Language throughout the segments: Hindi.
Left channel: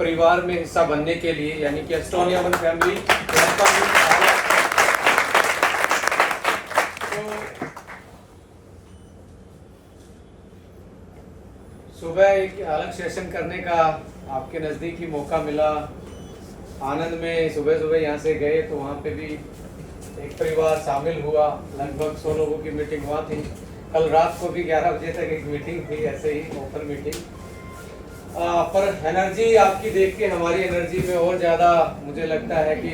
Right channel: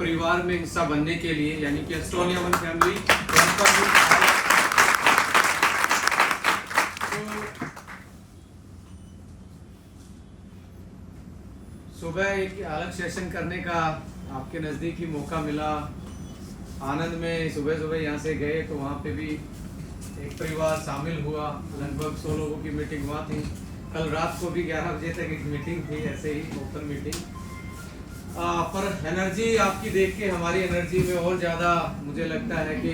परिवार में हिस्सा बनने के लिए, यानी कि एस्टोनिया वन फैमिली। सुबह एक अलग सेशन करने का आपके नज़दीक ही मौका मिला। आनंद में सुबह सुबह यहाँ से गए तो वहाँ पे भी एक परिवार शामिल हुआ। लगभग 100 लोगों की मीटिंग वहाँ थी। कल रात को भी 11 बजे तक एक मीटिंग थी, ऐसे ही ओपन मीटिंग। पर एनर्जी आपकी देख के हमारी एनर्जी में और ज़्यादा मुझे लगता है कि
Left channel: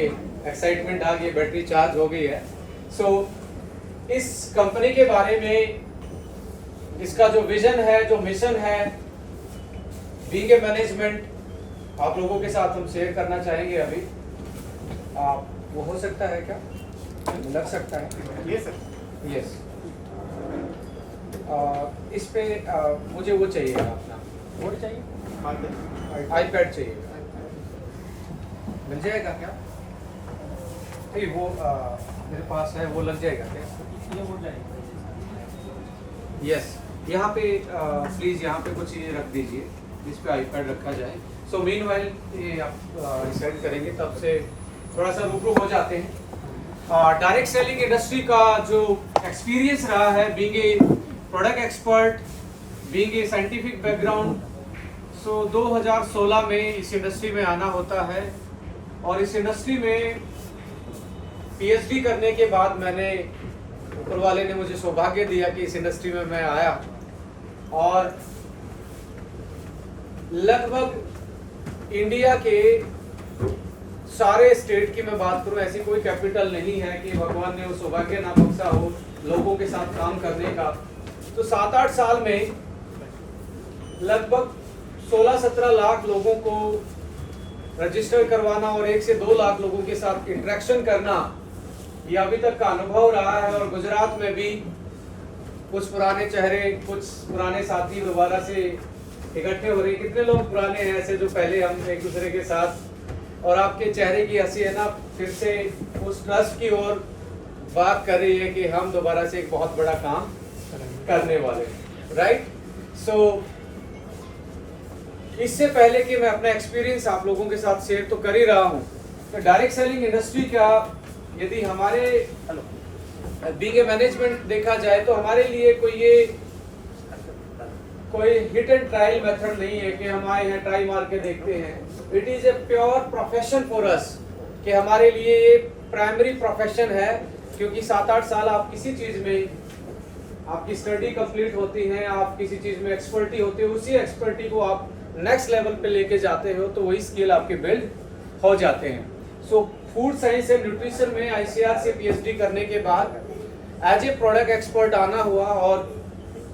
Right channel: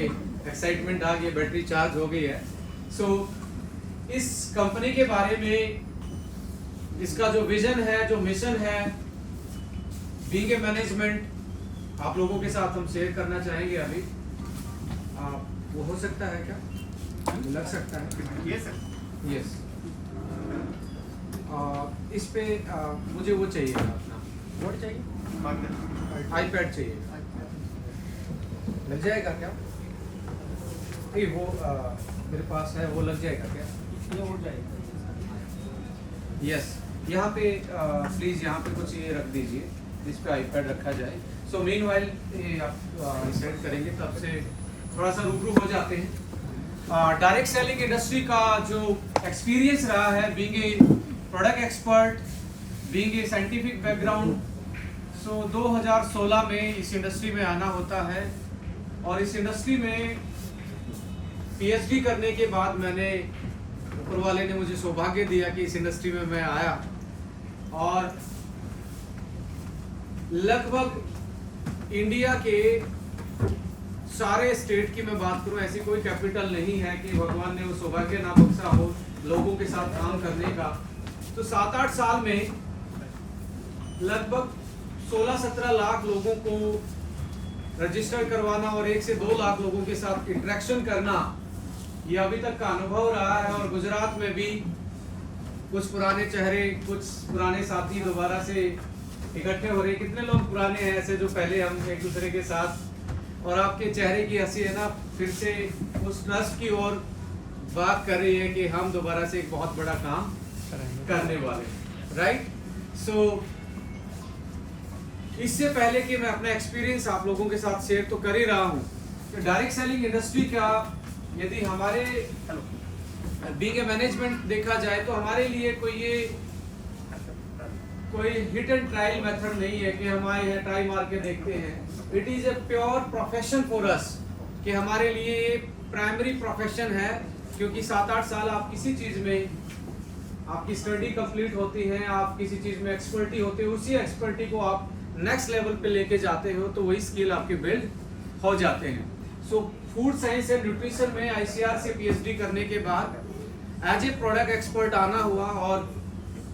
एक्साइटमेंट आ गई, बैटरी चार्ज हो गई है। इस कंपनी के बारे में, इसका जो विजन है, जो मिशन है, बीइंग ए मैनेजमेंट, आप लोगों के साथ हम शेयर करना चाहेंगे। अभी वो हो सकता है क्या, लग सकता है? यस। इस पे मुझे वो चाहिए, अपना बोर्ड चाहिए, आईपैड चाहिए, मिल जाएगा क्या? नहीं, वो मेरे पास है, वो लग जाएगा क्या? ये हो जाएगा। यस, यहाँ पे प्लीज़ यहाँ पे कुछ ये रख दीजिए, इस पे आईपैड रखा जाए। सो मीनवाइल ये आप सेट करेंगे, तब से थोड़ा सा रूबरू हो जाते हैं। डायरेक्ट सेलिंग इंडस्ट्री का जो एक्सपीरियंस रहा है, being a product expert, being a scientific background, 2016 में इस इंडस्ट्री में आना होता है। और इस इंडस्ट्री में पीएचडी करने के बाद मैंने, ऊपर वाले ने मुझे सौभाग्य दिया कि इस इंडस्ट्री में मैं आया। और लगभग इंडिया के सारे स्टेट की मैं बात करूं, ऐसी कोई कैपिटल नहीं है कि भगवान ने वो सौभाग्य ना बख्शा हो लोगों के साथ काम करने का। तो 7-8 साल में लगभग 16-17 लाख लोगों को रजिस्टर करवाना और 1 से 2 लाख लोगों के साथ इंटरेक्शन करना, ये अभी तक का अनुभव रहा है। और गुजरात में भी कुछ पुराने चेहरे, कुछ पुराने साथी दोबारा से इकट्ठे हो रहे। कितने लोग पुराने हैं ऐसे जो पहले हम एक दूसरे के साथ, और आपके चेहरे की हंसी है ना, फिर से उस ट्रस्ट की ओर बात कर रही है कि हम दोबारा से एक बहुत बड़ा काम करने वाले हैं, राइट? इससे पहले कि मैं अपना एक्सपीरियंस आप लोगों के साथ शेयर तो कर ही रहा हूँ, तो डायरेक्ट सेलिंग इंडस्ट्री का यदि हमारे बीइंग ए मैनेजमेंट देखा जाए तो हमारे लिए कोई हिट एंड ट्रायल मेथड नहीं है कि हम आए हैं ट्राई मार के देखते हैं। It is a pure profession for us, कि हमारे लिए ये प्राइमरी प्रोफेशन है। क्योंकि 7-8 साल आप किसी चीज़ में, आपकी स्टडी कंप्लीट होती है, आप किसी चीज़ में एक्सपर्टी होती है, उसी एक्सपर्टी को आप नेक्स्ट लेवल पे लेके जाते हो तो वही स्किल आपके बिल्ड हो जाते हैं। फूड साइंस एंड न्यूट्रिशन में आईसीआर से पीएचडी करने के बाद एज ए प्रोडक्ट एक्सपर्ट आना हुआ। और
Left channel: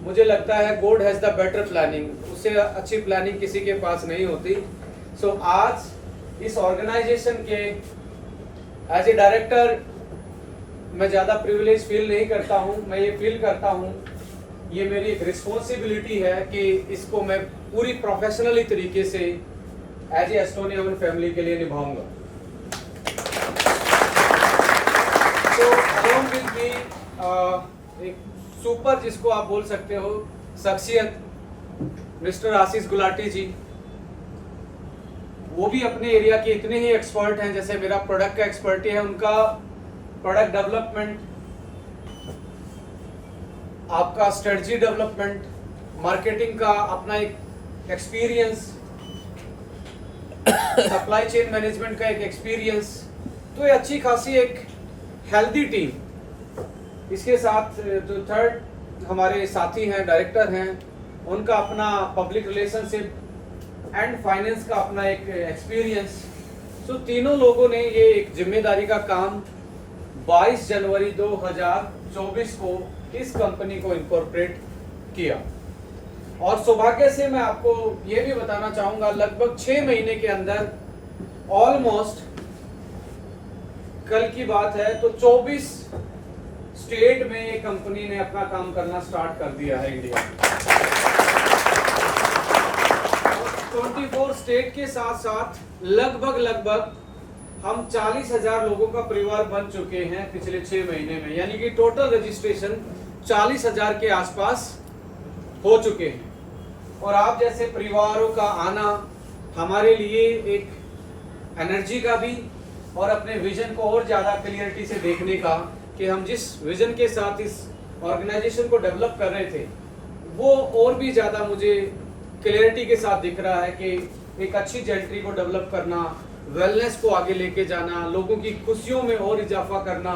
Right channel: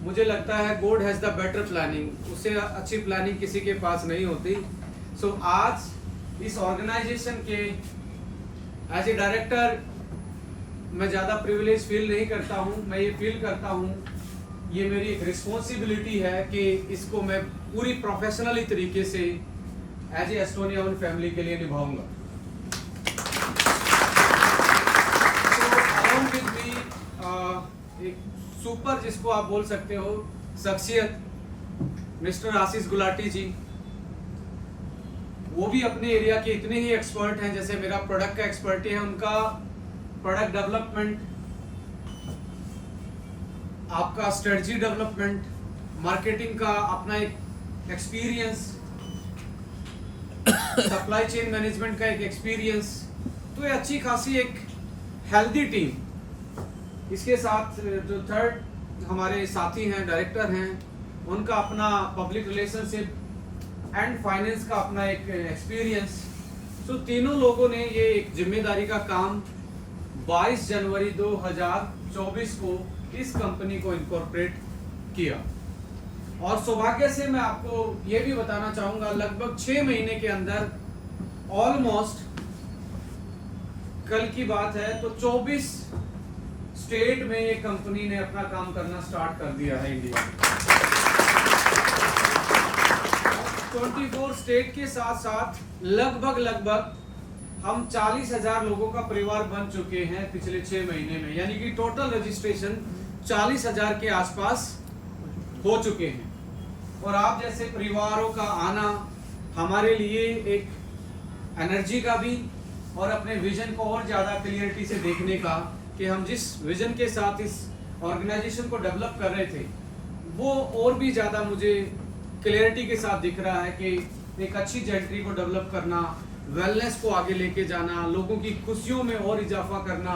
मुझे लगता है God has the better planning, उससे अच्छी प्लानिंग किसी के पास नहीं होती। आज इस ऑर्गेनाइजेशन के एज ए डायरेक्टर मैं ज़्यादा प्रिविलेज फील नहीं करता हूँ। मैं ये फील करता हूँ, ये मेरी एक रिस्पॉन्सिबिलिटी है कि इसको मैं पूरी प्रोफेशनली तरीके से as a Estonia one family के लिए निभाऊंगा। along with me, एक सुपर, जिसको आप बोल सकते हो, शख्सियत मिस्टर आशीष गुलाटी जी। वो भी अपने एरिया के इतने ही एक्सपर्ट हैं जैसे मेरा प्रोडक्ट का एक्सपर्टी है। उनका प्रोडक्ट डेवलपमेंट, आपका स्ट्रेटजी डेवलपमेंट, मार्केटिंग का अपना एक एक्सपीरियंस, सप्लाई चेन मैनेजमेंट का एक एक्सपीरियंस, तो ये अच्छी खासी एक हेल्दी टीम। इसके साथ जो थर्ड हमारे साथी हैं, डायरेक्टर हैं, उनका अपना पब्लिक रिलेशनशिप एंड फाइनेंस का अपना एक एक्सपीरियंस। तीनों लोगों ने ये एक जिम्मेदारी का काम 22 जनवरी 2024 को इस कंपनी को इनकॉर्पोरेट किया। और सौभाग्य से मैं आपको ये भी बताना चाहूंगा, लगभग 6 महीने के अंदर, ऑलमोस्ट कल की बात है तो 24 स्टेट में ये कंपनी ने अपना काम करना स्टार्ट कर दिया है इंडिया। 24 स्टेट के साथ साथ लगभग हम 40,000 लोगों का परिवार बन चुके हैं पिछले 6 महीने में, यानी कि टोटल रजिस्ट्रेशन 40,000 के आसपास हो चुके हैं। और आप जैसे परिवारों का आना, हमारे लिए एक एनर्जी का भी और अपने विजन को और ज़्यादा क्लियरिटी से देखने का कि हम जिस विजन के साथ इस ऑर्गेनाइजेशन को डेवलप कर रहे थे वो और भी ज़्यादा मुझे क्लियरिटी के साथ दिख रहा है कि एक अच्छी जेंट्री को डेवलप करना, वेलनेस को आगे लेके जाना, लोगों की खुशियों में और इजाफा करना,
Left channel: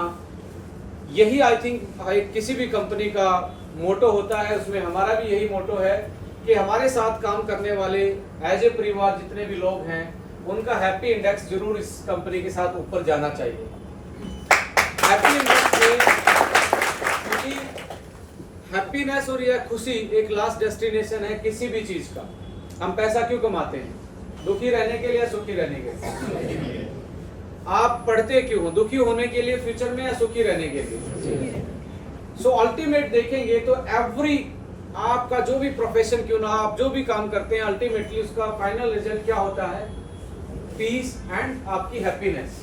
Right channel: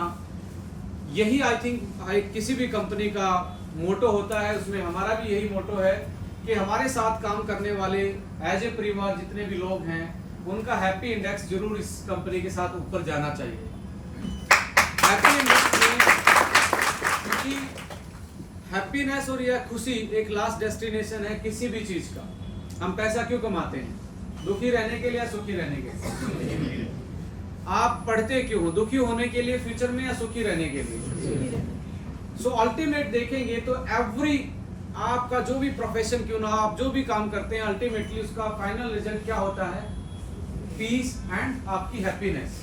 यही आई थिंक किसी भी कंपनी का मोटो होता है। उसमें हमारा भी यही मोटो है कि हमारे साथ काम करने वाले एज ए परिवार जितने भी लोग हैं उनका हैप्पी इंडेक्स जरूर इस कंपनी के साथ ऊपर जाना चाहिए। हैप्पी इंडेक्स में क्योंकि हैप्पीनेस और यह खुशी एक लास्ट डेस्टिनेशन है किसी भी चीज का। हम पैसा क्यों कमाते हैं? दुखी रहने के लिए या सुखी रहने के लिए? आप पढ़ते क्यों हो? दुखी होने के लिए फ्यूचर में या सुखी रहने के लिए? सो अल्टीमेट देखेंगे तो एवरी आपका जो भी प्रोफेशन क्यों ना, आप जो भी काम करते हैं, अल्टीमेटली उसका फाइनल रिजल्ट क्या होता है? पीस एंड आपकी हैप्पीनेस।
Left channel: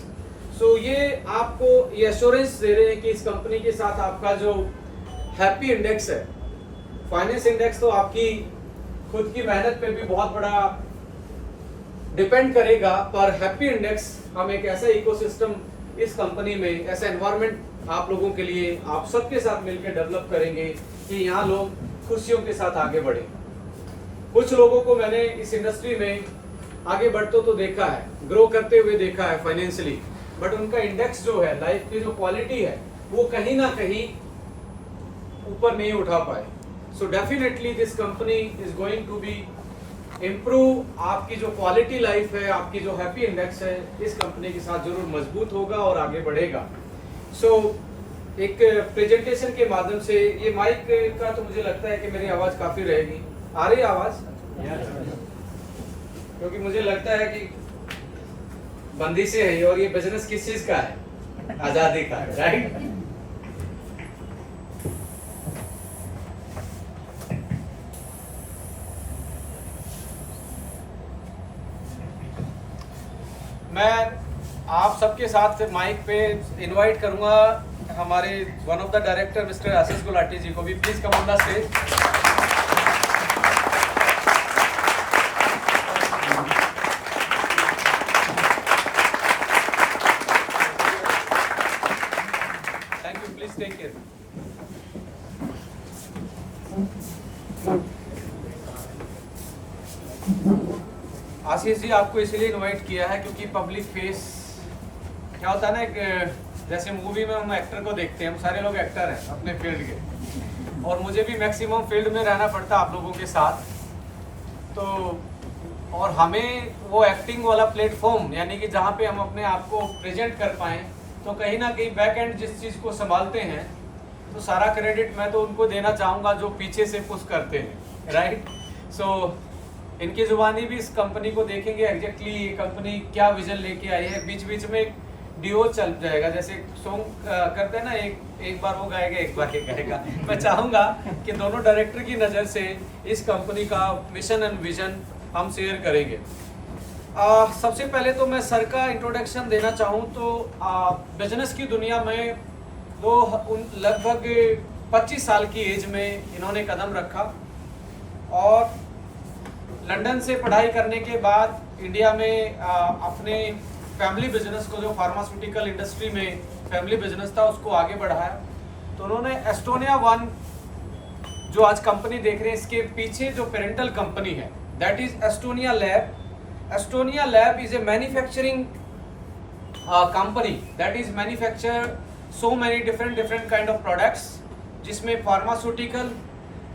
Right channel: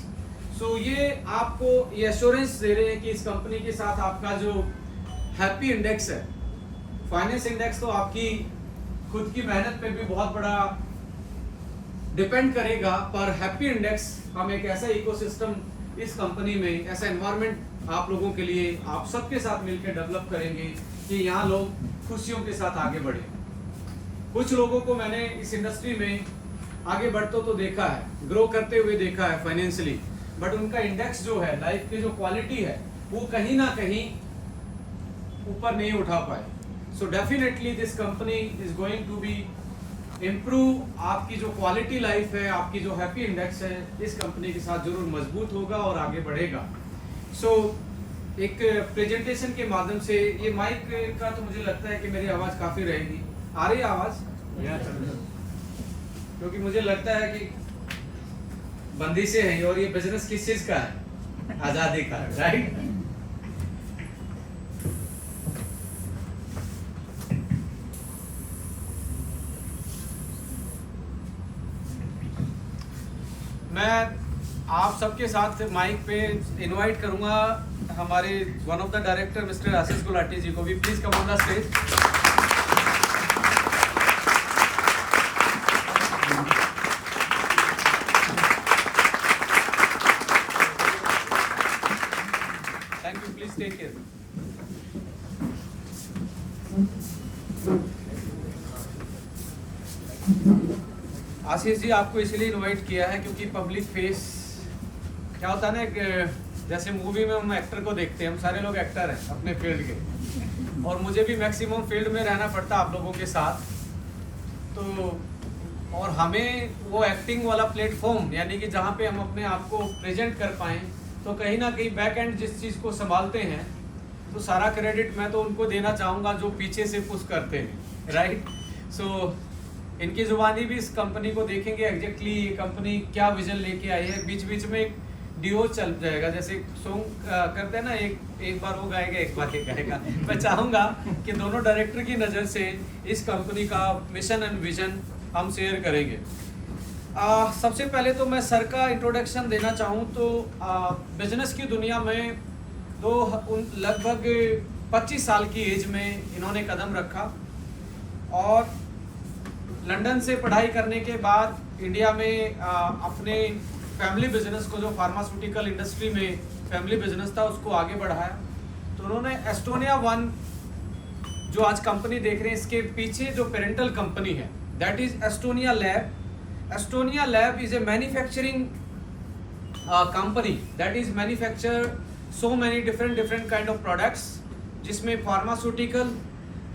सो ये आपको ये एश्योरेंस दे रहे हैं कि इस कंपनी के साथ आपका जो हैप्पी इंडेक्स है, फाइनेंस इंडेक्स तो आपकी खुद की मेहनत पे भी बहुत बड़ा डिपेंड करेगा, पर हैप्पी इंडेक्स हम एक ऐसा इकोसिस्टम इस कंपनी में, ऐसा एनवायरनमेंट आप लोगों के लिए, आप सबके साथ मिलकर डेवलप करेंगे कि यहाँ लोग खुशियों के साथ आगे बढ़े। कुछ लोगों को मैंने इस इंडस्ट्री में आगे बढ़ते तो देखा है, ग्रो करते हुए देखा है फाइनेंशियली, बट उनका इंडेक्स जो है, लाइफ की जो क्वालिटी है, वो कहीं ना कहीं ऊपर नहीं उठा पाए। So definitely this company is going to be improve. आपकी जो क्वालिटी लाइफ है, आपकी जो हैप्पी इंडेक्स है, इस कंपनी के साथ जरूर मजबूत होगा और आगे बढ़ेगा। सो एक प्रेजेंटेशन के माध्यम से, ये माइक का तो मुझे लगता है कि मेरी आवाज़ काफ़ी रहेगी। आ रही है आवाज़? क्योंकि मुझे लगता है कि बंदी से है और ये बिजनेस किस चीज़ का है? आज़ादी का है, राइट? मैं आप सबके साथ माइक पे इनवाइट करूंगा हमारे one of the director mister Ashish Gulati ji को भी। Please come on the stage. Thank you, please take care. Ashish ji, आपको इसलिए इनवाइट किया है क्योंकि पब्लिक फेस क्या होता है ना, जैसे मूवी में हम एक्टर को देखते हैं, हम सारे लोग एक्टर हैं अपने फील्ड के, और मुझे भी मैक्सिमम फील्ड में रहना पड़ता आप लोगों के साथ। तो और हमें वो एक्टिंग वाला प्लेटफॉर्म, यानी कि जहाँ पे हम अपने आप को प्रेजेंट कर पाएँ, तो कहीं ना कहीं बैक एंड जिस चीज़ को संभालते हैं, तो सारा क्रेडिट मैं तो उनको देना चाहूँगा जो पीछे से पुश करते हैं, राइट? सो इनकी जुबानी भी इस कंपनी को देखेंगे एग्जैक्टली ये कंपनी क्या विजन लेके आई है। बीच बीच में एक डिओ चल जाएगा, जैसे सॉन्ग करते हैं ना, एक बार वो गाएगा एक बार ये गाएगा। मैं चाहूँगा कि दोनों डायरेक्टर की नज़र से इस कंपनी का मिशन एंड विजन हम शेयर करेंगे। सबसे पहले तो मैं सर का इंट्रोडक्शन देना चाहूँ तो बिजनेस की दुनिया में तो लगभग 25 साल की एज में इन्होंने कदम रखा, और लंदन से पढ़ाई करने के बाद इंडिया में अपने फैमिली बिजनेस को, जो फार्मास्यूटिकल इंडस्ट्री में फैमिली बिजनेस था, उसको आगे बढ़ाया। तो उन्होंने एस्टोनिया वन, जो आज कंपनी देख रहे हैं, इसके पीछे जो पेरेंटल कंपनी है, that is Estonia lab. Estonia lab is a manufacturing company that is manufacture so many different kind of products, जिसमें फार्मास्यूटिकल,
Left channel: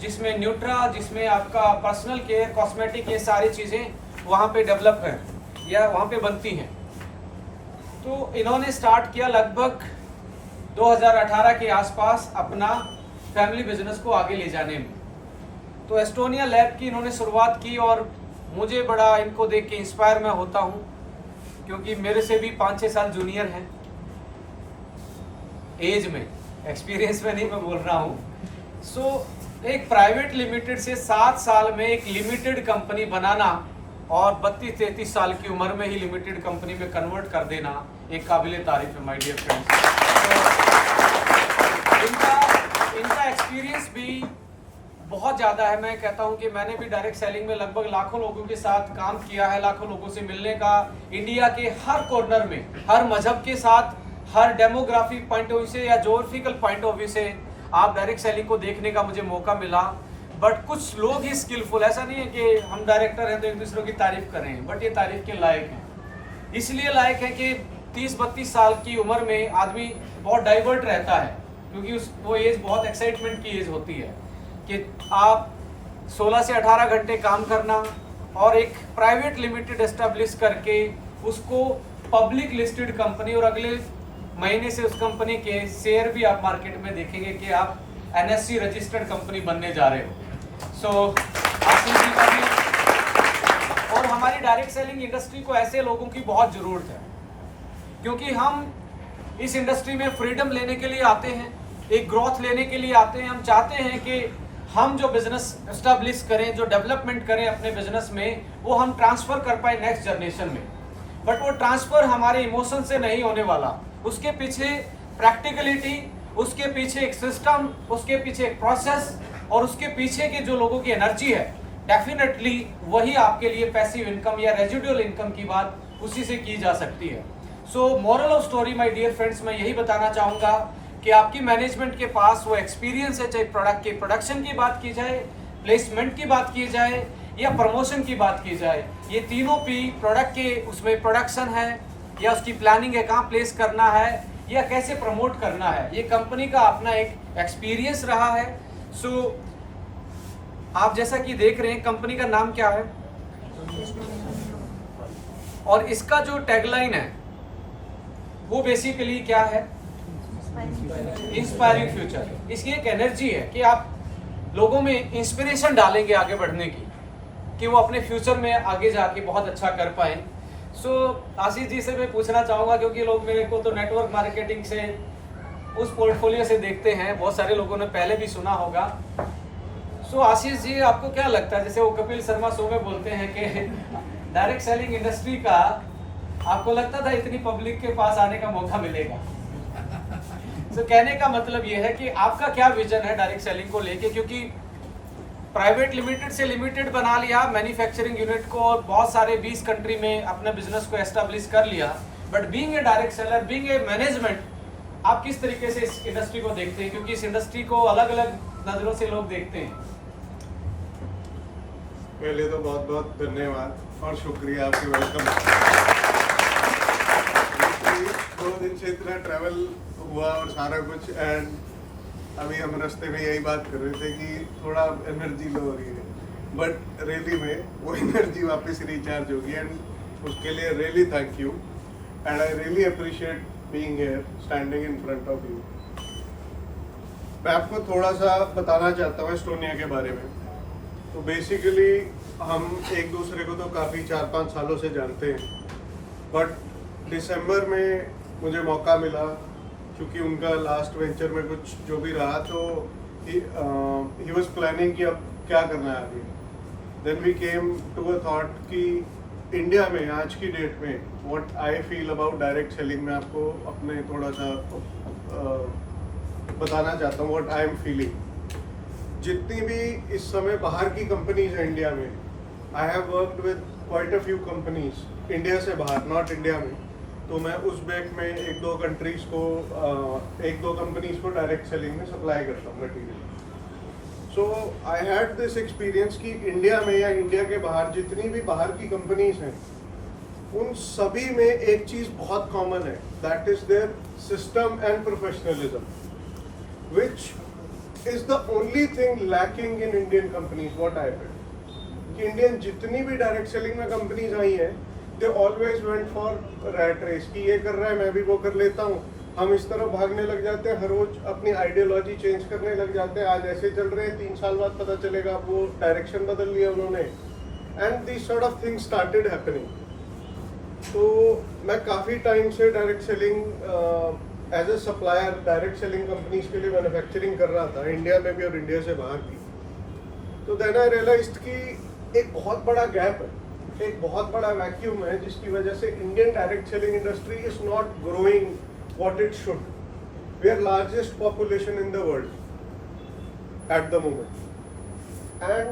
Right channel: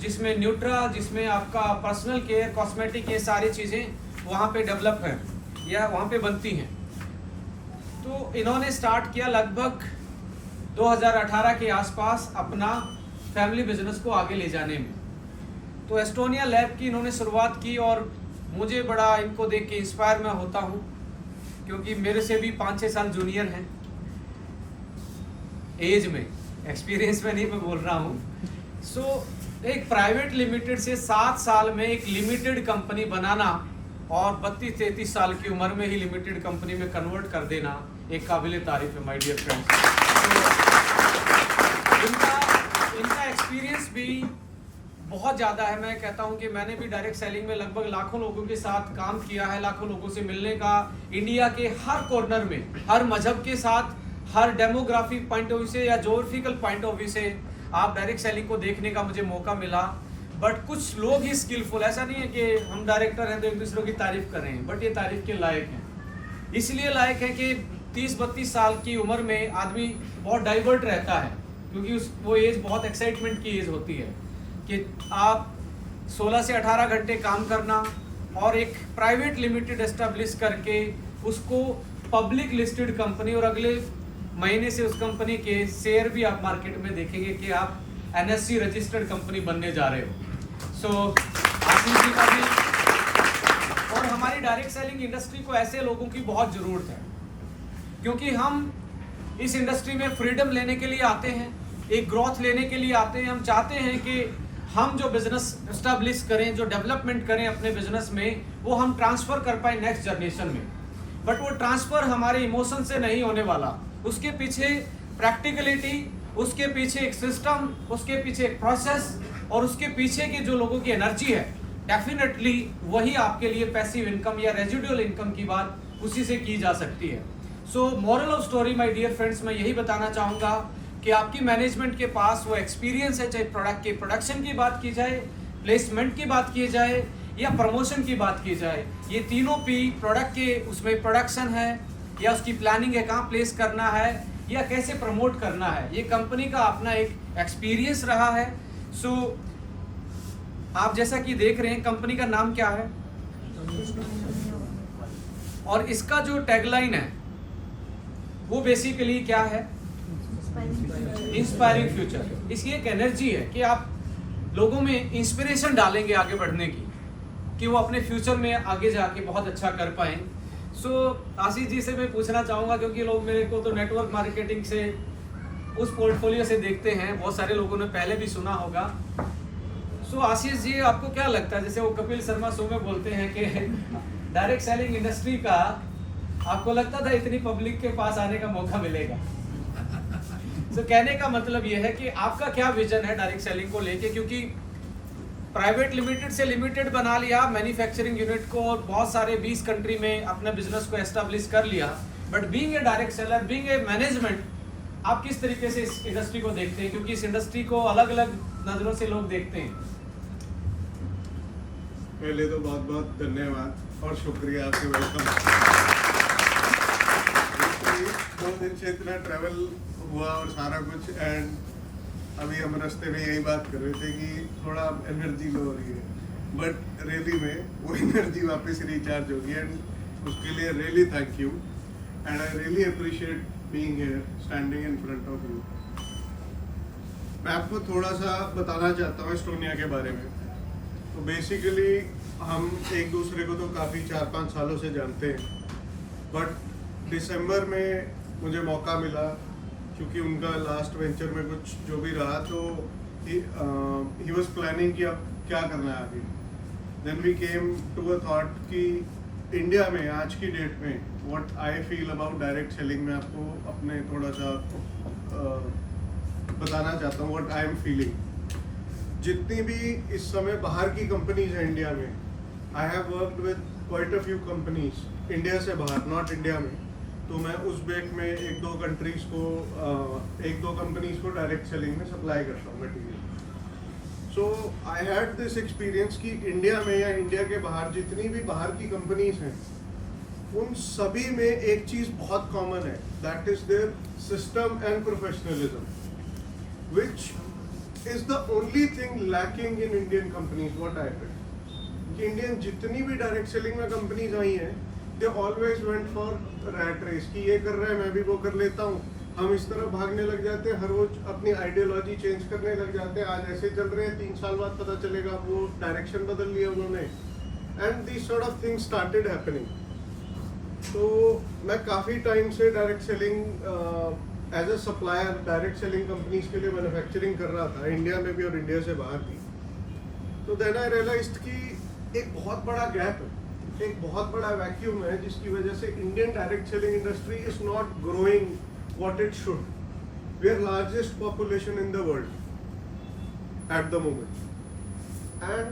जिसमें न्यूट्रा, जिसमें आपका पर्सनल केयर, कॉस्मेटिक, ये सारी चीज़ें वहाँ पे डेवलप हैं या वहाँ पे बनती हैं। तो इन्होंने स्टार्ट किया लगभग 2018 के आसपास अपना फैमिली बिजनेस को आगे ले जाने में। तो एस्टोनिया लैब की इन्होंने शुरुआत की, और मुझे बड़ा इनको देख के इंस्पायर मैं होता हूँ, क्योंकि मेरे से भी 5-6 साल जूनियर हैं एज में, एक्सपीरियंस में नहीं मैं बोल रहा हूँ। सो एक प्राइवेट लिमिटेड से 7 साल में एक लिमिटेड कंपनी बनाना, और 32-33 साल की उम्र में ही लिमिटेड कंपनी में कन्वर्ट कर देना, एक काबिल तारीफ है माय डियर फ्रेंड्स। तो इनका एक्सपीरियंस भी बहुत ज़्यादा है। मैं कहता हूँ कि मैंने भी डायरेक्ट सेलिंग में लगभग लाखों लोगों के साथ काम किया है, लाखों लोगों से मिलने का, इंडिया के हर कॉर्नर में, हर मजहब के साथ, हर डेमोग्राफिक पॉइंट ऑफ व्यू से या जोग्राफिकल पॉइंट ऑफ व्यू से आप डायरेक्ट सेलिंग को देखने का मुझे मौका मिला। बट कुछ लोग ही स्किलफुल, ऐसा नहीं है कि हम डायरेक्टर हैं तो एक दूसरे की तारीफ करें, बट ये तारीफ के लायक हैं। इसलिए लायक है कि 30-32 साल की उम्र में आदमी बहुत डाइवर्ट रहता है, क्योंकि वो एज बहुत एक्साइटमेंट की एज होती है कि आप 16 से 18 घंटे काम करना और एक प्राइवेट लिमिटेड एस्टेब्लिश करके उसको पब्लिक लिस्टेड कंपनी, और अगले महीने से उस कंपनी के शेयर भी आप मार्केट में देखेंगे कि आप NSE रजिस्टर्ड कंपनी बनने जा रहे हो। सो आशीष जी का भी और हमारी डायरेक्ट सेलिंग इंडस्ट्री को ऐसे लोगों की बहुत ज़रूरत है, क्योंकि हम इस इंडस्ट्री में फ्रीडम लेने के लिए आते हैं, एक ग्रोथ लेने के लिए आते हैं। हम चाहते हैं कि हम जो बिजनेस एस्टेब्लिश करें, जो डेवलपमेंट करें अपने बिजनेस में, वो हम ट्रांसफ़र कर पाए नेक्स्ट जनरेशन में। बट वो ट्रांसफ़र हमारे इमोशन से नहीं होने वाला, उसके पीछे प्रैक्टिकलिटी, उसके पीछे एक सिस्टम, उसके पीछे एक प्रोसेस और उसके पीछे के जो लोगों की एनर्जी है, डेफिनेटली वही आपके लिए पैसिव इनकम या रेजिडुअल इनकम की बात उसी से की जा सकती है। So moral of story my dear friends, मैं यही बताना चाहूँगा कि आपकी मैनेजमेंट के पास वो एक्सपीरियंस है, चाहे प्रोडक्ट के प्रोडक्शन की बात की जाए, प्लेसमेंट की बात की जाए या प्रमोशन की बात की जाए, ये तीनों भी प्रोडक्ट के उसमें प्रोडक्शन है या उसकी प्लानिंग है, कहाँ प्लेस करना है या कैसे प्रमोट करना है, ये कंपनी का अपना एक एक्सपीरियंस रहा है। सो आप जैसा कि देख रहे हैं कंपनी का नाम क्या है और इसका जो टैगलाइन है वो बेसिकली क्या है, इंस्पायरिंग फ्यूचर। इसकी एक एनर्जी है कि आप लोगों में इंस्पिरेशन डालेंगे आगे बढ़ने की, कि वो अपने फ्यूचर में आगे जाके बहुत अच्छा कर पाएं। सो आशीष जी से मैं पूछना चाहूँगा, क्योंकि लोग मेरे को तो नेटवर्क मार्केटिंग से उस पोर्टफोलियो से देखते हैं, बहुत सारे लोगों ने पहले भी सुना होगा। सो आशीष जी, आपको क्या लगता है, जैसे वो कपिल शर्मा शो में बोलते हैं कि डायरेक्ट सेलिंग इंडस्ट्री का आपको लगता था इतनी पब्लिक के पास आने का मौका मिलेगा? तो कहने का मतलब ये है कि आपका क्या विजन है डायरेक्ट सेलिंग को लेके, क्योंकि प्राइवेट लिमिटेड से लिमिटेड बना लिया मैन्युफैक्चरिंग यूनिट को और बहुत सारे 20 कंट्री में अपने बिजनेस को एस्टेब्लिश कर लिया, but being a direct seller, being a management, आप किस तरीके से इस इंडस्ट्री को देखते हैं, क्योंकि इस इंडस्ट्री को अलग अलग नजरों से लोग देखते हैं? पहले तो बहुत बहुत धन्यवाद और शुक्रिया, आपकी वेलकम। 2 दिन से इतना ट्रैवल हुआ और सारा कुछ, एंड अभी हम रास्ते में यही बात कर रहे थे कि थोड़ा एनर्जी लो हो रही है, बट रियली में वो एनर्जी वापस रिचार्ज होगी, एंड उसके लिए really thank you and I really appreciate being here standing in front of you. मैं आपको थोड़ा सा बताना चाहता हूँ एस्टोनिया के बारे में। तो बेसिकली हम एक दूसरे को तो काफ़ी 4-5 सालों से जानते हैं, बट दिसंबर में मुझे मौका मिला, क्योंकि उनका लास्ट वेंचर में कुछ जो भी रहा, तो ही वाज प्लानिंग कि अब क्या करना है आगे। Then we came to a thought कि इंडिया में आज की डेट में what I feel about direct selling में आपको अपने थोड़ा सा बताना चाहता हूँ व्हाट आई एम फीलिंग। जितनी भी इस समय बाहर की कंपनीज हैं इंडिया में, I have worked with quite a few companies India से बाहर, नॉट इंडिया में। तो मैं उज़्बेक में 1-2 कंट्रीज को 1-2 कंपनीज को डायरेक्ट सेलिंग में सप्लाई करता हूँ material. So I had this experience कि इंडिया में या इंडिया के बाहर जितनी भी बाहर की कंपनीज हैं, उन सभी में एक चीज़ बहुत कॉमन है, that is there system and professionalism, which is the only thing lacking in Indian companies. What I felt कि इंडियन जितनी भी डायरेक्ट सेलिंग में कंपनीज आई हैं, they always went for rat race कि ये कर रहा है मैं भी वो कर लेता हूँ। हम इस तरह भागने लग जाते हैं, हर रोज अपनी आइडियोलॉजी चेंज करने लग जाते हैं। आज ऐसे चल रहे हैं, 3 साल बाद पता चलेगा वो डायरेक्शन बदल लिया उन्होंने, and this sort of things started happening. तो मैं काफ़ी टाइम से direct selling as a supplier direct selling companies के लिए मैन्युफैक्चरिंग कर रहा था, इंडिया में भी और इंडिया से बाहर भी। तो देन आई रियलाइज्ड कि एक बहुत बड़ा गैप है, एक बहुत बड़ा वैक्यूम है, जिसकी वजह से Indian direct selling industry is not growing what it should. We are largest population in the world at the moment, and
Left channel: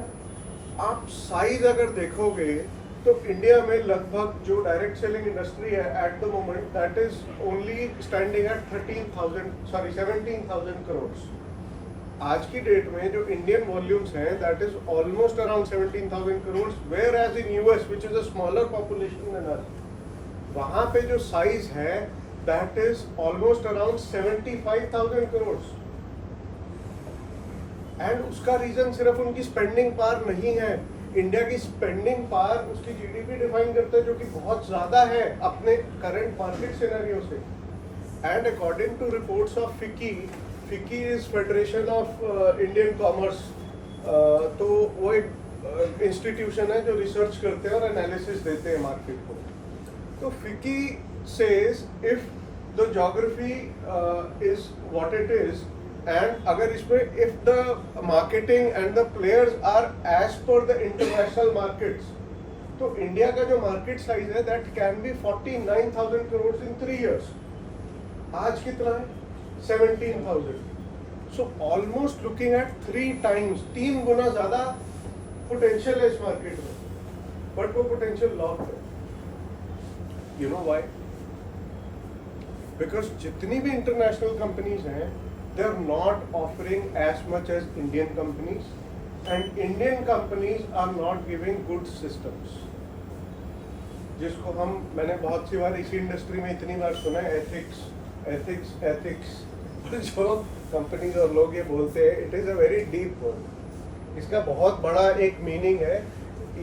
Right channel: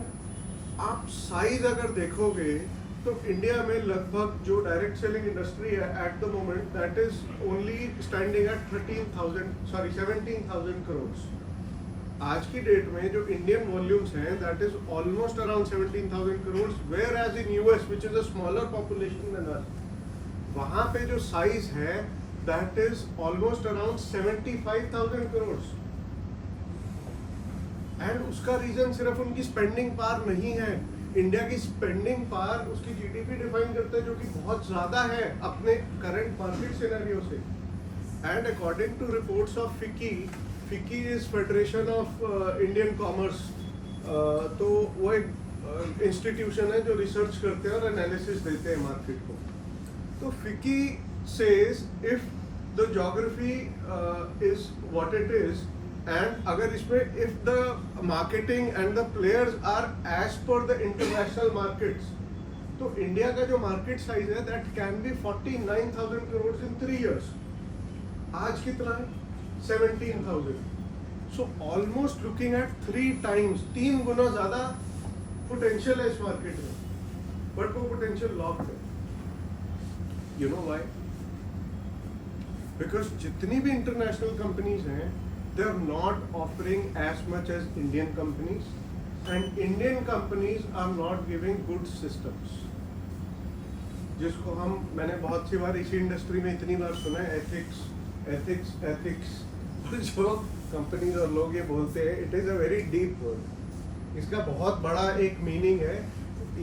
आप साइज अगर देखोगे तो इंडिया में लगभग जो डायरेक्ट सेलिंग इंडस्ट्री है at the moment that is only standing at 17,000 crore. आज की डेट में जो इंडियन वॉल्यूम्स हैं that is almost around 17,000 crore, whereas in US which is a smaller population than us, वहां पे जो साइज है that is almost around 75,000 crore. And उसका रीजन सिर्फ उनकी स्पेंडिंग पावर नहीं है। इंडिया की स्पेंडिंग पावर उसकी जीडीपी डिफाइन करते हैं जो कि बहुत ज्यादा है अपने करंट मार्केट सिनेरियो से। And according to reports of FICCI is federation of Indian commerce, तो वो एक इंस्टीट्यूशन है जो रिसर्च करते हैं और एनालिसिस देते हैं मार्केट को। तो FICCI says if the geography is what it is, and अगर इसमें if the marketing and the players are as per the international markets, तो इंडिया का जो मार्केट साइज है that can be 49,000 crore in 3 years। आज कितना है? 17,000। So almost looking at 3 times, 3 गुना ज्यादा पोटेंशियल है इस मार्केट में, बट वो पोटेंशियल लॉक है। You know why? बिकॉज जितनी भी इंटरनेशनल कंपनीज हैं they are not offering as much as Indian companies, and Indian companies are not giving good systems, जिसको मैंने बहुत सी बार इसी इंडस्ट्री में इतनी बार सुना है, एथिक्स जो कंपनीज और लोग ये बोलते हैं, it is a very deep word. इसका बहुत बड़ा एक मीनिंग है।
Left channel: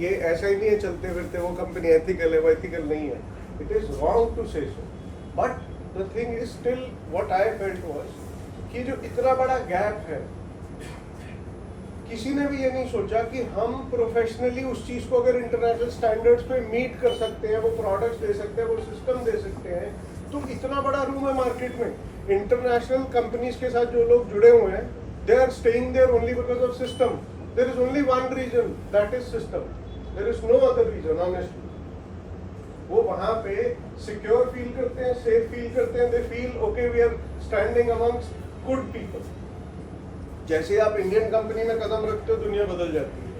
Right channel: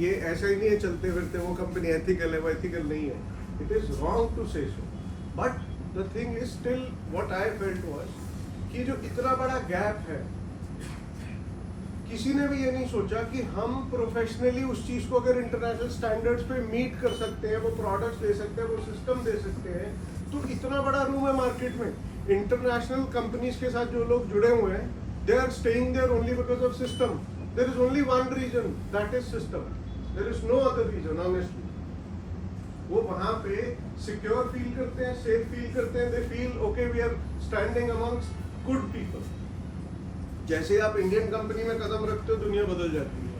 ये ऐसा ही नहीं है चलते फिरते वो कंपनी एथिकल है वो एथिकल नहीं है। It is wrong to say so, but the thing is still what I felt was कि जो इतना बड़ा गैप है, किसी ने भी ये नहीं सोचा कि हम प्रोफेशनली उस चीज को अगर इंटरनेशनल स्टैंडर्ड्स पे मीट कर सकते हैं, वो प्रोडक्ट्स दे सकते हैं, वो सिस्टम दे सकते हैं, तो इतना बड़ा रूम है मार्केट में। इंटरनेशनल कंपनीज के साथ जो लोग जुड़े हुए हैं, they are staying there only because of system. There is only one reason, that is system. There is no other reason honestly. वो वहां पे सिक्योर फील करते हैं, सेफ फील करते हैं, they feel okay we are standing amongst good people. जैसे आप इंडियन कंपनी में कदम रखते हो, दुनिया बदल जाती है,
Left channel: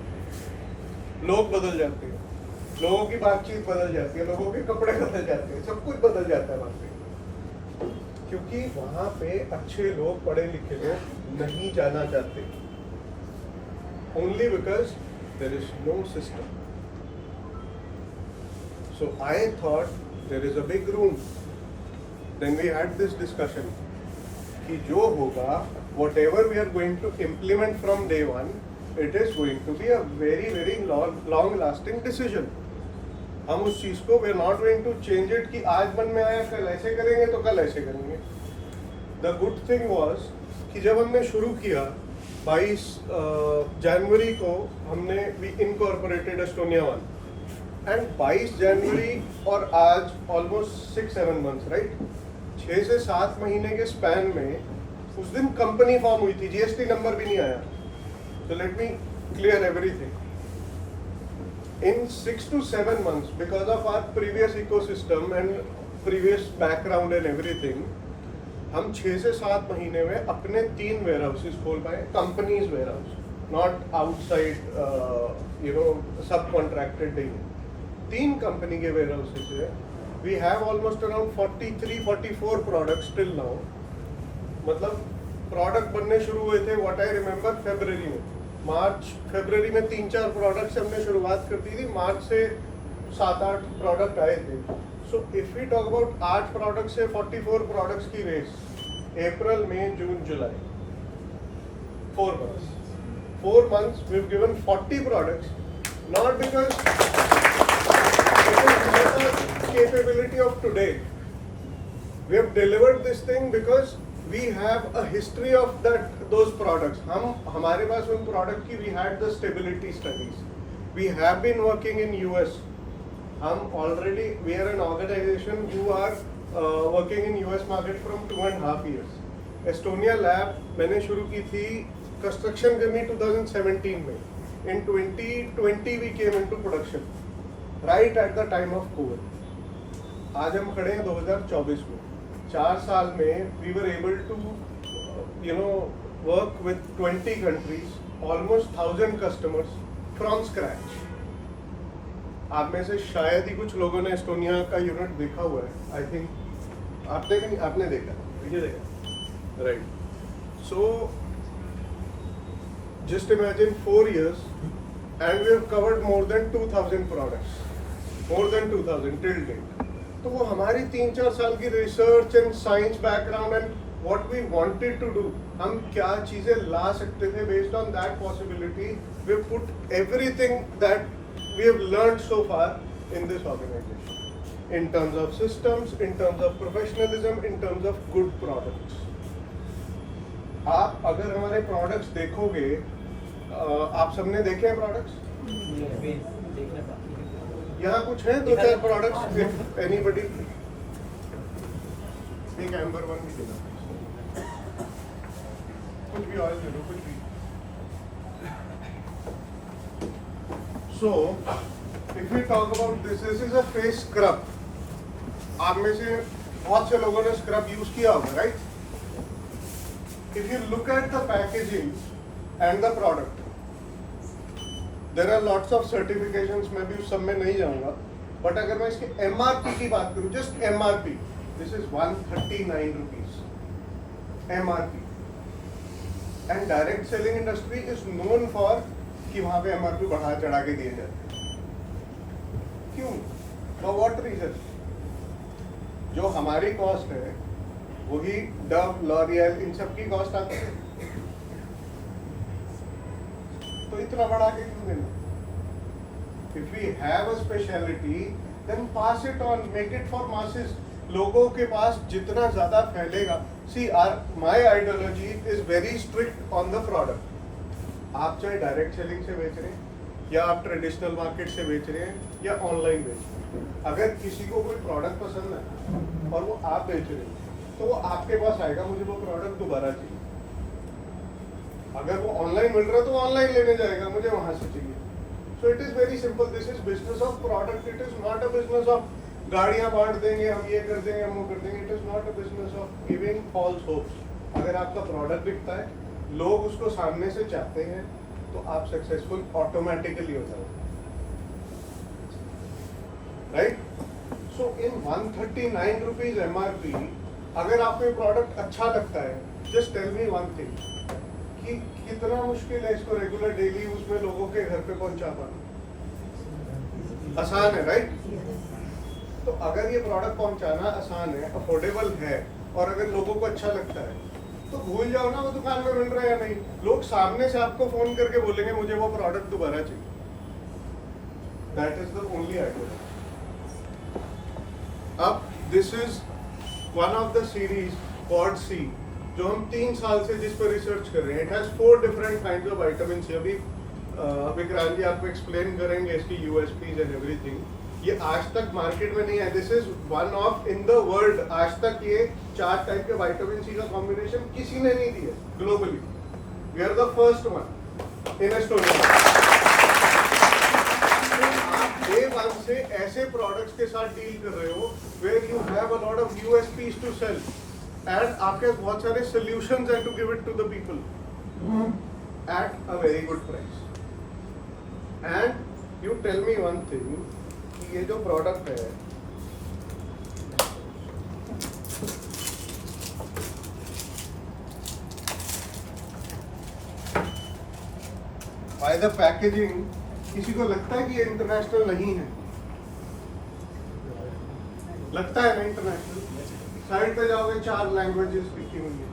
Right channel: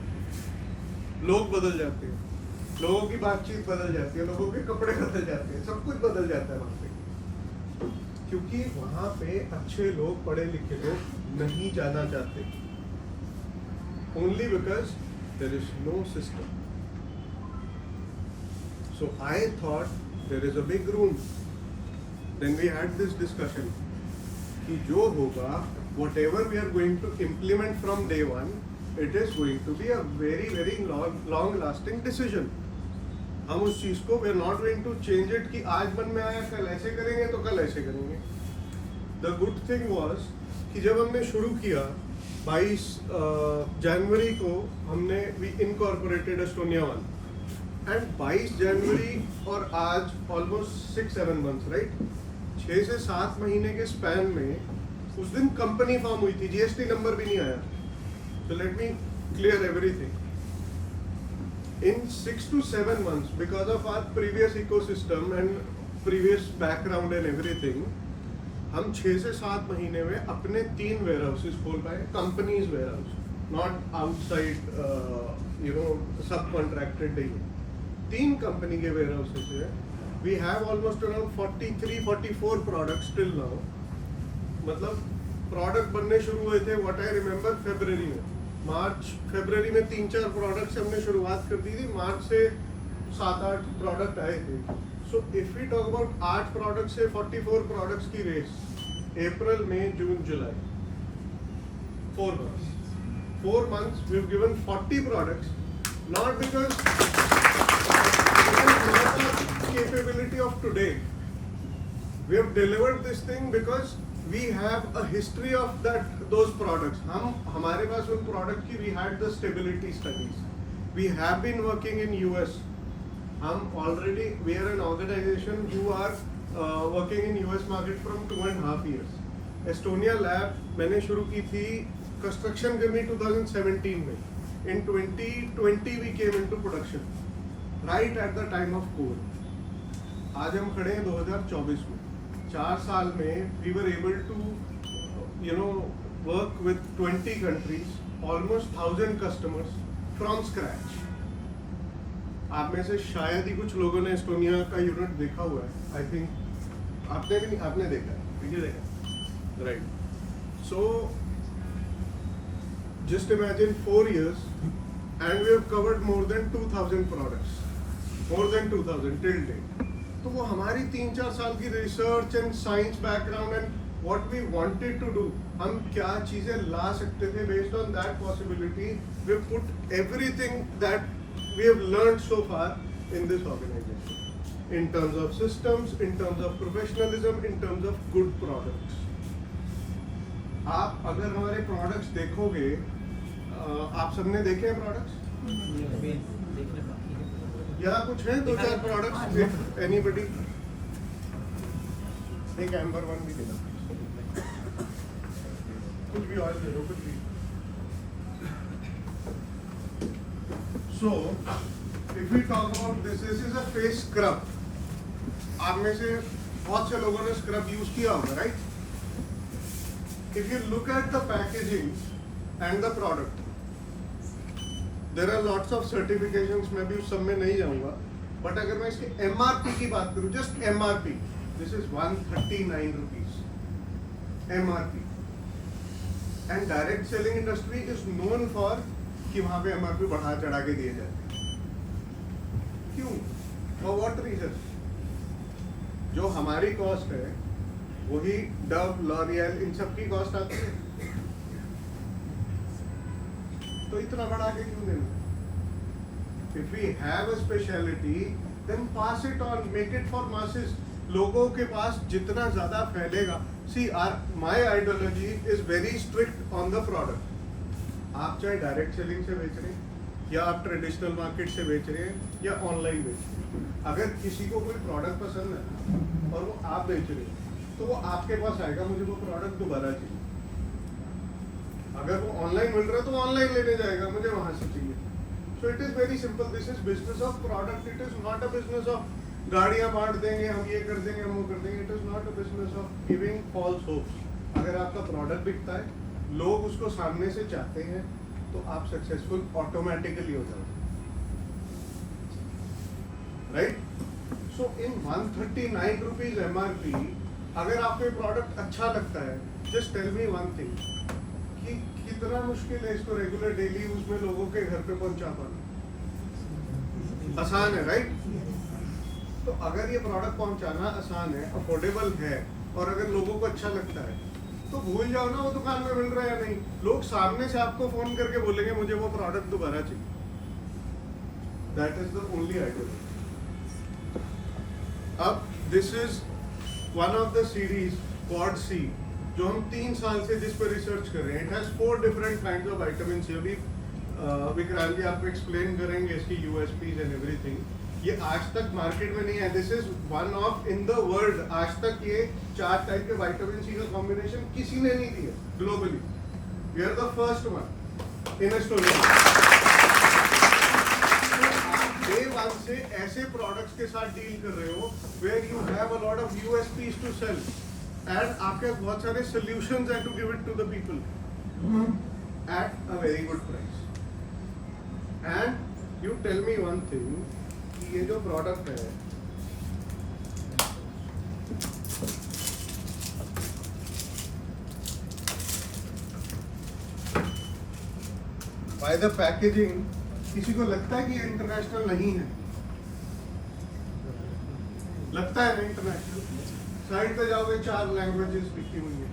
लोग बदल जाते हैं, लोगों की बातचीत बदल जाती है, लोगों के कपड़े बदल जाते हैं, सब कुछ बदल जाता है वहां पे, क्योंकि वहां पे अच्छे लोग, पढ़े लिखे लोग नहीं जाना चाहते, only because there is no system. So I thought there is a big room. Then we had this discussion कि जो होगा, whatever we are going to implement from day one, it is going to be a very long lasting decision. हम उस चीज को we are not going to change it कि आज मन में आया कल ऐसे करेंगे तो कल ऐसे करेंगे। The good thing was कि जब हमने शुरू किया 22 जनवरी को हमने we incorporated Estonia 1, and 22 जनवरी और आज almost 6-7 months, right? 6 से 7 महीने के स्पैन में उस दिन कंपनी फॉर्म हुई थी, जीएसटी नंबर भी नहीं आया। So let me clear everything. In 6 to 7 months, because of our previous ecosystem and previous background and everything, हम 6 से 7 महीने में अपने 3 warehouses खोल पाए, companies warehouse, not outside, subcontracted नहीं। 3 कंपनी के warehouses है। We have almost around 43-44 products till now। मतलब प्रोडक्ट बनने शुरू हुए थे व्हाट आई रिमेम्बर फरवरी में, फरवरी में 3-4 प्रोडक्ट से हमने शुरुआत कर दी थी, मार्च से 7-8 प्रोडक्ट आए थे। So if we talk about 8 product से 44 प्रोडक्ट्स की race, April May June July, 4 months we've given 40 products, not because it is not the capability of today. We have delivered this thing because we have a history of those products. हमारे पास उन प्रोडक्ट की we had the stability studies. We have been working in US. We are an organization who are working in US market from 2.5 years. Estonia Lab मैंने शुरू की थी कंस्ट्रक्शन करनी 2017 में. In 2020 we came into production, right at the time of COVID. आज हम खड़े हैं 2024 में. 4 साल में we were able to work with 20 countries almost 1000 customers from scratch. आप में से शायद ही कुछ लोगों ने एस्टोनिया का यूनिट देखा हुआ है. आई थिंक आपने भी नहीं, आपने देखा है, ये देखा, right. So just imagine 4 years and we have covered more than 2000 products, more than 2000 till date. तो वो हमारी 3-4 साल की research and science background and what we wanted to do, हम क्या चीजें ला सकते थे, based on that possibility we put everything that we have learned so far in this organization, in terms of systems, in terms of professionalism, in terms of good products. आप अगर हमारे प्रोडक्ट्स देखोगे, आप सबने देखे हैं प्रोडक्ट्स? यहाँ कुछ है 2-4 प्रोडक्ट्स, एनीबॉडी? एक एम्बर वन भी देना, कुछ भी ऑयल दे दो, कुछ भी. So if we talk about this is a face scrub. आप में से बहुत से लोगों ने स्क्रब यूज किया होगा, right? If you look at the packaging and the product, there are lots of certifications, मैं भी उस सब में नहीं जाऊंगा, बट अगर मैं इसके एमआरपी की बात करूं, just MRP, this is 139 rupees MRP. And direct selling industry is known for कि वहां पे एमआरपी बढ़ा चढ़ा के दिए जाते. क्यों? For what reason? जो हमारी कॉस्ट है वही डव, लॉरियल, इन सब की कॉस्ट आती है, तो इतना बढ़ा के क्यों देना? If we have a specialty, then pass it on, make it for masses. लोगों के पास जितना ज्यादा फैलेगा. See, my ideology is very strict on the product. आप चाहे डायरेक्ट सेलिंग से बेच रहे हैं, या आप ट्रेडिशनल मार्केट से बेच रहे हैं, या ऑनलाइन बेच रहे हैं, अगर किसी को कोई प्रोडक्ट पसंद है और वो आप बेच रहे हैं, तो वो आपके पास आएगा, मुझे वो प्रोडक्ट दोबारा चाहिए. अगर वो ऑनलाइन मिल रहा है तो ऑनलाइन लेने जाएगा, मुझे वहां से चाहिए. So it is very simple. This is business of product. It is not a business of गाड़ियां बांट देंगे, हम ये कर देंगे, हम वो कर देंगे. It is not a business of giving false hopes. अगर आपका प्रोडक्ट बिकता है, लोग उसको सामने से चाहते हैं, तो आप सक्सेसफुल ऑटोमेटिकली हो जाओगे, right? So in 139 rupees MRP, अगर आपको ये प्रोडक्ट अच्छा लगता है, just tell me one thing, कि कितना मुश्किल है इसको रेगुलर डेली यूज में लोगों के घर पे पहुंचा पाना. आसान है, राइट? तो अगर ये प्रोडक्ट पहुंचाना आसान है, अफोर्डेबल है, और अगर लोगों को अच्छा लगता है, तो भूल जाओ ना वो दुकान में मिल रहा है या नहीं. लोग सामने से आपको फोन करके बोलेंगे मुझे वो प्रोडक्ट दोबारा चाहिए. That is the only idea. अब this is one of the series quad C, जो हम 3 साल से जिस पर रिसर्च कर रहे हैं. It has 4 different kinds of vitamin C. अभी विक्रांत जी आपको एक्सप्लेन करेंगे इसकी यूएसपीज एंड एवरीथिंग. ये आज तक मार्केट में नहीं है. This is one of in the world. आज तक ये 4 टाइप के विटामिन सी का कॉम्बिनेशन किसी ने नहीं दिया globally. We are the first one in Estonia. Day one से ऐसे प्रोडक्ट्स के साथ डील कर रहे हो where you have a lot of USPs to sell, and आपके बहुत सारे सॉल्यूशंस हैं to give it to the people at a very good price. And you tell me one thing, ये जो प्रोडक्ट है, बाय द पैकेजिंग, किसी को लगता है कि ये इंटरनेशनल नहीं है? लगता है ना इंटरनेशनल? साइड पे जाओगे 4 लैंग्वेजेस लिखी हुई है.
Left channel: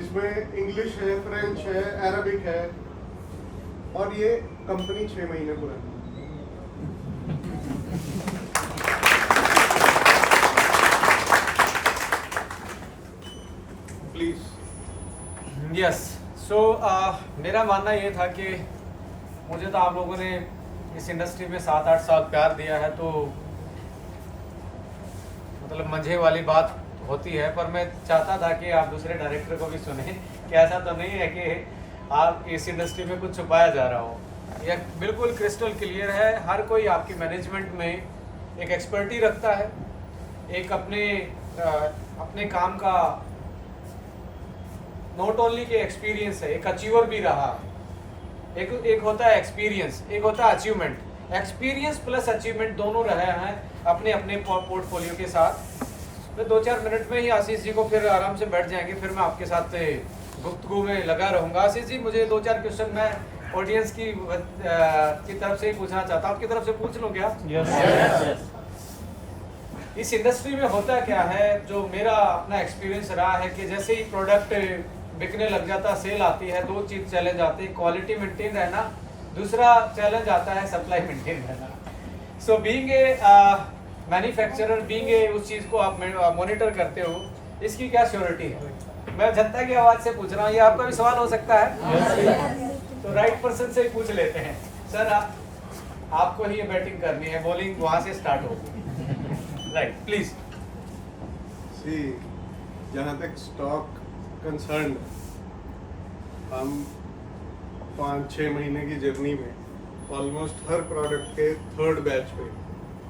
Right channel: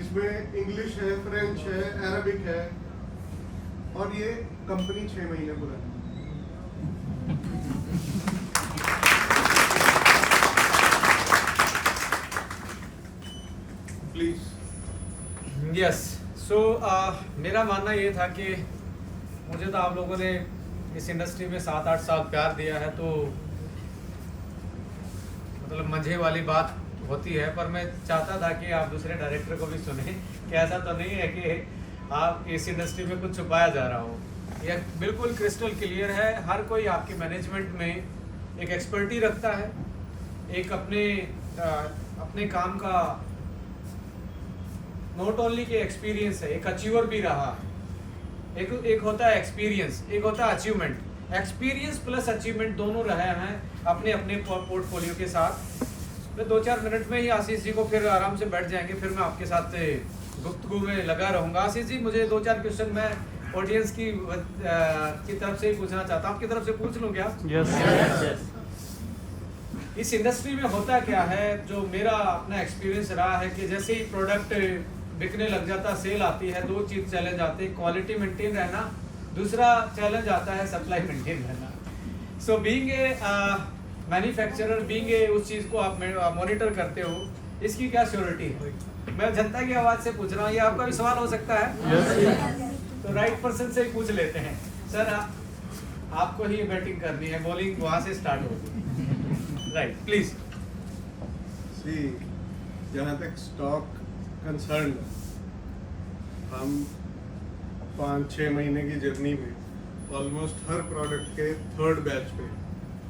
इसमें इंग्लिश है, फ्रेंच है, अरबिक है, और ये कंपनी 6 महीने पुरानी. प्लीज. यस. सो मेरा मानना ये था कि मुझे तो आप लोगों ने इस इंडस्ट्री में 7-8 साल प्यार दिया है, तो मतलब मजे वाली बात होती है, पर मैं चाहता था कि आप दूसरे डायरेक्टर को भी सुने कि ऐसा तो नहीं है कि आप इस इंडस्ट्री में कुछ छुपाया जा रहा हो. यह बिल्कुल क्रिस्टल क्लियर है. हर कोई आपकी मैनेजमेंट में एक एक्सपर्टी रखता है, एक अपने काम का नॉट ओनली के एक्सपीरियंस है, एक अचीवर भी रहा। एक होता है एक्सपीरियंस, एक होता है अचीवमेंट। एक्सपीरियंस प्लस अचीवमेंट दोनों रहे हैं अपने अपने पोर्टफोलियो के साथ। तो 2-4 मिनट में ही आशीष जी को फिर आराम से बैठ जाएंगे, फिर मैं आपके साथ गुफ्तगू में लगा रहूँगा। आशीष जी, मुझे 2-4 क्वेश्चन मैं ऑडियंस की तरफ से ही पूछना चाहता हूँ। आपकी तरफ से पूछ लूँ क्या? Yes. इस इंडस्ट्री में होता क्या है, जो मेरा अपना एक्सपीरियंस रहा है कि जैसे ही प्रोडक्ट बिकने लग जाता, सेल आती है, 2 चीज़ चैलेंज आते हैं, क्वालिटी मेंटेन रहना, दूसरा चैलेंज आता है सप्लाई मेंटेन रहना। So being a manufacturer, being a उस चीज़ को आप मॉनिटर करते हो, इसकी क्या श्योरिटी है? मैं जनता की आवाज़ से पूछ रहा हूँ, ये आपका भी सवाल हो सकता है। तो राइट पर्सन से ही पूछ लेते हैं। सर, आपको ही ये बैटिंग करनी है, बॉलिंग वहाँ से स्टार्ट होगी। Right, please. सी, जहाँ तक स्टॉक कंसर्न, हम 5-6 महीने की जर्नी में ऑलमोस्ट हर प्रोडक्ट के 3rd बैच पे,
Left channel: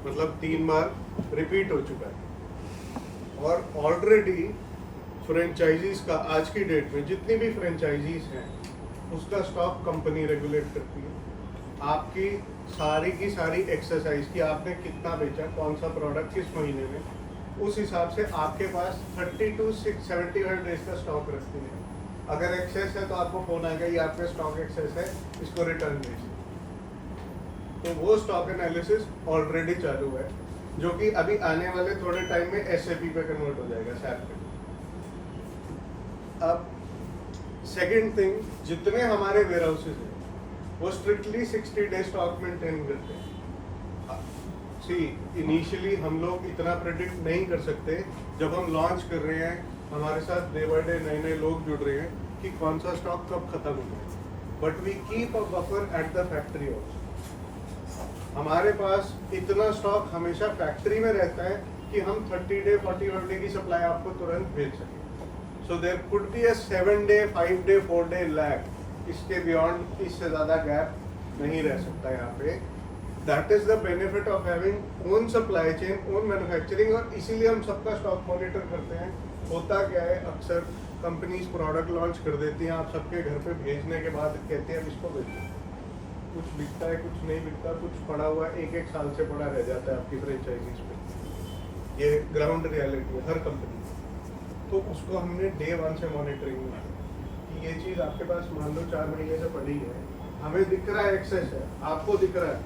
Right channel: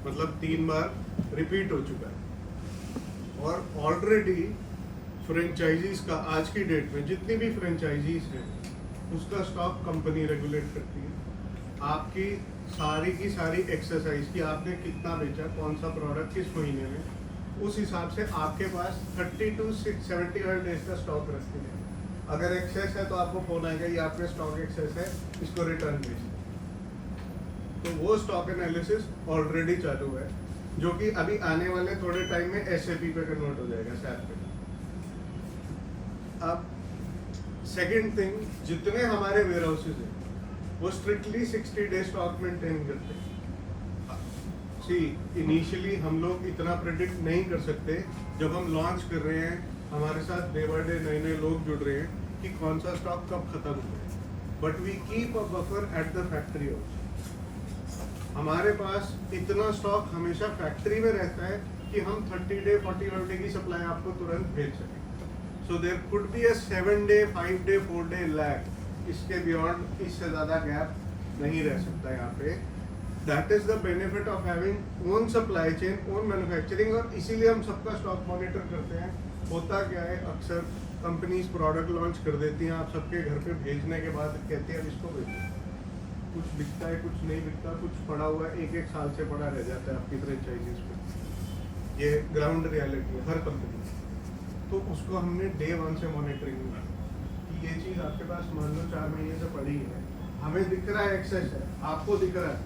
मतलब 3 बार रिपीट हो चुका है। और ऑलरेडी फ्रेंचाइजीज का आज की डेट में जितनी भी फ्रेंचाइजीज हैं, उसका स्टॉक कंपनी रेगुलेट करती है। आपकी सारी की सारी एक्सरसाइज की आपने कितना बेचा, कौन सा प्रोडक्ट किस महीने में, उस हिसाब से आपके पास 30 to 75 डेज का स्टॉक रखते हैं। अगर एक्सेस है तो आपको फोन आएगा, ये आपके स्टॉक एक्सेस है, इसको रिटर्न दीजिए। तो वो स्टॉक एनालिसिस ऑलरेडी चालू है, जो कि अभी आने वाले थोड़े टाइम में SAP पे कन्वर्ट हो जाएगा, SAP पे। अब सेकेंड थिंग, जितने हमारे वेयर हाउसेज हैं वो स्ट्रिक्टली 60 डे स्टॉक मेंटेन करते हैं। सी, इनिशियली हम लोग इतना प्रेडिक्ट नहीं कर सकते, जब हम लॉन्च कर रहे हैं, हमारे साथ डे बाय डे नए नए लोग जुड़ रहे हैं, कि कौन सा स्टॉक कब खत्म हो जाए। But we keep a buffer at the factory also. हमारे पास इतना स्टॉक हमेशा फैक्ट्री में रहता है कि हम 30 डे 40 डे की सप्लाई आपको तुरंत भेज सकें। So there could be a 7 day, 5 day, 4 day lag. इसके बियॉन्ड, इससे ज़्यादा गैप नहीं रह सकता यहाँ पे। That is the benefit of having own supply chain, own manufacturing, और इसीलिए हम सबका स्टॉक मॉनिटर करते हैं। होता क्या है, अक्सर कंपनीज प्रोडक्ट लॉन्च कर देती हैं, आप सबके घर पे भेजने के बाद कहते हैं इसको भेजो, कुछ बिकता है, कुछ नहीं बिकता, कुछ पड़ा हुआ है, 1-1 साल से पड़ा रह जाता है आपकी फ्रेंचाइजीज पे। ये ग्राउंड रियलिटी है हर कंपनी। तो उसको हमने डे 1 से मॉनिटरिंग में कि ये चीज़ आपके पास मान लो 4 महीने से पड़ी है, हमें दिख रहा है एक्सेस है, आपको दिख रहा है,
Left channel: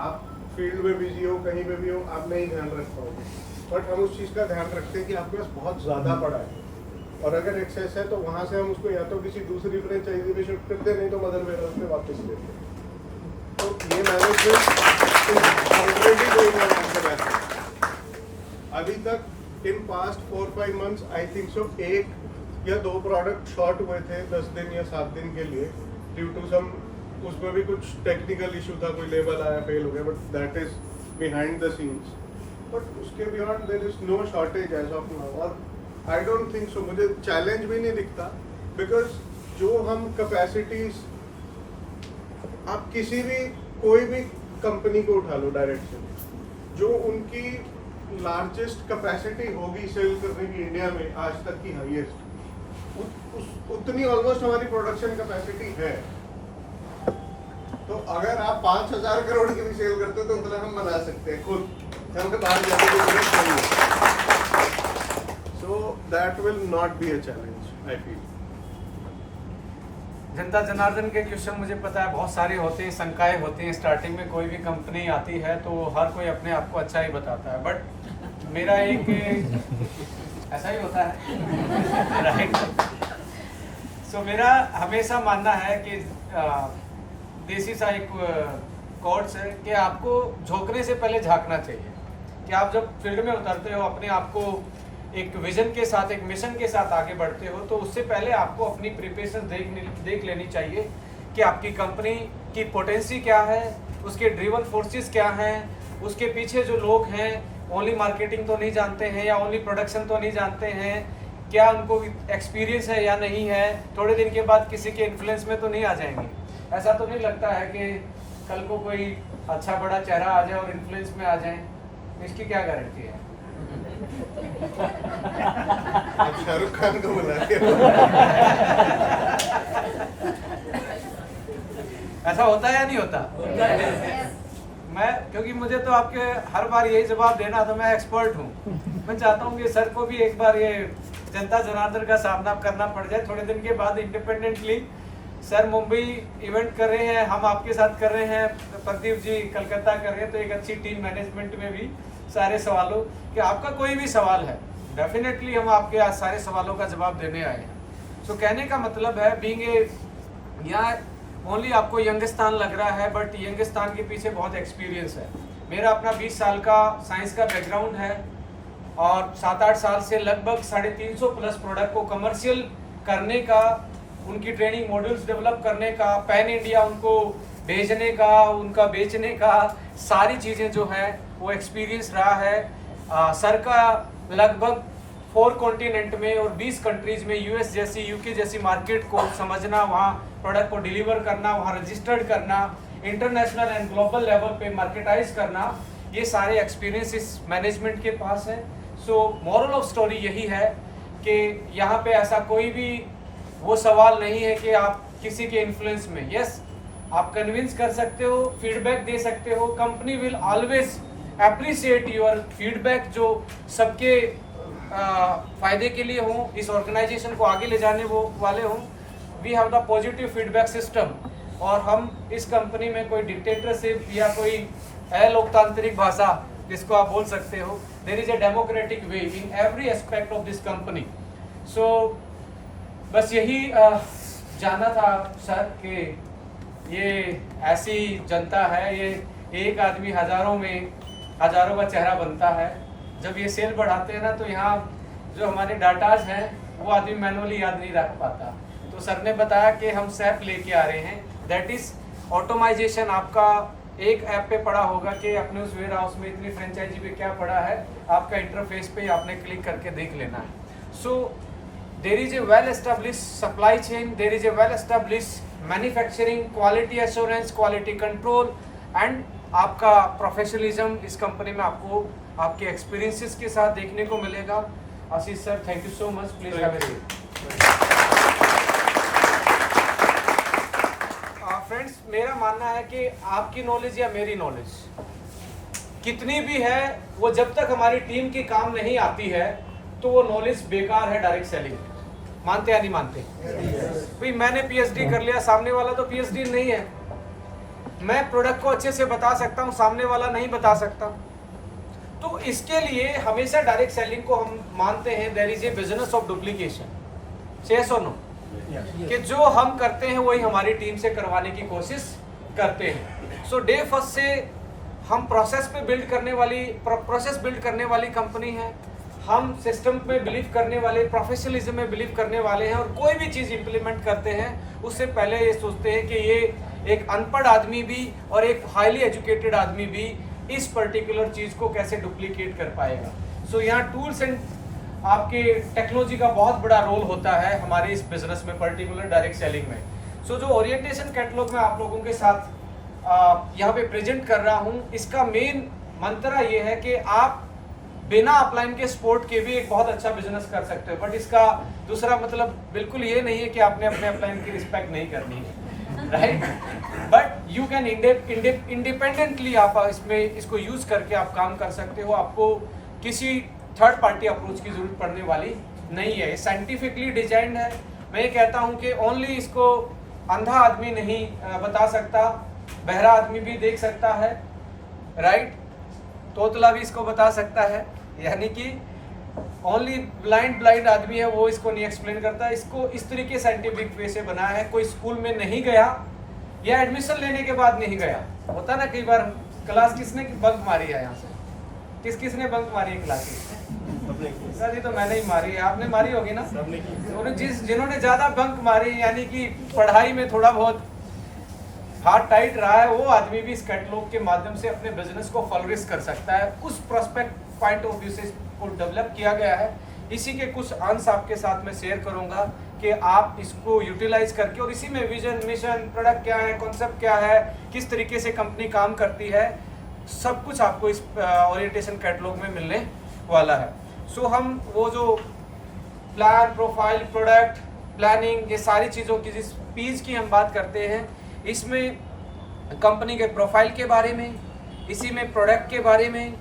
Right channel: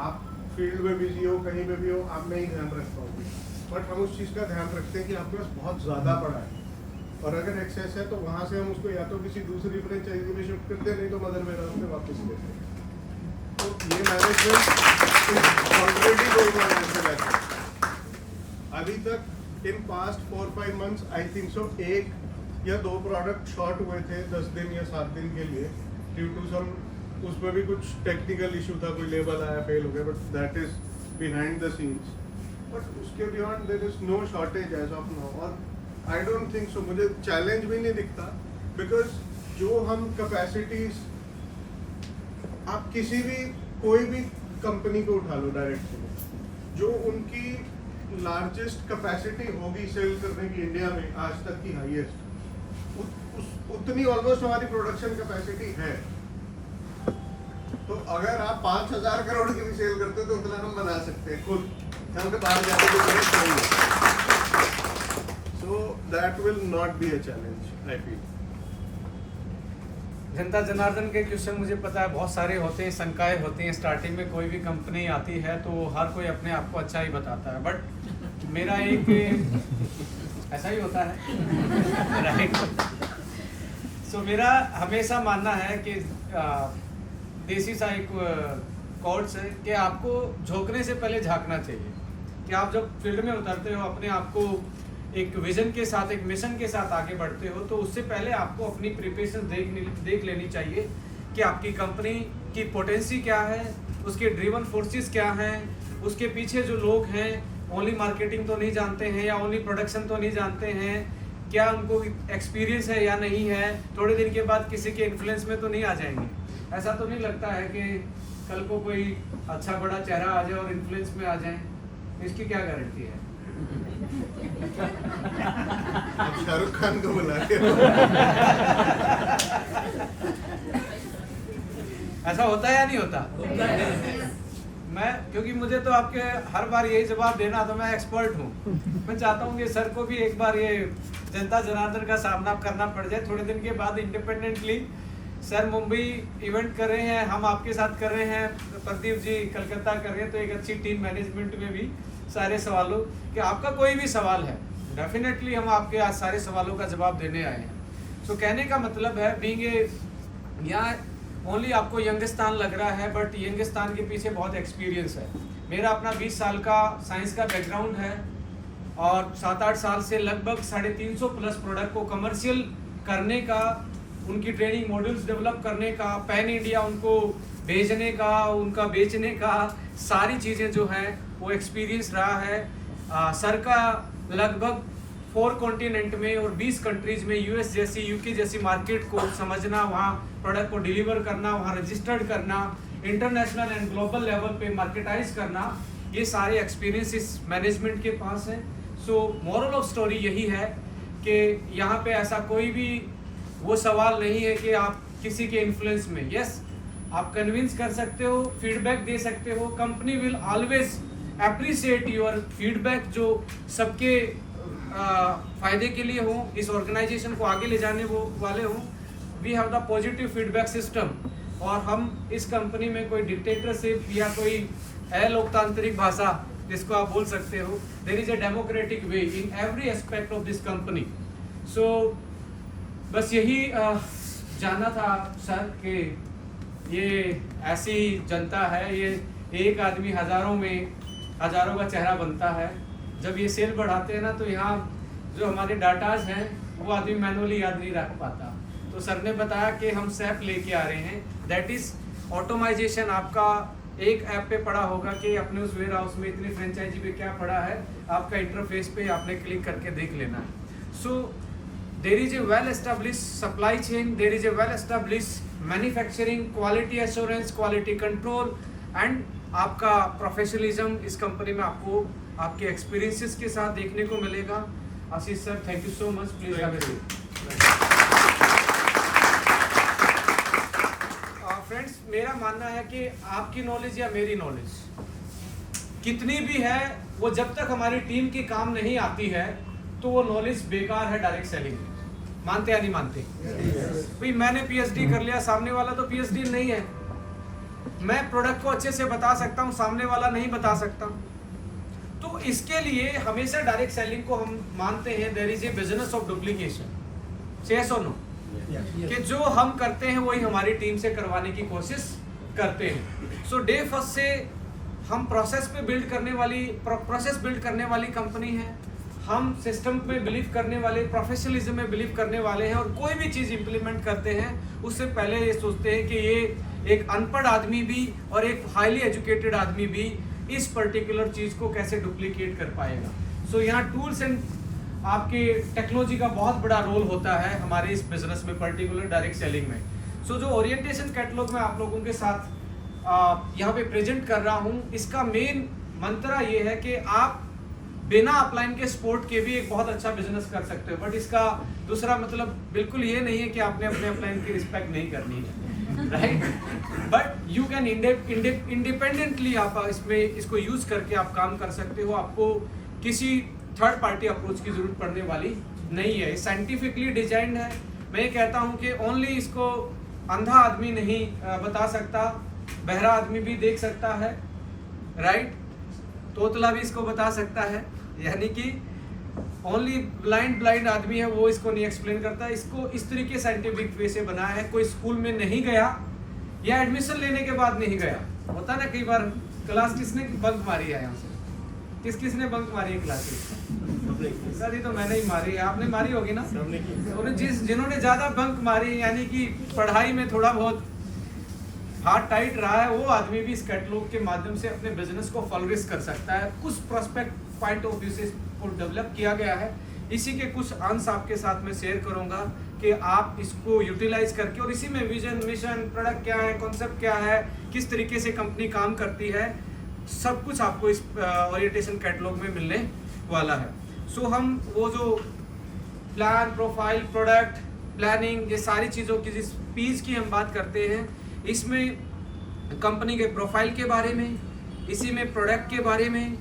आप फील्ड में बिजी हो, कहीं पे भी हो, आप नहीं ध्यान रख पाओगे। बट हम उस चीज़ का ध्यान रखते हैं कि आपके पास बहुत ज़्यादा पड़ा है, और अगर एक्सेस है तो वहाँ से हम उसको या तो किसी दूसरी फ्रेंचाइजी में शिफ्ट करते हैं, नहीं तो मदर वेयरहाउस में वापस लेते हैं। तो ये मैनेजमेंट ऑलरेडी गोइंग ऑन। अभी तक in past 4-5 months I think so 1 या 2 प्रोडक्ट शॉर्ट हुए थे 10 दिन या 7 दिन के लिए, ड्यू टू सम, उसमें भी कुछ टेक्निकल इशू था, कोई लेबल आया, फेल हो गया, but that is behind the scenes. But उसके beyond there is no shortage as of now. और आई डोंट थिंक सो, मुझे चैलेंज भी नहीं दिखता, बिकॉज जो हम कैपेसिटीज, आप किसी भी कोई भी कंपनी को उठा लो डायरेक्ट से, जो उनकी लार्जेस्ट कैपेसिटी होगी सेल करने की इंडिया में आज तक की हाईएस्ट, उतनी ऑलमोस्ट हमारी प्रोडक्शन कैपेसिटी है। तो अगर आप 5,000 करोड़ की भी सेल करते हो तो उतना हम बना सकते हैं खुद, हमें बाहर जाने की जरूरत नहीं है। So that will not be a challenge I feel. जनता जनार्दन के क्वेश्चन मुझे पता है बहुत सारे होते हैं, शंकाएं होती हैं। स्टार्टिंग में कोई भी कंपनी आती है तो हर कोई अपने आप को अच्छा ही बताता है, बट मेरा एक ऐसा ही होता है, राइट। सो मेरा हमेशा मानना है कि देसी सा एक कोट्स है कि आपको झोंकने से पहले झांकना चाहिए। कि आप जब फील्ड में उतरते हो, अपने आप को एक विजन के साथ, एक मिशन के साथ आगे बढ़ते हो, तो उससे पहले आपको अपनी प्रिपरेशन देख लेनी चाहिए कि आपकी कंपनी की पोटेंसी क्या है, उसके ड्रिवन फोर्सेस क्या हैं, उसके पीछे जो लोग हैं ओनली मार्केटिंग तो नहीं जानते हैं या ओनली प्रोडक्शन तो नहीं जानते हैं, क्या उनको एक्सपीरियंस है या नहीं है, थोड़े दिन के बाद किसी के इन्फ्लुएंस में तो नहीं आ जाएंगे। ऐसा तो नहीं लगता है कि कल को कोई अच्छा बड़ा चेहरा आ जाए और इन्फ्लुएंस में आ जाए। इसकी क्या गारंटी है? अब शाहरुख खान को बुला के ऐसा होता है या नहीं होता? मैं, क्योंकि मुझे तो आपके हर बार यही जवाब देना, तो मैं एक्सपर्ट हूँ। मैं चाहता हूँ कि सर को भी एक बार ये जनता जनार्दन का सामना करना पड़ जाए। थोड़े दिन के बाद इंडिपेंडेंटली सर मुंबई इवेंट कर रहे हैं, हम आपके साथ कर रहे हैं, प्रदीप जी कलकत्ता कर रहे हैं, तो एक अच्छी टीम मैनेजमेंट में भी सारे सवालों कि आपका कोई भी सवाल है डेफिनेटली हम आपके आज सारे सवालों का जवाब देने आए हैं। सो कहने का मतलब है बीइंग ए, यहाँ ओनली आपको यंगस्तान लग रहा है, बट यंगस्तान के पीछे बहुत एक्सपीरियंस है। मेरा अपना 20 साल का साइंस का बैकग्राउंड है और 7-8 साल से लगभग 350 प्लस प्रोडक्ट को कमर्शियल करने का, उनकी ट्रेनिंग मॉड्यूल्स डेवलप करने का, पैन इंडिया उनको भेजने का, उनका बेचने का, सारी चीज़ें जो हैं वो एक्सपीरियंस रहा है। सर का लगभग 4 कॉन्टिनेंट में और 20 कंट्रीज में, यूएस जैसी, यूके जैसी मार्केट को समझना, वहाँ प्रोडक्ट को डिलीवर करना, वहाँ रजिस्टर्ड करना, इंटरनेशनल एंड ग्लोबल लेवल पे मार्केटाइज करना, ये सारे एक्सपीरियंस इस मैनेजमेंट के पास है। सो मॉरल ऑफ स्टोरी यही है कि यहाँ पे ऐसा कोई भी वो सवाल नहीं है कि आप किसी के इन्फ्लुएंस में, यस आप कन्विंस कर सकते हो, फीडबैक दे सकते हो, company will always appreciate your feedback जो सबके फायदे के लिए हो, इस ऑर्गेनाइजेशन को आगे ले जाने वो वाले हों। We have the positive feedback system, और हम इस कंपनी में कोई डिक्टेटरशिप या कोई अलोकतांत्रिक भाषा जिसको आप बोल सकते हो, there is a democratic way in every aspect of this company. So बस यही जानना था सर कि ये ऐसी जनता है, ये एक आदमी हजारों में हजारों का चेहरा बनता है। जब ये सेल बढ़ाते हैं ना, तो यहाँ जो हमारे डाटाज हैं वो आदमी मैनुअली याद नहीं रख पाता। तो सर ने बताया कि हम SAP लेके आ रहे हैं, दैट इज ऑटोमाइजेशन। आपका एक ऐप पे पड़ा होगा कि अपने उस वेयर हाउस में इतनी फ्रेंचाइजी पे क्या पड़ा है, आपका इंटरफेस पे आपने क्लिक करके देख लेना है। So there is a well establish supply chain, there is a well establish manufacturing, quality assurance, quality control and आपका प्रोफेशनलिज्म इस कंपनी में आपको आपके एक्सपीरियंसेस के साथ देखने को मिलेगा। Ashish sir, thank you so much, please have a seat. Friends, मेरा मानना है कि आपकी नॉलेज या मेरी नॉलेज कितनी भी है, वो जब तक हमारी टीम के काम नहीं आती है तो वो नॉलेज बेकार है डायरेक्ट सेलिंग। मानते या नहीं मानते? भाई मैंने PhD कर लिया, सामने वाला तो PhD नहीं है। मैं प्रोडक्ट को अच्छे से बता सकता हूँ, सामने वाला नहीं बता सकता। तो इसके लिए हमेशा डायरेक्ट सेलिंग को हम मानते हैं there is a business of duplication. Yes और नो? कि जो हम करते हैं वही हमारी टीम से करवाने की कोशिश करते हैं। सो डे फर्स्ट से हम प्रोसेस बिल्ड करने वाली कंपनी है। हम सिस्टम में बिलीव करने वाले, प्रोफेशनलिज्म में बिलीव करने वाले हैं, और कोई भी चीज़ इंप्लीमेंट करते हैं उससे पहले ये सोचते हैं कि ये एक अनपढ़ आदमी भी और एक हाईली एजुकेटेड आदमी भी इस पर्टिकुलर चीज़ को कैसे डुप्लीकेट कर पाएगा। सो यहाँ टूल्स एंड आपके टेक्नोलॉजी का बहुत बड़ा रोल होता है हमारे इस बिजनेस में, पर्टिकुलर डायरेक्ट सेलिंग में। सो जो ओरिएंटेशन कैटलॉग में आप लोगों के साथ यहाँ पे प्रेजेंट कर रहा हूँ, इसका मेन मंत्र ये है कि आप बिना अपलाइन के सपोर्ट के भी एक बहुत अच्छा बिजनेस कर सकते हो। बट इसका दूसरा मतलब बिल्कुल ये नहीं है कि आपने अपने अपलाइन की रिस्पेक्ट नहीं करनी है, right? But you can independently आप इसको यूज करके आप काम कर सकते हो। आपको किसी थर्ड पार्टी अप्रोच की जरूरत पड़ने वाली नहीं है। ये साइंटिफिकली डिजाइंड है। मैं ये कहता हूँ कि ओनली इसको अंधा आदमी नहीं बता सकता, बहरा आदमी भी देख सकता है, राइट? तोतला भी इसको बता सकता है। यानी कि ओनली ब्लाइंड आदमी है वो इसको नहीं एक्सप्लेन करता। इसको इस तरीके साइंटिफिक वे से बनाया है। कोई स्कूल में नहीं गया या एडमिशन लेने के बाद नहीं गया, होता ना कई बार क्लास किसने बंक मारी है, यहाँ से किसने बंक मारी है क्लासेस? सर ये तो मैंने ही मारी है, आपने मारी होगी ना? जिन्होंने ज्यादा बंक मारी, यानी कि पढ़ाई में थोड़ा बहुत हाथ टाइट रहा है, वो आदमी भी इस कैटलॉग के माध्यम से अपने बिजनेस को फ्लरिश कर सकता है। उस प्रोस्पेक्ट पॉइंट ऑफ व्यू से इसको डेवलप किया गया है। इसी के कुछ अंश आपके साथ में शेयर करूंगा कि आप इसको यूटिलाइज करके, और इसी में विजन, मिशन, प्रोडक्ट क्या है, कॉन्सेप्ट क्या है, किस तरीके से कंपनी काम करती है, सब कुछ आपको इस ओरिएंटेशन कैटलॉग में मिलने वाला है। सो हम वो जो प्लान, प्रोफाइल, प्रोडक्ट, प्लानिंग, ये सारी चीज़ों की जिस पीस की हम बात करते हैं, इसमें कंपनी के प्रोफाइल के बारे में, इसी में प्रोडक्ट के बारे में,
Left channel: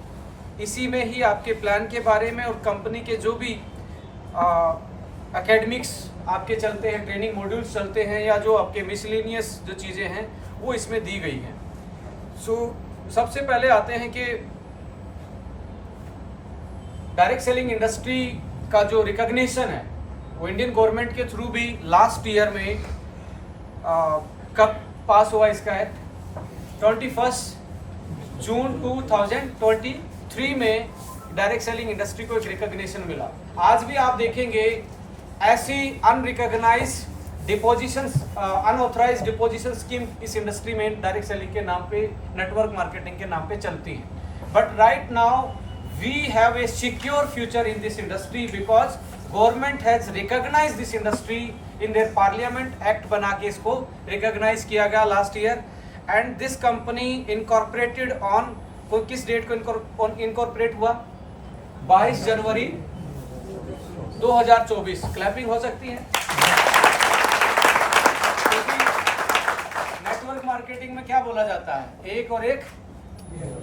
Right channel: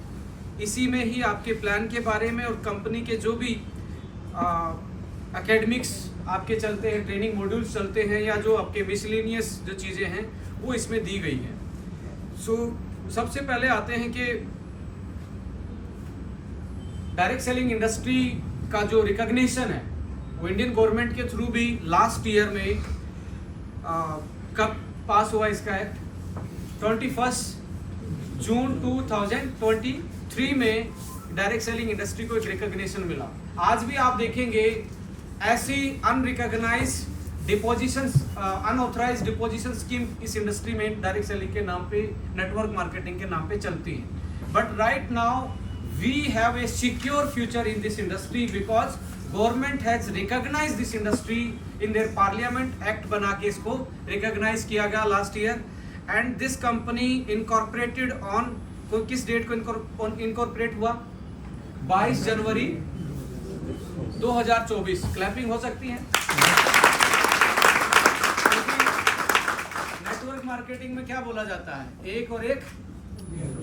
इसी में ही आपके प्लान के बारे में, और कंपनी के जो भी एकेडमिक्स आपके चलते हैं, ट्रेनिंग मॉड्यूल्स चलते हैं, या जो आपके मिसलेनियस जो चीज़ें हैं वो इसमें दी गई हैं। सो सबसे पहले आते हैं कि डायरेक्ट सेलिंग इंडस्ट्री का जो रिकॉग्निशन है वो इंडियन गवर्नमेंट के थ्रू भी लास्ट ईयर में कब पास हुआ इसका एक्ट, 21 जून 2023 में डायरेक्ट सेलिंग इंडस्ट्री को एक रिकॉग्निशन मिला। आज भी आप देखेंगे ऐसी unrecognize deposition, unauthorize deposition scheme इस इंडस्ट्री में डायरेक्ट सेलिंग के नाम पे, नेटवर्क मार्केटिंग के नाम पे चलती है। But right now we have a secure future in this industry because government has recognize this industry in there parliament, act बना के इसको रिकॉग्नाइज किया गया last year. And this company incorporated on, किस डेट को इनकॉर्पोरेट हुआ, 22 जनवरी 2024। क्लैपिंग हो सकती है। नेटवर्क मार्केटिंग में क्या बोला जाता है, 1 और 1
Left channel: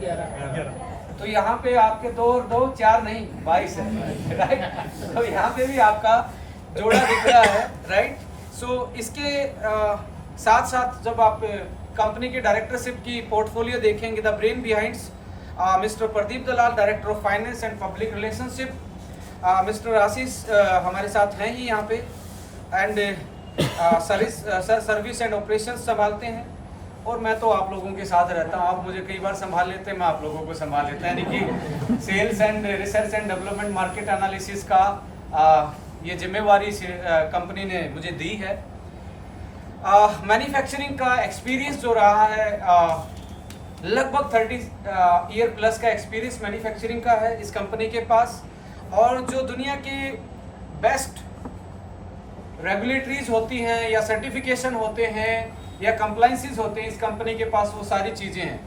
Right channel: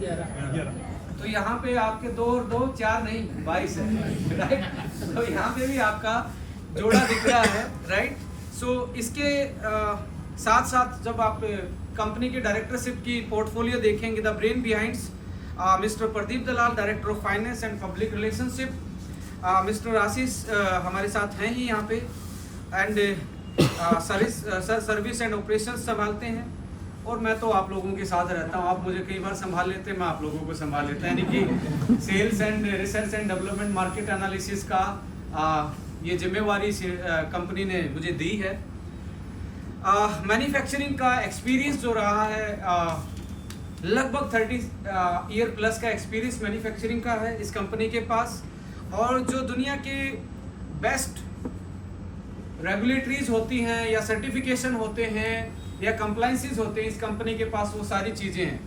11। तो यहाँ पे आपके 2 और 2 4 नहीं 22 है, राइट। तो यहाँ पे भी आपका जोड़ा दिख रहा है, राइट। सो इसके साथ साथ जब आप कंपनी की डायरेक्टरशिप की पोर्टफोलियो देखेंगे, the brain behinds mister Pradeep Dalal, director of finance and public relationship, mister Ashish हमारे साथ हैं ही यहाँ पे, एंड सर्विस एंड ऑपरेशंस संभालते हैं, और मैं तो आप लोगों के साथ रहता हूँ। आप मुझे कई बार संभाल लेते हैं, मैं आप लोगों को संभाल लेता हूँ, यानी कि sales and research and development, market analysis का ये जिम्मेवारी कंपनी ने मुझे दी है। मैन्युफैक्चरिंग का एक्सपीरियंस जो रहा है, लगभग 30 ईयर प्लस का एक्सपीरियंस मैन्युफैक्चरिंग का है इस कंपनी के पास, और जो दुनिया के बेस्ट रेगुलेटरीज होती हैं या सर्टिफिकेशन होते हैं या कंप्लाइंसेस होते हैं, इस कंपनी के पास वो सारी चीज़ें हैं।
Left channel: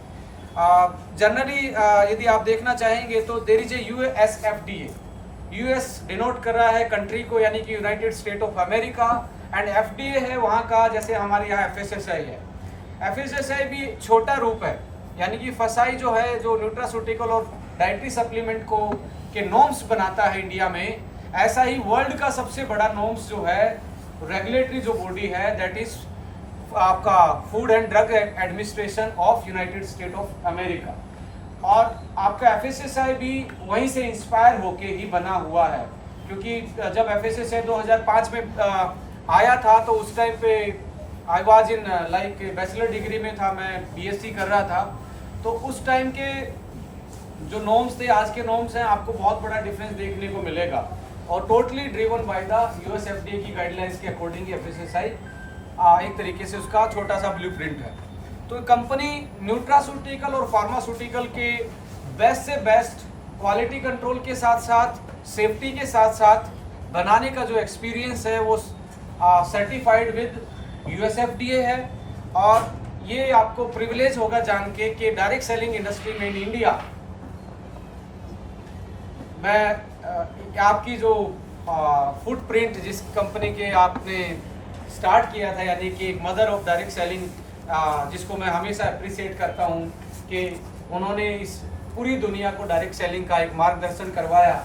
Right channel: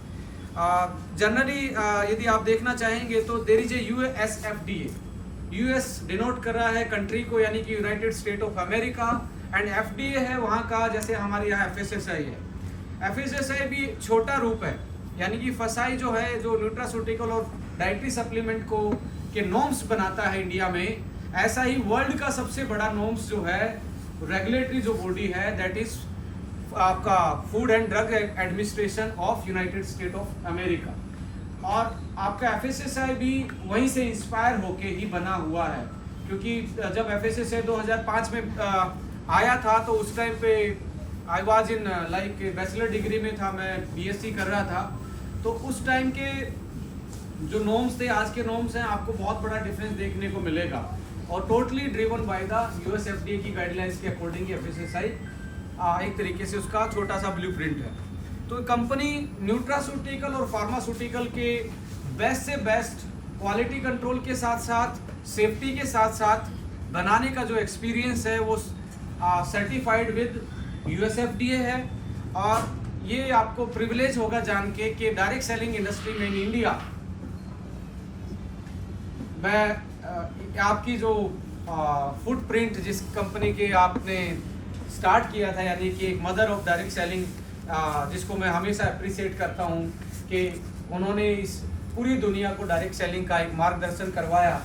जनरली यदि आप देखना चाहेंगे तो there is a USFDA, US denote कर रहा है कंट्री को, यानी कि United State of America, and FDA है वहाँ का, जैसे हमारे यहाँ FSSAI है। FSSAI भी छोटा रूप है, यानी कि फसाई जो है, जो न्यूट्रास्यूटिकल और डाइटरी सप्लीमेंट को के नॉर्म्स बनाता है इंडिया में, ऐसा ही वर्ल्ड का सबसे बड़ा नॉर्म्स जो है, रेगुलेटरी जो बॉडी है, दैट इज आपका food and drug administration of United State of America. और आपका FSSAI भी वहीं से इंस्पायर होके ही बना हुआ है, क्योंकि जब FSSAI 2005 में आया था तो उस टाइम पे I was in like bachelor degree में था, मैं BSc कर रहा था, तो उस टाइम के जो नॉर्म्स थे, आज के नॉर्म्स हैं, आपको बहुत बड़ा डिफरेंस देखने को मिलेगा, और totally driven by the USFDA की गाइडलाइंस के अकॉर्डिंग FSSAI एक तरीके से उसका छोटा सा ब्लूप्रिंट है। तो कंपनी न्यूट्रास्यूटिकल और फार्मास्यूटिकल के बेस्ट से बेस्ट क्वालिटी कंट्रोल के साथ साथ सेफ्टी के साथ साथ बनाने का जो एक्सपीरियंस है वो सर्टिफाइड विद USFDA है। और ये आपको प्रिविलेज होगा जान के कि डायरेक्ट सेलिंग इंडस्ट्री में इन इंडिया मैं आपकी जो फुटप्रिंट जिस कंपनी के आपने स्टार्ट किया था, यानी कि एक मदर ऑफ डायरेक्ट सेलिंग, जिसको मैं हमेशा अप्रिशिएट करता हूँ कि उन्होंने इस पूरी दुनिया को डायरेक्ट सेलिंग का एक मार्गदर्शन करवाया,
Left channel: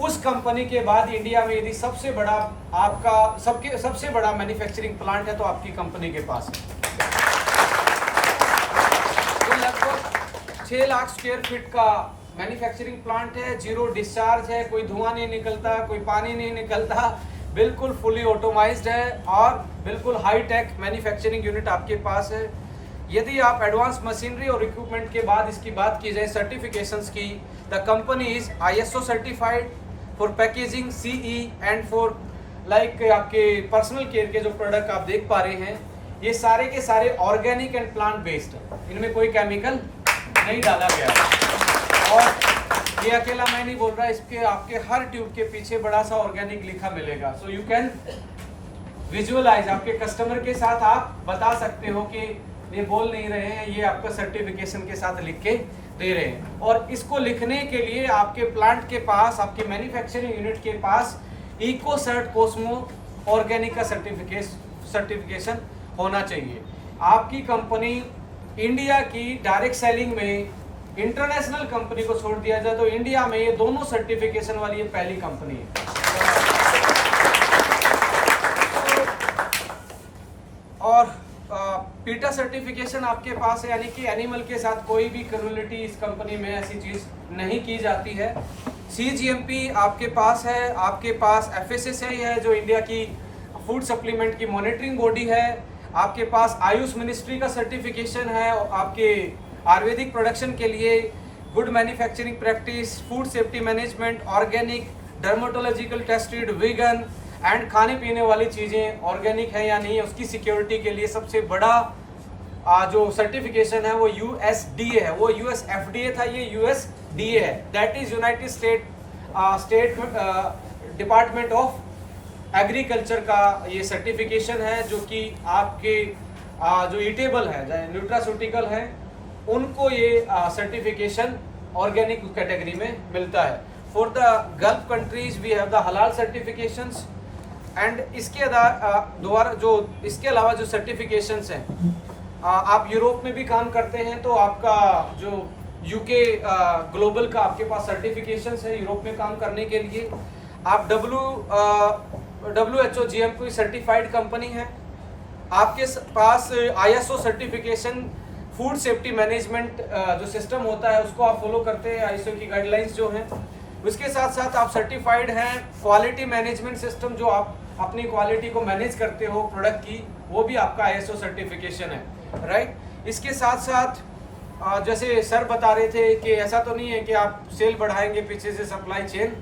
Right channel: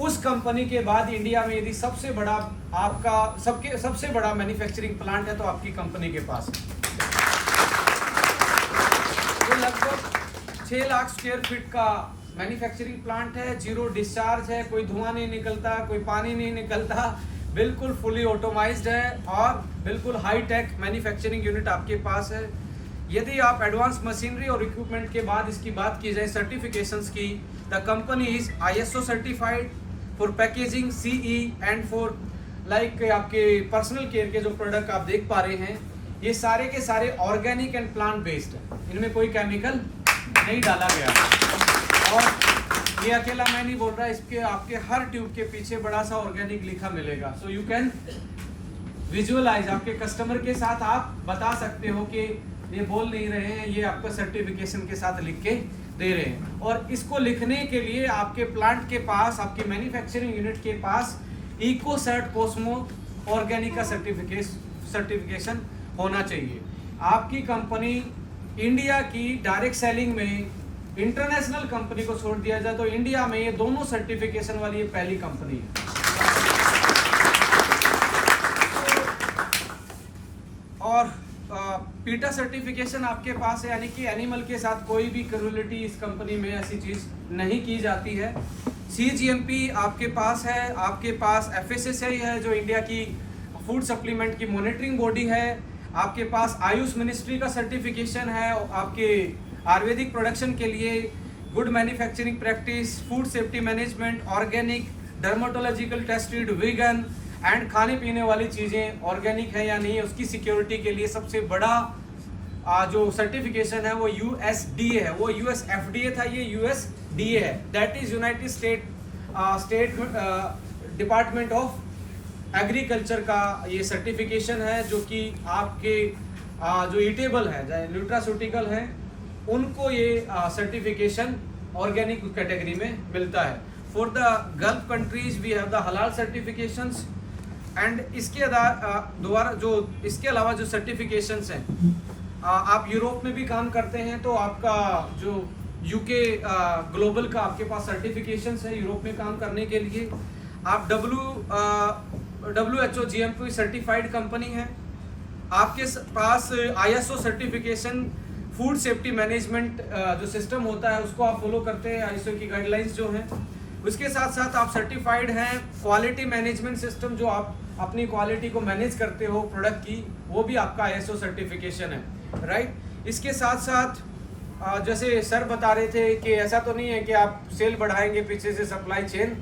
उस कंपनी के बाद इंडिया में यदि सबसे बड़ा आपका सबसे बड़ा मैन्युफैक्चरिंग प्लांट है तो आपकी कंपनी के पास है। ये लगभग 6 लाख स्क्वायर फीट का मैन्युफैक्चरिंग प्लांट है, 0 डिस्चार्ज है, कोई धुआं नहीं निकलता, कोई पानी नहीं निकलता, बिल्कुल फुली ऑटोमाइज्ड है और बिल्कुल हाई टेक मैन्युफैक्चरिंग यूनिट आपके पास है। यदि आप एडवांस मशीनरी और इक्विपमेंट के बाद इसकी बात की जाए सर्टिफिकेशंस की, the company is ISO certified for packaging, CE and for like आपके पर्सनल केयर के जो प्रोडक्ट आप देख पा रहे हैं, ये सारे के सारे ऑर्गेनिक एंड प्लांट बेस्ड है, इनमें कोई केमिकल नहीं डाला गया है। और ये अकेला मैं नहीं बोल रहा, इसके आपके हर ट्यूब के पीछे बड़ा सा ऑर्गेनिक लिखा मिलेगा, सो यू कैन विजुअलाइज, आपके कस्टमर के साथ आप बता सकते हो कि ये बोल नहीं रहे हैं, ये आपका सर्टिफिकेशन के साथ लिख के दे रहे हैं। और इसको लिखने के लिए आपके प्लांट के पास, आपके मैन्युफैक्चरिंग यूनिट के पास इकोसर्ट कोस्मो ऑर्गेनिक का सर्टिफिकेशन होना चाहिए। आपकी कंपनी इंडिया की डायरेक्ट सेलिंग में इंटरनेशनल कंपनी को छोड़ दिया जाए तो इंडिया में ये दोनों सर्टिफिकेशन वाली ये पहली कंपनी है। और पीटा सर्टिफिकेशन आपके पास है, यानी कि एनिमल के साथ कोई भी क्रूरलिटी इस कंपनी में ऐसी चीज नहीं की जाती है। CGMP आपके पास है, आपके पास FSSAI है जो इंडिया की फूड सप्लीमेंट की मॉनिटरिंग बॉडी है, आपके पास आयुष मिनिस्ट्री का सर्टिफिकेशन है, आपके आयुर्वेदिक प्रोडक्शन के लिए good manufacturing practice, food safety management, organic, dermatological tested, vegan and खाने पीने वाली चीज़ें ऑर्गेनिक है या नहीं, उसकी सिक्योरिटी के लिए सबसे बड़ा जो सर्टिफिकेशन है वो USDA है। वो US FDA था, ये USDA है, that is United state department of agriculture का ये सर्टिफिकेशन है, जो कि आपके जो ईटेबल है, न्यूट्रास्यूटिकल है, उनको ये सर्टिफिकेशन ऑर्गेनिक कैटेगरी में मिलता है। For the Gulf countries we have the halal certifications and इसके अलावा जो सर्टिफिकेशंस हैं, आप यूरोप में भी काम करते हैं तो आपका जो UK ग्लोबल का आपके पास सर्टिफिकेशंस है यूरोप में काम करने के लिए। आप WHO GMP सर्टिफाइड कंपनी है, आपके पास ISO certification, food safety management जो सिस्टम होता है उसको आप फॉलो करते हैं, ISO की गाइडलाइंस जो हैं। उसके साथ साथ आप सर्टिफाइड हैं क्वालिटी मैनेजमेंट सिस्टम, जो आप अपनी क्वालिटी को मैनेज करते हो प्रोडक्ट की, वो भी आपका ISO सर्टिफिकेशन है, राइट। इसके साथ साथ जैसे सर बता रहे थे कि ऐसा तो नहीं है कि आप सेल बढ़ाएंगे पीछे से सप्लाई चेन,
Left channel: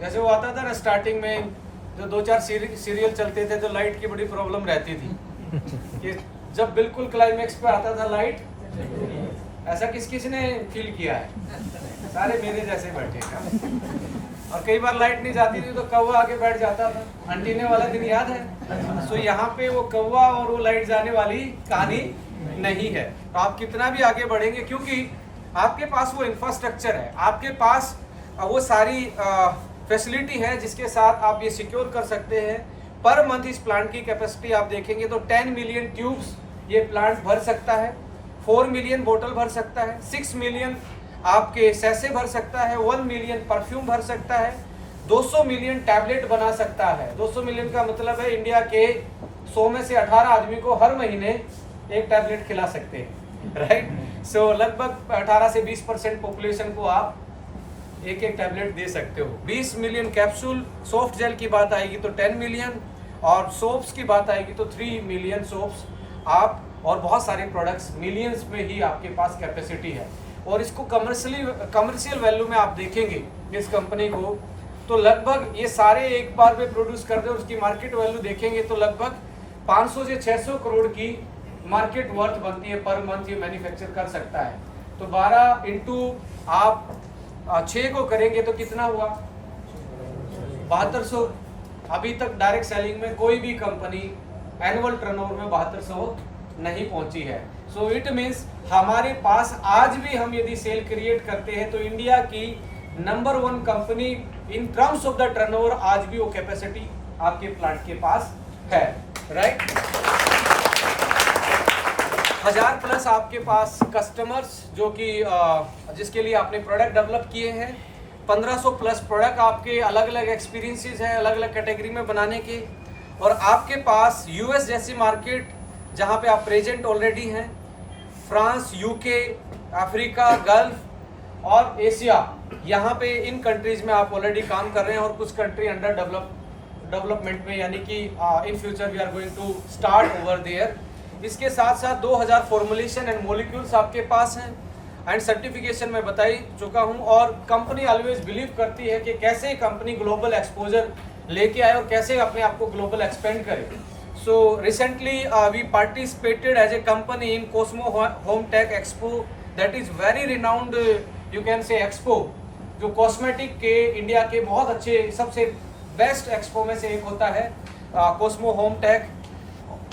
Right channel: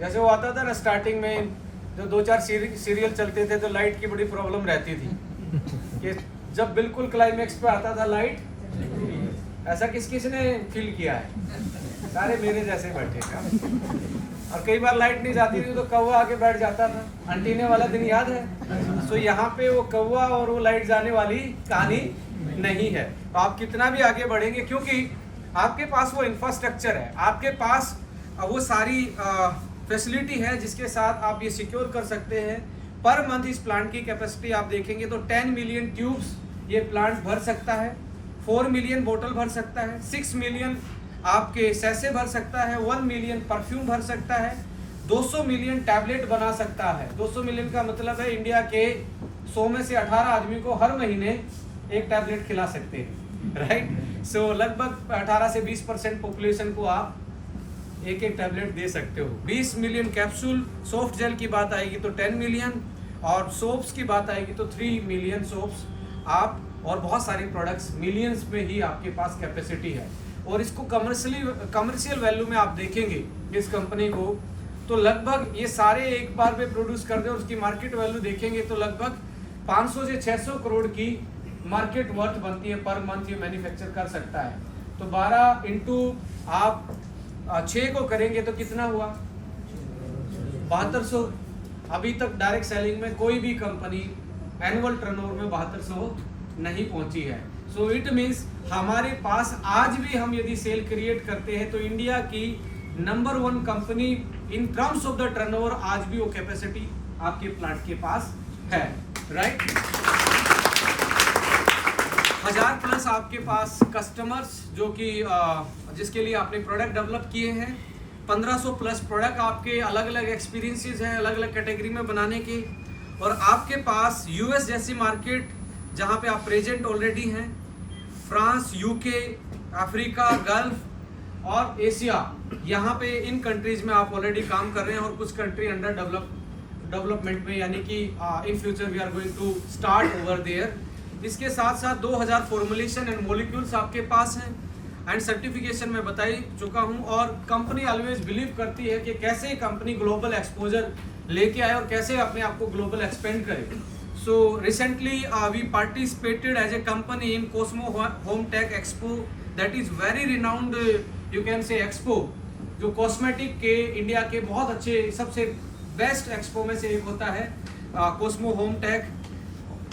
जैसे वो आता था ना स्टार्टिंग में जो 2-4 सीरियल चलते थे तो लाइट की बड़ी प्रॉब्लम रहती थी कि जब बिल्कुल क्लाइमेक्स पे आता था लाइट, ऐसा किसने फील किया है? सारे मेरे जैसे बैठे हैं। और कई बार लाइट नहीं जाती थी तो कौवा आके बैठ जाता था, अंटीने वाला दिन याद है? तो यहाँ पे वो कौवा और वो लाइट जाने वाली कहानी नहीं है। तो आप कितना भी आगे बढ़ेंगे, क्योंकि आपके पास वो इंफ्रास्ट्रक्चर है, आपके पास वो सारी फैसिलिटी है जिसके साथ आप ये सिक्योर कर सकते हैं। पर मंथ इस प्लांट की कैपेसिटी आप देखेंगे तो 10 मिलियन ट्यूब्स ये प्लांट भर सकता है, 4 मिलियन बोतल भर सकता है, 6 मिलियन आपके सैसे भर सकता है, 1 मिलियन परफ्यूम भर सकता है, 200 मिलियन टैबलेट बना सकता है। 200 मिलियन का मतलब है इंडिया के 100 में से 18 आदमी को हर महीने एक टैबलेट खिला सकते हैं, राइट। सो लगभग 18 से 20% पॉपुलेशन को आप एक टैबलेट दे सकते हो। 20 मिलियन कैप्सूल, सॉफ्ट जेल की बात आएगी तो 10 मिलियन, और सोप्स की बात आएगी तो 3 मिलियन सोप्स आप, और बहुत सारे प्रोडक्ट्स मिलियंस में ही आपके पास कैपेसिटी है। और इसको कमर्शियल वैल्यू में आप देखेंगे इस कंपनी को तो लगभग ये सारे एक बार में प्रोड्यूस कर दे, उसकी मार्केट वैल्यू देखेंगे तो लगभग 500 से 600 करोड़ की मार्केट वर्थ बनती है पर मंथ ये मैन्युफैक्चर कर सकता है। तो 12 इंटू आप 6 को करेंगे तो कितना हुआ? 7200। अभी तक डायरेक्ट सेलिंग में कोई भी कंपनी एनुअल टर्नओवर में 7200 नहीं पहुंची है। सो इट मीन्स हमारे पास आज भी हम यदि सेल क्रिएट करते हैं तो इंडिया की number 1 company in terms of the turnover आज भी वो कैपेसिटी आपके प्लांट के पास है, राइट। 1000+ आपके पास कस्टमर्स जो कि जिसके लिए आपने प्रोडक्ट डेवलप किए हैं, 1500+ प्रोडक्ट आपके अलग अलग एक्सपीरियंसेस हैं अलग अलग कैटेगरी में बनाने के, और आपके पास US जैसी मार्केट जहां पे आप प्रेजेंट ऑलरेडी हैं, फ्रांस, UK, अफ्रीका, गल्फ और एशिया, यहाँ पे इन कंट्रीज में आप ऑलरेडी काम कर रहे हैं, और कुछ कंट्री अंडर डेवलपमेंट में, यानी कि in future we are going to start over there. इसके साथ साथ 2000 फॉर्मुलेशन एंड मॉलिक्यूल्स आपके पास हैं, एंड सर्टिफिकेशन में बता ही चुका हूँ। और कंपनी ऑलवेज बिलीव करती है कि कैसे कंपनी ग्लोबल एक्सपोजर लेके आए और कैसे अपने आप को ग्लोबल एक्सपेंड करे। So recently we participated as a company in Cosmo Home Tech Expo, that is very renowned you can say expo, जो कॉस्मेटिक के इंडिया के बहुत अच्छे सबसे बेस्ट एक्सपो में से एक होता है कोस्मो होम टेक।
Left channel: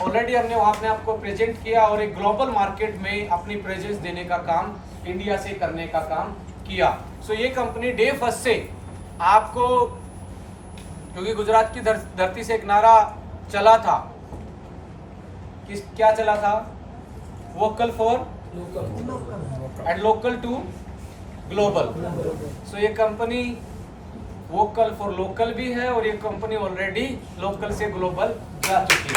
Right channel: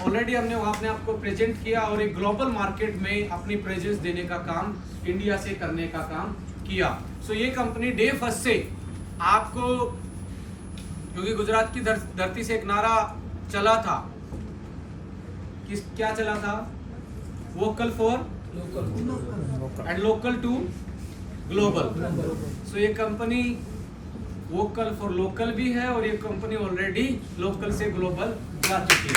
ऑलरेडी हमने वहाँ अपने आपको प्रेजेंट किया और एक ग्लोबल मार्केट में अपनी प्रेजेंस देने का काम इंडिया से करने का काम किया। सो ये कंपनी डे फर्स्ट से आपको, क्योंकि गुजरात की धरती से एक नारा चला था, क्या चला था? Vocal for local and local to global. So ये कंपनी वोकल फॉर लोकल भी है और ये कंपनी ऑलरेडी लोकल से ग्लोबल जा चुकी है।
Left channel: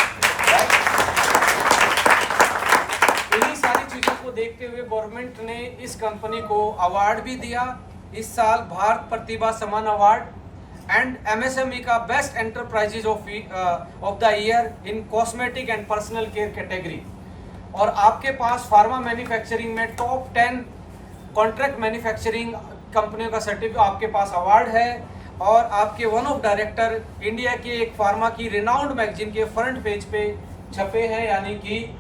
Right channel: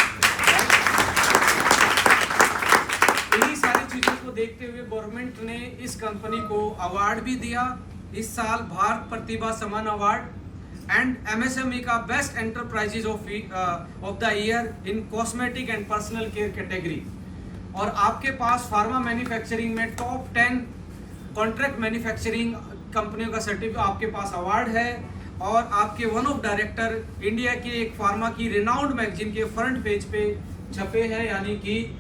इन्हीं सारी चीजों को देखते हुए गवर्नमेंट ने इस कंपनी को अवार्ड भी दिया इस साल, भारत प्रतिभा सम्मान अवार्ड एंड MSME का best enterprises of the year in cosmetic and personal care category. और आपके पास फार्मा मैन्युफैक्चरिंग में टॉप 10 कॉन्ट्रैक्ट मैन्युफैक्चरिंग कंपनियों का सर्टिफिकेट आपके पास अवार्ड है। और आपके वन ऑफ डायरेक्टर इंडिया के एक फार्मा की रिनाउंड मैगजीन के फ्रंट पेज पे छपे हैं, यानी कि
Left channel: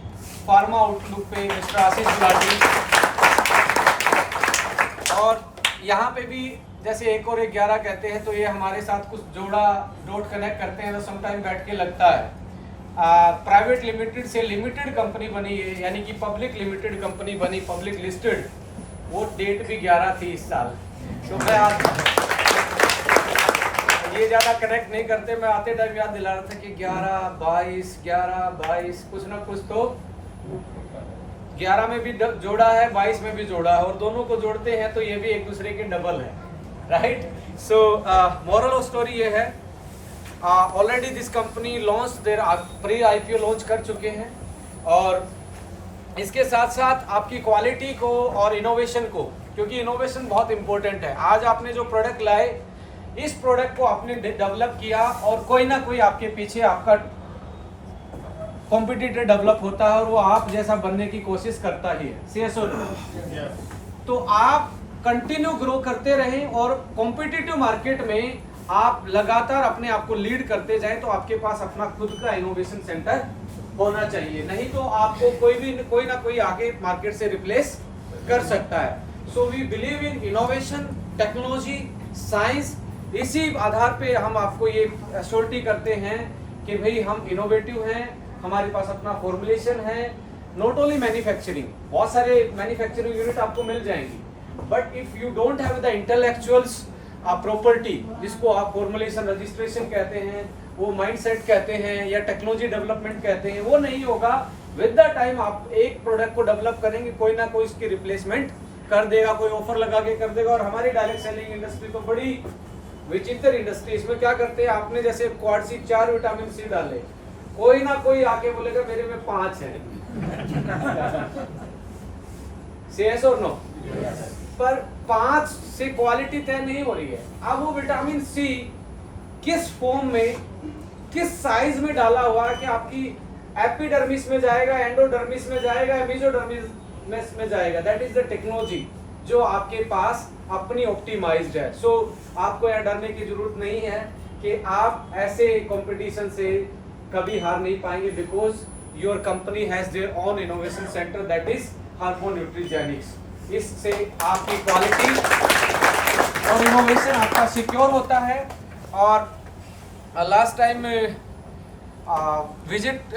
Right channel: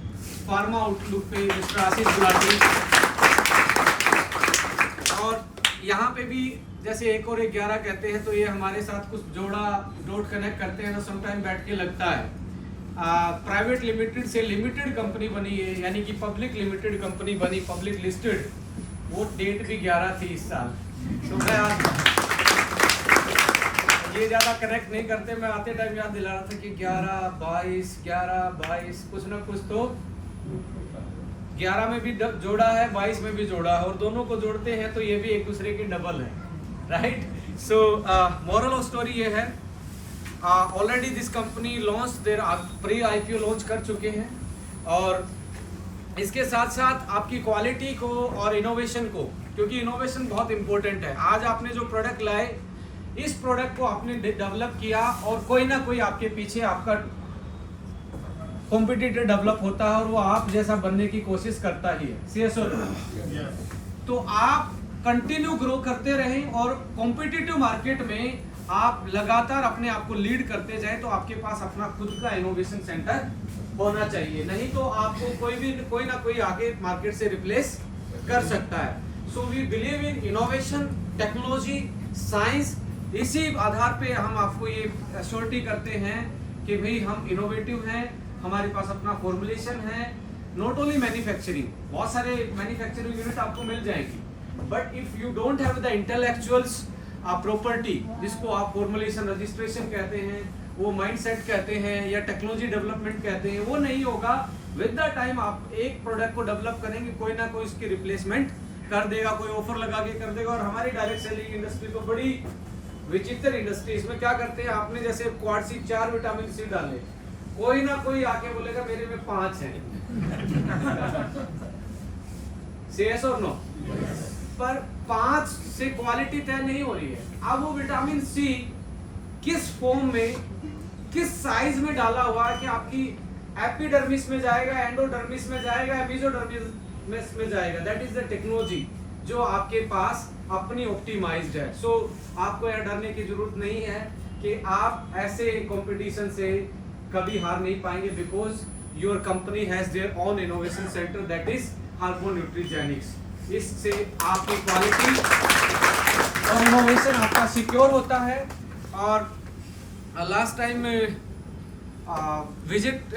फार्मा आउटलुक पे मिस्टर आशीष गुलाटी। और यहाँ पे भी जैसे 1 और 11 कहते हैं, तो ये हमारे साथ कुछ जोड़ा डॉट कनेक्ट करते हैं तो समटाइम बैठ के लगता है। प्राइवेट लिमिटेड से लिमिटेड कंपनी बनी है, यानी कि पब्लिक लिमिटेड कंपनी बनी, पब्लिक लिस्टेड। वो डेट भी 11 थी इस साल। तो मैं ये ज़्यादा कनेक्ट नहीं करते, मैं आते टाइम याद दिला रहा था कि 11-22 कुछ ना कुछ तो 11 में भी जोड़ा है, 22 में भी जोड़ा है, और दोनों को जोड़ते हैं तो ये भी एक दूसरे के डबल है, right. So moral of story ये है, already this company launch their pre IPO launch कर चुके हैं, और इसके साथ साथ आपकी क्वालिटी को और इनोवेशन को, क्योंकि इनोवेशन बहुत इंपॉर्टेंट है। आज आपने जो प्रोडक्ट लाए, इस प्रोडक्ट को आपने डेवलप किया और कोई ना कोई आपके पीछे आपका कॉम्पिटिटर डेवलप होता है और वो आप जैसा बनने की कोशिश करता ही है। तो आप कंटिन्यू ग्रो करते रहें और कॉम्पिटिटिव मार्केट में आप लगातार अपने आप को लीड करते जाएं, तो आपके पास अपना खुद का इनोवेशन सेंटर होना चाहिए, नहीं तो आपको कोई ना कोई आगे मार्केट से रिप्लेस कर सकता है। So we believe in innovation, technology, science. इसी आधार पे हम आपको ये एश्योरिटी करते हैं कि भाई हम इनोवेटिव हैं, हमारे पास अपना फॉर्मुलेशन है। नॉट ओनली मैन्युफैक्चरिंग, बहुत सारे मैन्युफैक्चरिंग यूनिट आपको मिल जाएंगी, but if you don't have the intellectuals property, जिसको आप फॉर्मुलेशन रजिस्ट्रेशन कहते हैं, वो माइंडसेट कहते हैं, या टेक्नोलॉजी डेवलपमेंट कहते हैं, वो नहीं होगा। विद द टाइम आप एक प्रोडक्ट को डेवलप करेंगे, कोई ना कोई इसकी रिप्लेसमेंट कर देगा, कोई ऑफर लगा के कर देगा। और हमारी डायरेक्ट सेलिंग इंडस्ट्री तो बड़ी विचित्र इंडस्ट्री, इसमें क्या करते हैं, आपने जैसे क्वाड सी 4 विटामिन सी डाले, कोई ना कोई आके बोलेगा मेरे में 5 है। Yes or no? पर 5 से क्वालिटी तय नहीं हो रही है। अब वो विटामिन सी किस फॉर्म में, किस साइज में डाला हुआ है कि आपकी एपिडर्मिस में जाएगा, एंडोडर्मिस में जाएगा, मेसोडर्मिस में जाएगा। दैट इज द टेक्नोलॉजी जो आपके पास अपनी ऑप्टिमाइज्ड है। सो आपको यह डरने की जरूरत नहीं है कि आप ऐसे कंपटीशन से कभी हार नहीं पाएंगे, because your company has their own innovation centre, that is hormone nutrigenics. इससे आपकी क्वालिटी और इनोवेशन आपका सिक्योर होता है। और लास्ट टाइम विजिट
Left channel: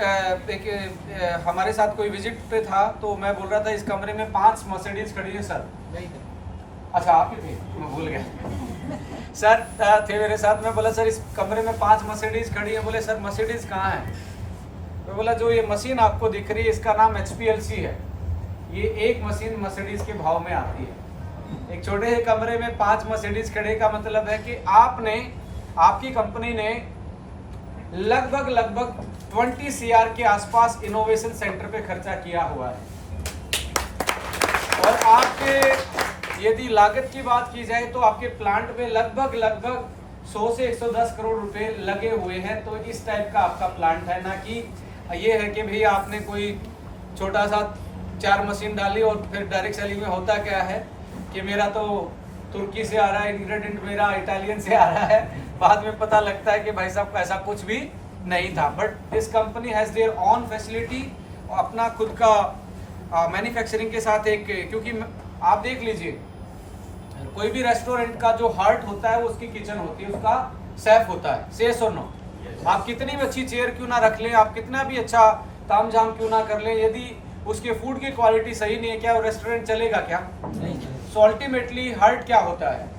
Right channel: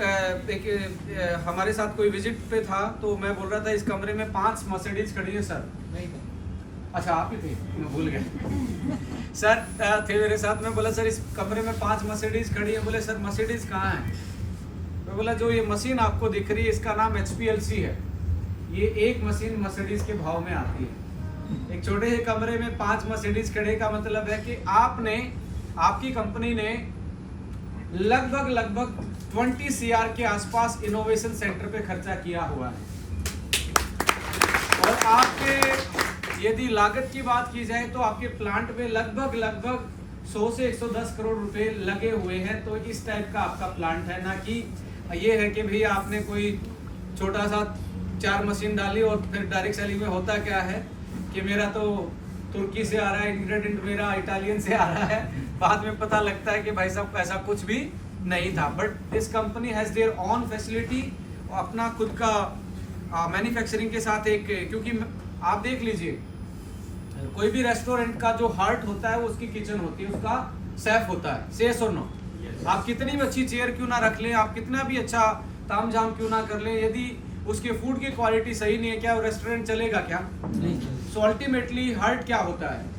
हमारे साथ कोई विजिट पे था, तो मैं बोल रहा था इस कमरे में 5 मर्सिडीज खड़ी है सर। अच्छा आप ही थे, मैं भूल गया। सर थे मेरे साथ, मैं बोला सर इस कमरे में 5 मर्सिडीज खड़ी है। बोले सर मर्सिडीज कहाँ है? मैं बोला जो ये मशीन आपको दिख रही है इसका नाम HPLC है। ये एक मशीन मर्सिडीज के भाव में आती है। एक छोटे से कमरे में 5 मर्सिडीज खड़े का मतलब है कि आपकी कंपनी ने लगभग 20 CR के आसपास इनोवेशन सेंटर पे खर्चा किया हुआ है। और आपके यदि लागत की बात की जाए तो आपके प्लांट में लगभग 100 से 110 करोड़ रुपए लगे हुए हैं। तो इस टाइप का आपका प्लांट है, ना कि ये है कि भाई आपने कोई छोटा सा 4 मशीन डाली और फिर डायरेक्ट सेलिंग में होता क्या है कि मेरा तो तुर्की से आ रहा है इंग्रेडिएंट, मेरा इटालियन से आ रहा है, बाद में पता लगता है कि भाई साहब ऐसा कुछ भी नहीं था। But this company has their on facility, अपना खुद का मैन्युफैक्चरिंग के साथ एक, क्योंकि आप देख लीजिए कोई भी रेस्टोरेंट का जो हार्ट होता है वो उसकी किचन होती है, उसका शेफ होता है। Yes or no? आप कितनी भी अच्छी चेयर क्यों ना रख लें, आप कितना भी अच्छा तामझाम क्यों ना कर लें, यदि उसके फूड की क्वालिटी सही नहीं है, क्या वो रेस्टोरेंट चलेगा क्या? नहीं। सो अल्टीमेटली हर्ट क्या होता है?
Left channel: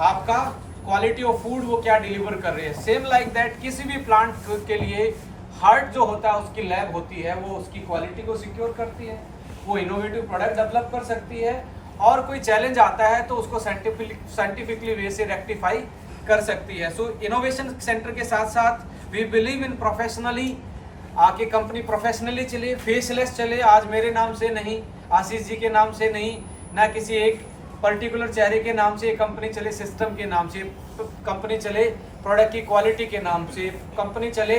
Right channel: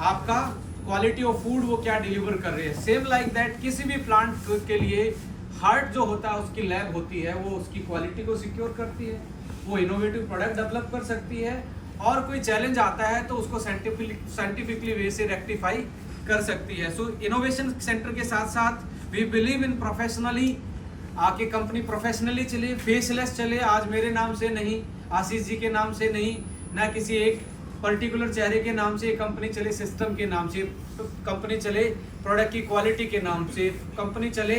आपका क्वालिटी ऑफ फूड वो क्या डिलीवर कर रही है। सेम लाइक दैट किसी भी प्लांट के लिए हार्ट जो होता है उसकी लैब होती है, वो उसकी क्वालिटी को सिक्योर करती है, वो इनोवेटिव प्रोडक्ट डेवलप कर सकती है, और कोई चैलेंज आता है तो उसको साइंटिफिकली वे से रेक्टिफाई कर सकती है। सो इनोवेशन सेंटर के साथ साथ वी बिलीव इन प्रोफेशनली, आके कंपनी प्रोफेशनली चले, फेसलेस चले। आज मेरे नाम से नहीं, आशीष जी के नाम से नहीं, ना किसी एक पर्टिकुलर चेहरे के नाम से कंपनी चले, सिस्टम के नाम से कंपनी चले, प्रोडक्ट की क्वालिटी के नाम से कंपनी चले,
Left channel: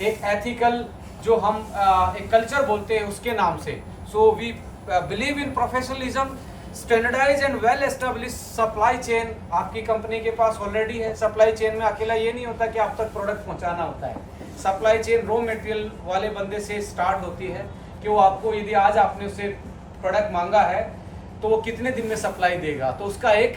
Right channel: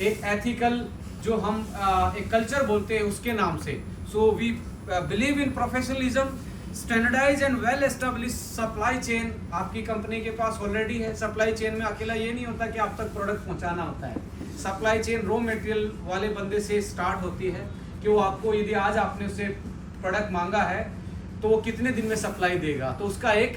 एक एथिकल जो हम एक कल्चर बोलते हैं उसके नाम से। So we believe in professionalism, standardize and well establish supply chain आपकी कंपनी के पास ऑलरेडी है। सप्लाई चेन में अकेला ये नहीं होता कि आप तक प्रोडक्ट पहुंचाना होता है, सप्लाई चेन रॉ मटेरियल वाले बंदे से स्टार्ट होती है कि वो आपको, यदि आज आपने उससे प्रोडक्ट मांगा है तो वो कितने दिन में सप्लाई देगा, तो उसका एक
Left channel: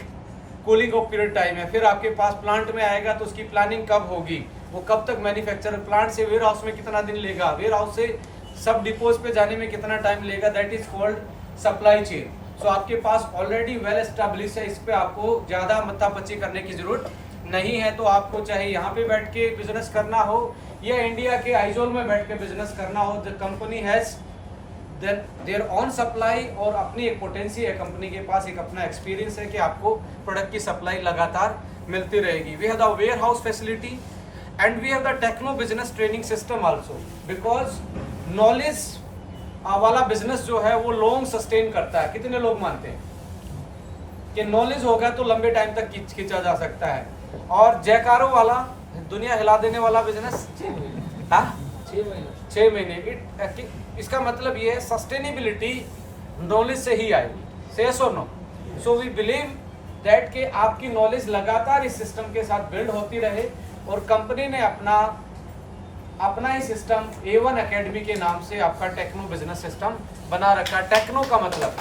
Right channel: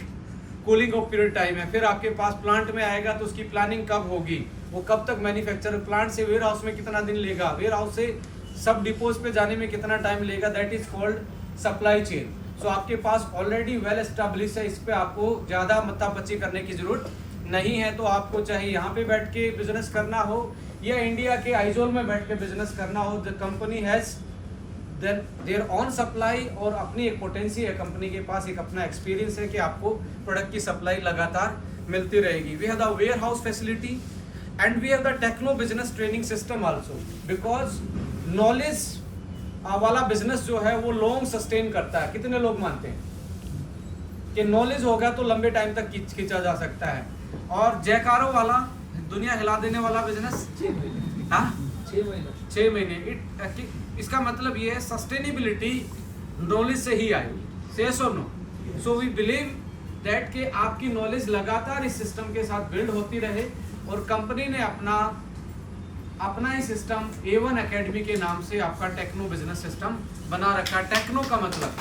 कूलिंग ऑफ पीरियड टाइम है। फिर आपके पास प्लांट में आएगा तो उसकी प्लानिंग कब होगी, वो कब तक मैन्युफैक्चर, प्लांट से वेयर हाउस में कितना दिन लेगा, वेयर हाउस से सब डिपोज पे जाने में कितना टाइम लेगा, that is called supply chain. So आपके पास ऑलरेडी वेल एस्टेब्लिश है, इस पे आपको ज़्यादा मत्तापच्ची करने की जरूरत नहीं है। तो आपको चाहे यहाँ पे बैठ के बिजनेस करना हो या इंडिया के आइजोल में बैठ के बिजनेस करना हो, the company has their on supply, और अपनी एक पोटेंसी है कंपनी के पास, एक अपना एक्सपीरियंस है कि आपको प्रोडक्ट की सप्लाई लगातार मिलती रहेगी। We have the warehouse facility and we have the techno business training system also, because knowledge वाला बिजनेस जो है वो लॉन्ग सस्टेन करता है। कितने लोग मानते हैं कि नॉलेज होगा तो लंबे टाइम तक खींचा जा सकता है, और जयकारों वाला, दुनिया हिला देने वाला बिजनेस 6 महीने। इसका मतलब ये है सस्टेनेबिलिटी नॉलेज से ही आएगी, सेस और नो। सो वी बिलीव दैट कि आपकी नॉलेज लगातार इस सिस्टम के साथ बिल्ड होती रहे, और कंपनी ने अपना ही सिस्टम A1 एकेडमी के नाम से आपका टेक्नो बिजनेस सिस्टम बना रखा है। टेक्नो का मतलब,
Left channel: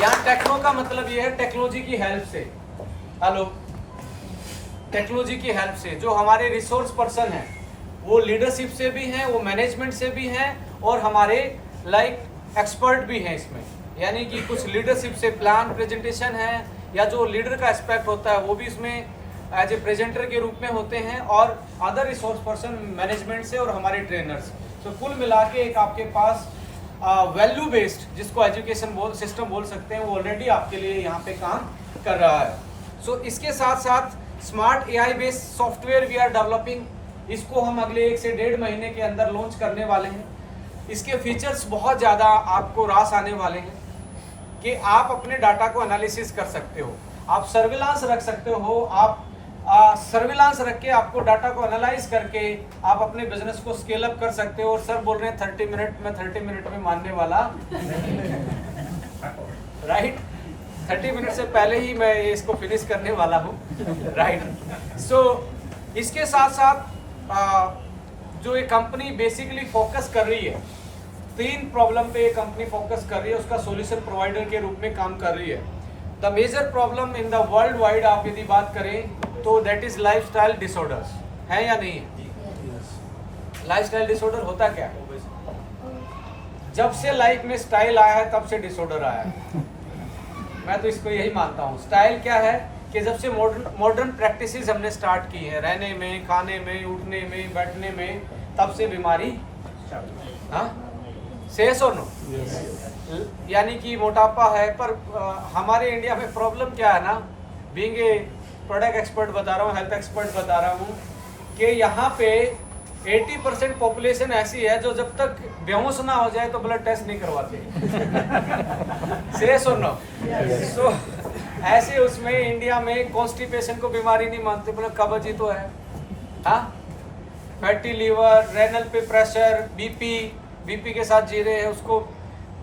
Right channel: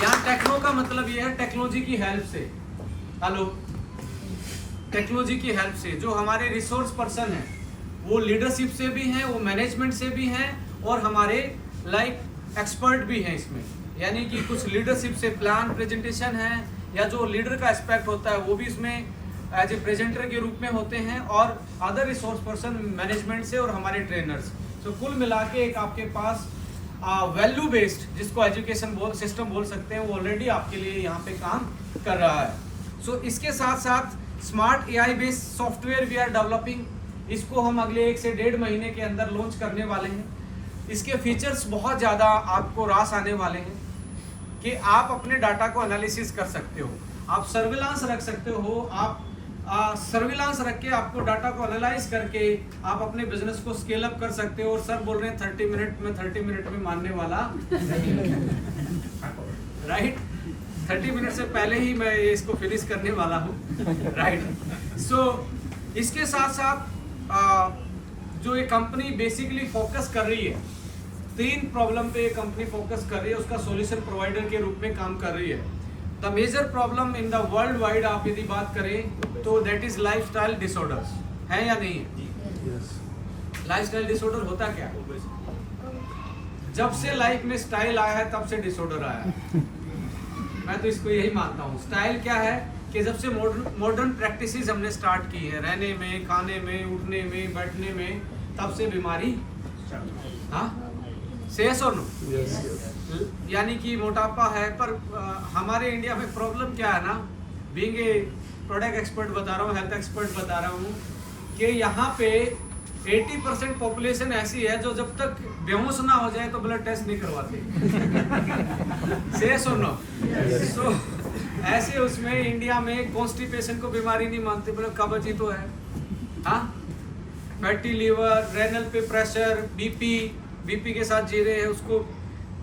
यहाँ टेक्नो का मतलब ये है टेक्नोलॉजी की हेल्प से, हेलो, टेक्नोलॉजी की हेल्प से। जो हमारे रिसोर्स पर्सन हैं वो लीडरशिप से भी हैं, वो मैनेजमेंट से भी हैं, और हमारे एक्सपर्ट भी हैं इसमें। यानी कि कुछ लीडरशिप से प्लान प्रेजेंटेशन है, या जो लीडर का एस्पेक्ट होता है वो भी इसमें एज ए प्रेजेंटर के रूप में होते हैं, और अदर रिसोर्स पर्सन मैनेजमेंट से, और हमारे ट्रेनर्स। तो कुल मिला के एक आपके पास वैल्यू बेस्ड, जिसको एजुकेशन सिस्टम बोल सकते हैं, वो ऑलरेडी आपके लिए यहाँ पे काम कर रहा है। सो इसके साथ साथ smart AI based software we are developing, इसको हम अगले 1 से 1.5 महीने के अंदर लॉन्च करने वाले हैं। इसके फीचर्स बहुत ज़्यादा आपको रास आने वाले हैं कि आप अपने डाटा को एनालिसिस कर सकते हो, आप सर्विलांस रख सकते हो, आप सर्विलांस रख के आपको डाटा को एनालाइज करके आप अपने बिजनेस को स्केल अप कर सकते हो। और सर बोल रहे हैं 30 मिनट में, 30 मिनट में मानने वाला राइट 30 मिनट से पहले ही मैं इसको फिनिश करने वाला हूँ, राइट। सो इसके साथ साथ जो ये कंपनी बेसिकली फोकस कर रही है, 3 प्रॉब्लम पे कंपनी फोकस कर रही है, उसका सॉल्यूशन प्रोवाइडर के रूप में काम कर रही है। The major problem in the world wide आप यदि बात करें तो दैट इज लाइफस्टाइल डिसऑर्डर्स, है या नहीं है? लाइफस्टाइल डिसऑर्डर होता क्या है? जब से लाइफ में स्टाइल आया है तब से डिसऑर्डर आया है। मैं तो इसको यही मानता हूँ। स्टाइल क्या है कि जब से मॉडर्न प्रैक्टिसेस हमने स्टार्ट की है, रहने में, खाने में, उठने में, बैठने में, तब से बीमारी, हाँ, सेस और नो, यानी कि मोटापा है। पर हमारे इंडिया में प्रॉब्लम क्या है ना, बीइंग ए प्रोडक्ट एक्सपर्ट बता रहा हूँ, हेल्थ एक्सपर्ट बता रहा हूँ, कि यहाँ पे 80% पॉपुलेशन ऐसी है जो जब तक बेहोश ना हो जाए तो ब्लड टेस्ट नहीं करवाते। सेस और नो। सो ऐसे उसमें इंडिया में कॉन्स्टिपेशन को बीमारी नहीं मानते, बोले कब्ज ही तो है, हाँ, फैटी लीवर, रेनल पे प्रेशर, बीपी के साथ जी रहे हैं, उसको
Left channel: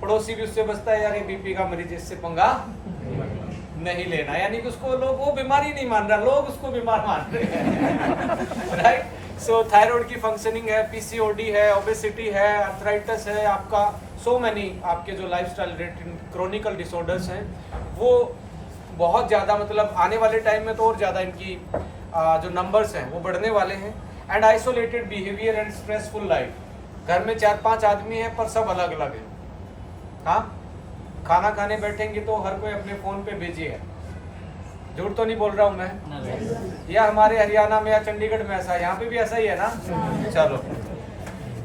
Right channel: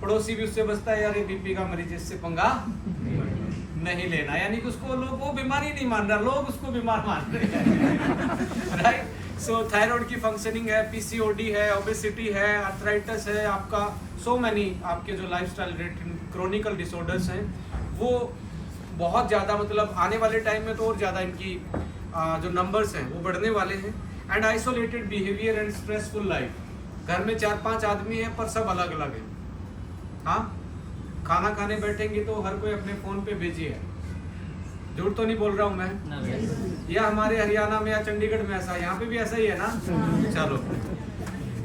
पड़ोसी भी उससे बचता है, यार ये बीपी का मरीज, इससे पंगा नहीं लेना, यानी कि उसको लोग वो बीमारी नहीं मान रहा, लोग उसको बीमार मान रहे हैं, राइट। सो थायराइड की फंक्शनिंग है, PCOD है, ओबेसिटी है, आर्थराइटिस है, आपका सो मैनी आपके जो लाइफस्टाइल रिलेटेड क्रोनिकल डिसऑर्डर्स हैं वो बहुत ज़्यादा, मतलब आने वाले टाइम में तो और ज़्यादा इनकी जो नंबर्स हैं वो बढ़ने वाले हैं। And isolated behaviour and stressful life. घर में 4-5 आदमी है पर सब अलग अलग है। हाँ, खाना खाने बैठेंगे तो हर कोई अपने फोन पे बिजी है। झूठ तो नहीं बोल रहा हूँ मैं? या हमारे हरियाणा में या चंडीगढ़ में ऐसा है? यहाँ पे भी ऐसा ही है ना? चलो,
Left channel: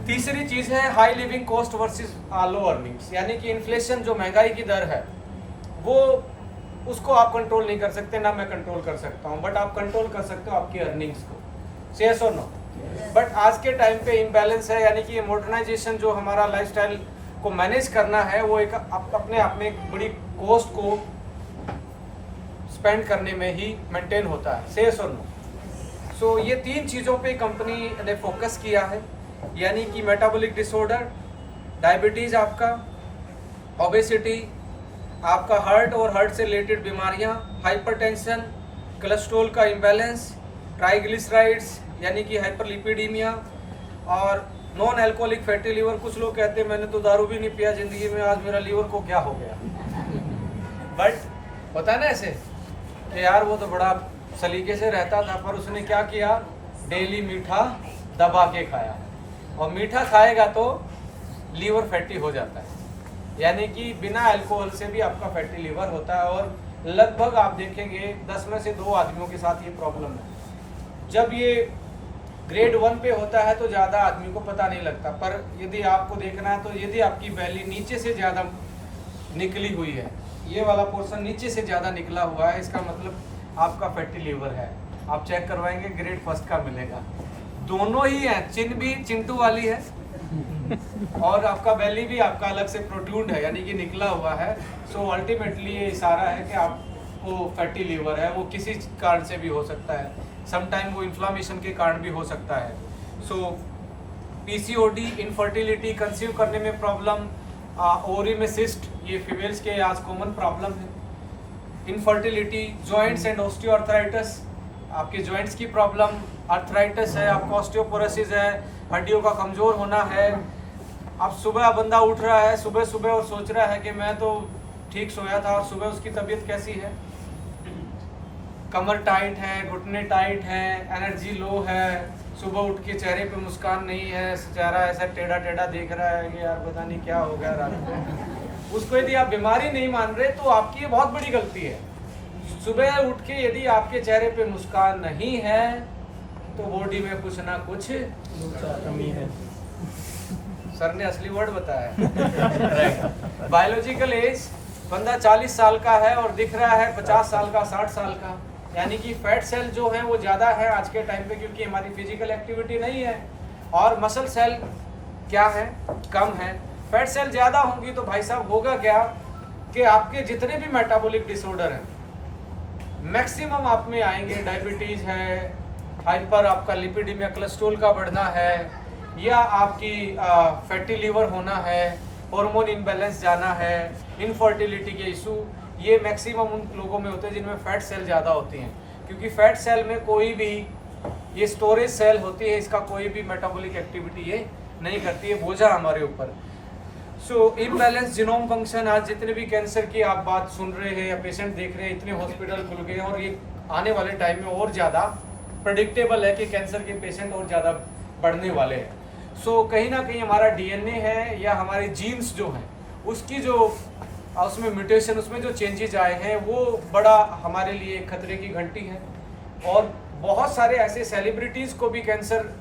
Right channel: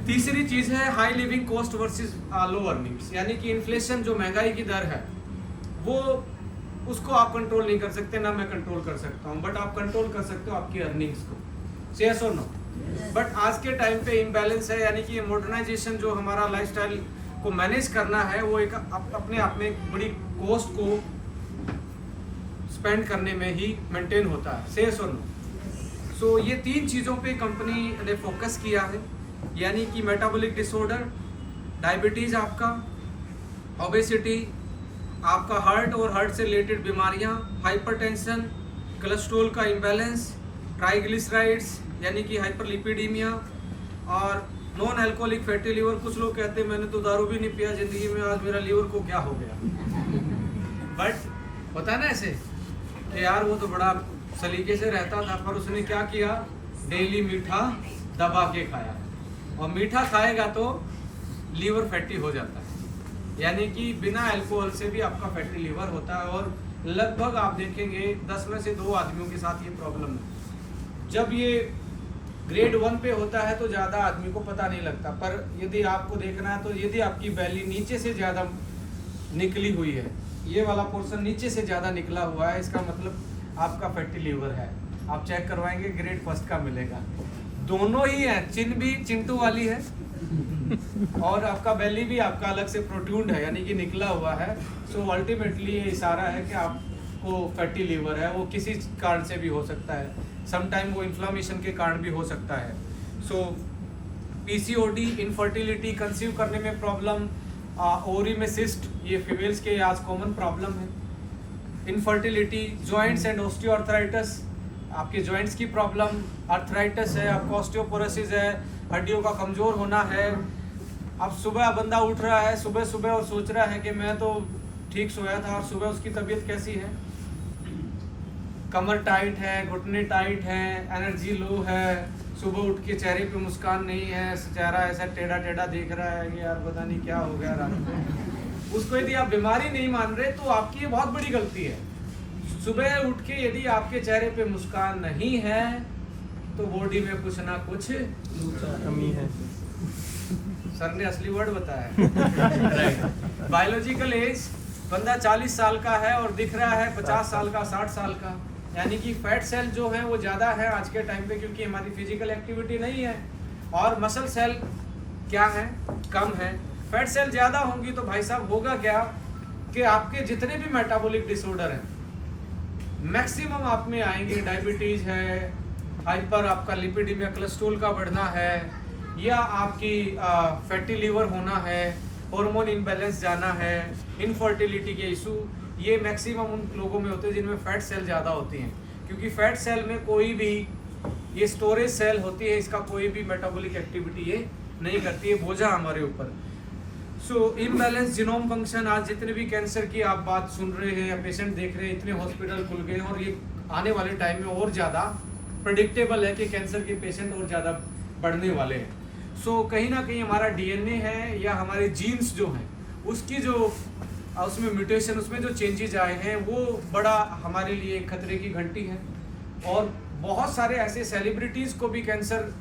तीसरी चीज है हाई लिविंग कॉस्ट वर्सेस लो अर्निंग्स, यानी कि इन्फ्लेशन, जो महंगाई की दर है, वो उसको आप कंट्रोल नहीं कर सकते, ना मैं कंट्रोल कर सकता हूँ, बट आप कंट्रोल कर सकते हो आपकी अर्निंग्स को। यस और नो? बट आज के टाइम पे इम्बैलेंस है, यानी कि मॉडर्नाइजेशन जो हमारा लाइफस्टाइल को मैनेज करना है वो एक अपने आप में एक बड़ी कॉस्ट को स्पेंड करने में ही मेंटेन होता है। यस और नो? सो ये 3 चीज़ों पे कंपनी ने फोकस किया है, यानी कि मेटाबॉलिक डिसऑर्डर, डायबिटीज़ आपका, ओबेसिटी, आपका हार्ट और हार्ट से रिलेटेड बीमारियां, हाइपरटेंशन, कोलेस्ट्रॉल का इम्बैलेंस, ट्राइग्लिसराइड्स यानी कि हाइपरलिपिडीमिया, और नॉन अल्कोहलिक फैटी लीवर। कुछ लोग कहते हैं मैंने तो दारू भी नहीं पिया ज़िंदगी में, आज मेरा लीवर को क्या हो गया। बट होता है ना ऐसे कि यार वो तो बड़ा सलीके से रहता था, पर उसने क्या किया, डेली मीठा दबा के खाया, और मीठा खाएगा तो लीवर फैटी हो जाता है, यानी कि बिना अल्कोहल से भी आपका फैटी लीवर होता है। और लगभग आप देखेंगे 10 में से 2 आदमियों के साथ ये प्रॉब्लम है। जब ये ग्रेड 1 पे होता है तो ज़्यादा आदमी को पता नहीं लगता, पर यदि आपको देखना है तो यदि आपकी बैली नीचे से ज़्यादा निकली हुई है, ये वाला पोर्शन नीचे से ज़्यादा निकला हुआ है, इसका मतलब आपका फैटी लीवर है। आप चेक करवाएंगे, ग्रेड 1 का मिलेगा। दोनों ही हैं, चिन भी चिंटू वाली है और आपका बेली भी आपका अलग से प्रोट्रूड है, यानी कि निकला हुआ है। सो अल्टीमेटली ये इशारा है कि आपको फैटी लीवर है। वो किसी कारण से भी हो सकता है, समटाइम वो इन्फ्लामेशन के कारण भी हो सकता है। सो पीसीओडी, इनफर्टिलिटी, कंसीव करने में प्रॉब्लम, ओवरी में सिस्ट, ये फीमेल्स के आज कॉमन प्रॉब्लम है। इनफर्टिलिटी, जॉइंट्स एंड ऑस्टियोआर्थराइटिस, आपके जॉइंट्स की प्रॉब्लम, आर्थराइटिस है, आपको ऑस्टियोपोरोसिस है, हड्डियों का कमज़ोर होना है। अब सुबह बंदा उठ रहा है सुबह सुबह और सोच रहा है कि मैं तो ठीक सोया था, और सुबह उसकी तबीयत कैसी है, कमर टाइट है, घुटने टाइट हैं, एनर्जी लो है, सुबह उठ के चेहरे पे मुस्कान नहीं है, चेहरा ऐसा टेढ़ा टेढ़ा देख रहा है कि यार पता नहीं क्या हो गया रात को। उसको यदि आप बीमारी नहीं मान रहे तो आपकी ये बहुत बड़ी गलती है। सुबह उठ के यदि आपके चेहरे पे मुस्कान नहीं है तो बॉडी में कुछ ना कुछ कमी है। सर ने असली वर्ड बताया। बायोलॉजिकल एज बंदा 40 साल का है और दिख रहा है 50 साल का, 60 साल का, यानी कि फैट सेल जो है वो ज़्यादा है आज के टाइम पे, क्योंकि हमारी फिजिकल एक्टिविटी नहीं है, और मसल सेल क्या है, कम है। फैट सेल ज़्यादा होंगी तो भाई साहब होगा क्या कि आपके जितने भी मेटाबॉलिक डिसऑर्डर हैं मैक्सिमम आप में आएंगे। डायबिटीज़ है, हाइपर आपका लिपिडीमिया, कोलेस्ट्रॉल का बढ़ना है, या आपकी फैटी लीवर होना है, हार्मोन इम्बैलेंस जाना है, इनफर्टिलिटी के इशू, ये मैक्सिमम उन लोगों में होते हैं जिनमें फैट सेल ज़्यादा होती हैं। क्योंकि फैट सेल में कोई भी, ये स्टोरेज सेल होती है, इसका कोई भी मेटाबॉलिक एक्टिविटी ये नहीं करती है, बोझा हमारे ऊपर। सो इम्बैलेंस जीनोम फंक्शन, आज जितने भी कैंसर की आप बात सुन रहे हैं या पेशेंट देख रहे हैं, इतने हॉस्पिटल खुल गए हैं, और ये आने वाले टाइम में और ज़्यादा प्रेडिक्टेबल है कि कैंसर के पेशेंट और ज़्यादा बढ़ने वाले हैं। सो कहीं ना कहीं हमारा डीएनए है या हमारे जीन्स जो हैं उसकी जो उसमें म्यूटेशन, उसमें जो चेंजेज आए हैं वो बड़ा हमारे लिए खतरे की घंटी है। और बहुत सारे ऐसे सेलिब्रिटीज़ को भी कैंसर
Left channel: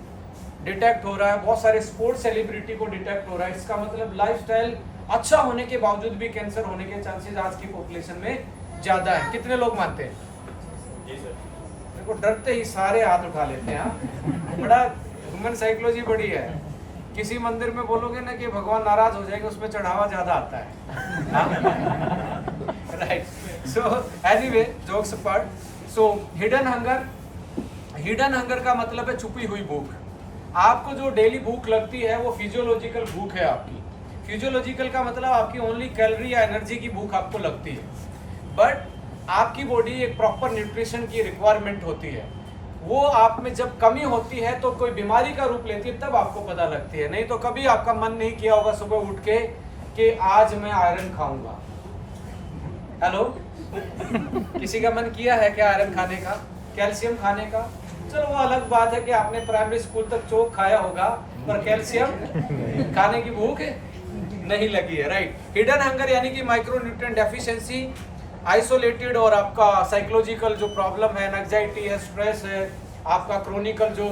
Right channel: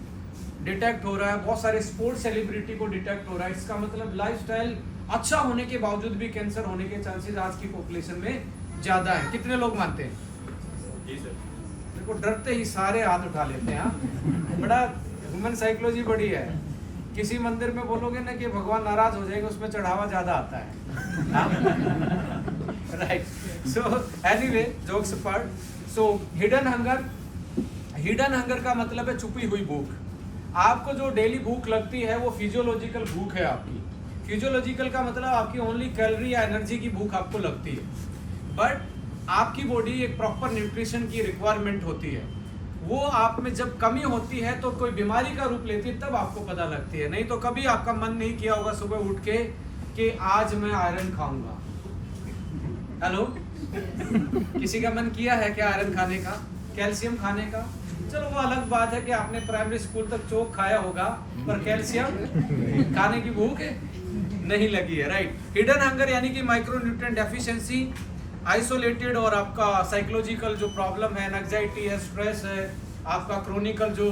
डिटेक्ट हो रहा है, बहुत सारे स्पोर्ट्स सेलिब्रिटी को डिटेक्ट हो रहा है। इसका मतलब लाइफस्टाइल अच्छा होने के बावजूद भी कैंसर होने के चांसेस आज की पॉपुलेशन में ज़्यादा है। कितने लोग मानते हैं? जी सर। देखो डरते ही सारे हाथ उठा लेते हैं। बड़ा ह्यूमन साइकोलॉजी बड़ी है। किसी मंदिर में बोलोगे ना कि भगवान नाराज हो जाएंगे, उसमें चढ़ावा ज़्यादा आता है। Right. So anyway, jokes apart, so hidden hunger का मतलब है छुपी हुई भूख। आपको जो डेली भूख लगती है वो फिजियोलॉजिकल भूख है आपकी। फिजियोलॉजिकल का मतलब आपकी ओनली कैलोरी या एनर्जी की भूख आपको लगती है, बट आपकी बॉडी एक प्रॉपर न्यूट्रिशन की रिक्वायरमेंट होती है। वो आप में जब कमी होती है तो कोई बीमारी का रूप लेती है, तब आपको पता लगती है। नहीं तो कभी आपका मन नहीं किया होगा सुबह उठ के कि आज मैं आयरन खाऊंगा। हेलो, किसी का मन किया है क्या आयरन खाने का, कैल्शियम खाने का? चलो वो अलग बात है कि आपने प्राइमरी स्कूल तक चोक खाया होगा, पर कैल्शियम खाने की भूख नहीं लगी है, राइट। हिडन हंगर यानी कि माइक्रोन्यूट्रिएंट डेफिशिएंसी, आइसोलेटेड और आपका साइकोलॉजिकल जो प्रॉब्लम है, एंजाइटी है, स्ट्रेस है, आपका क्रोनिकल जो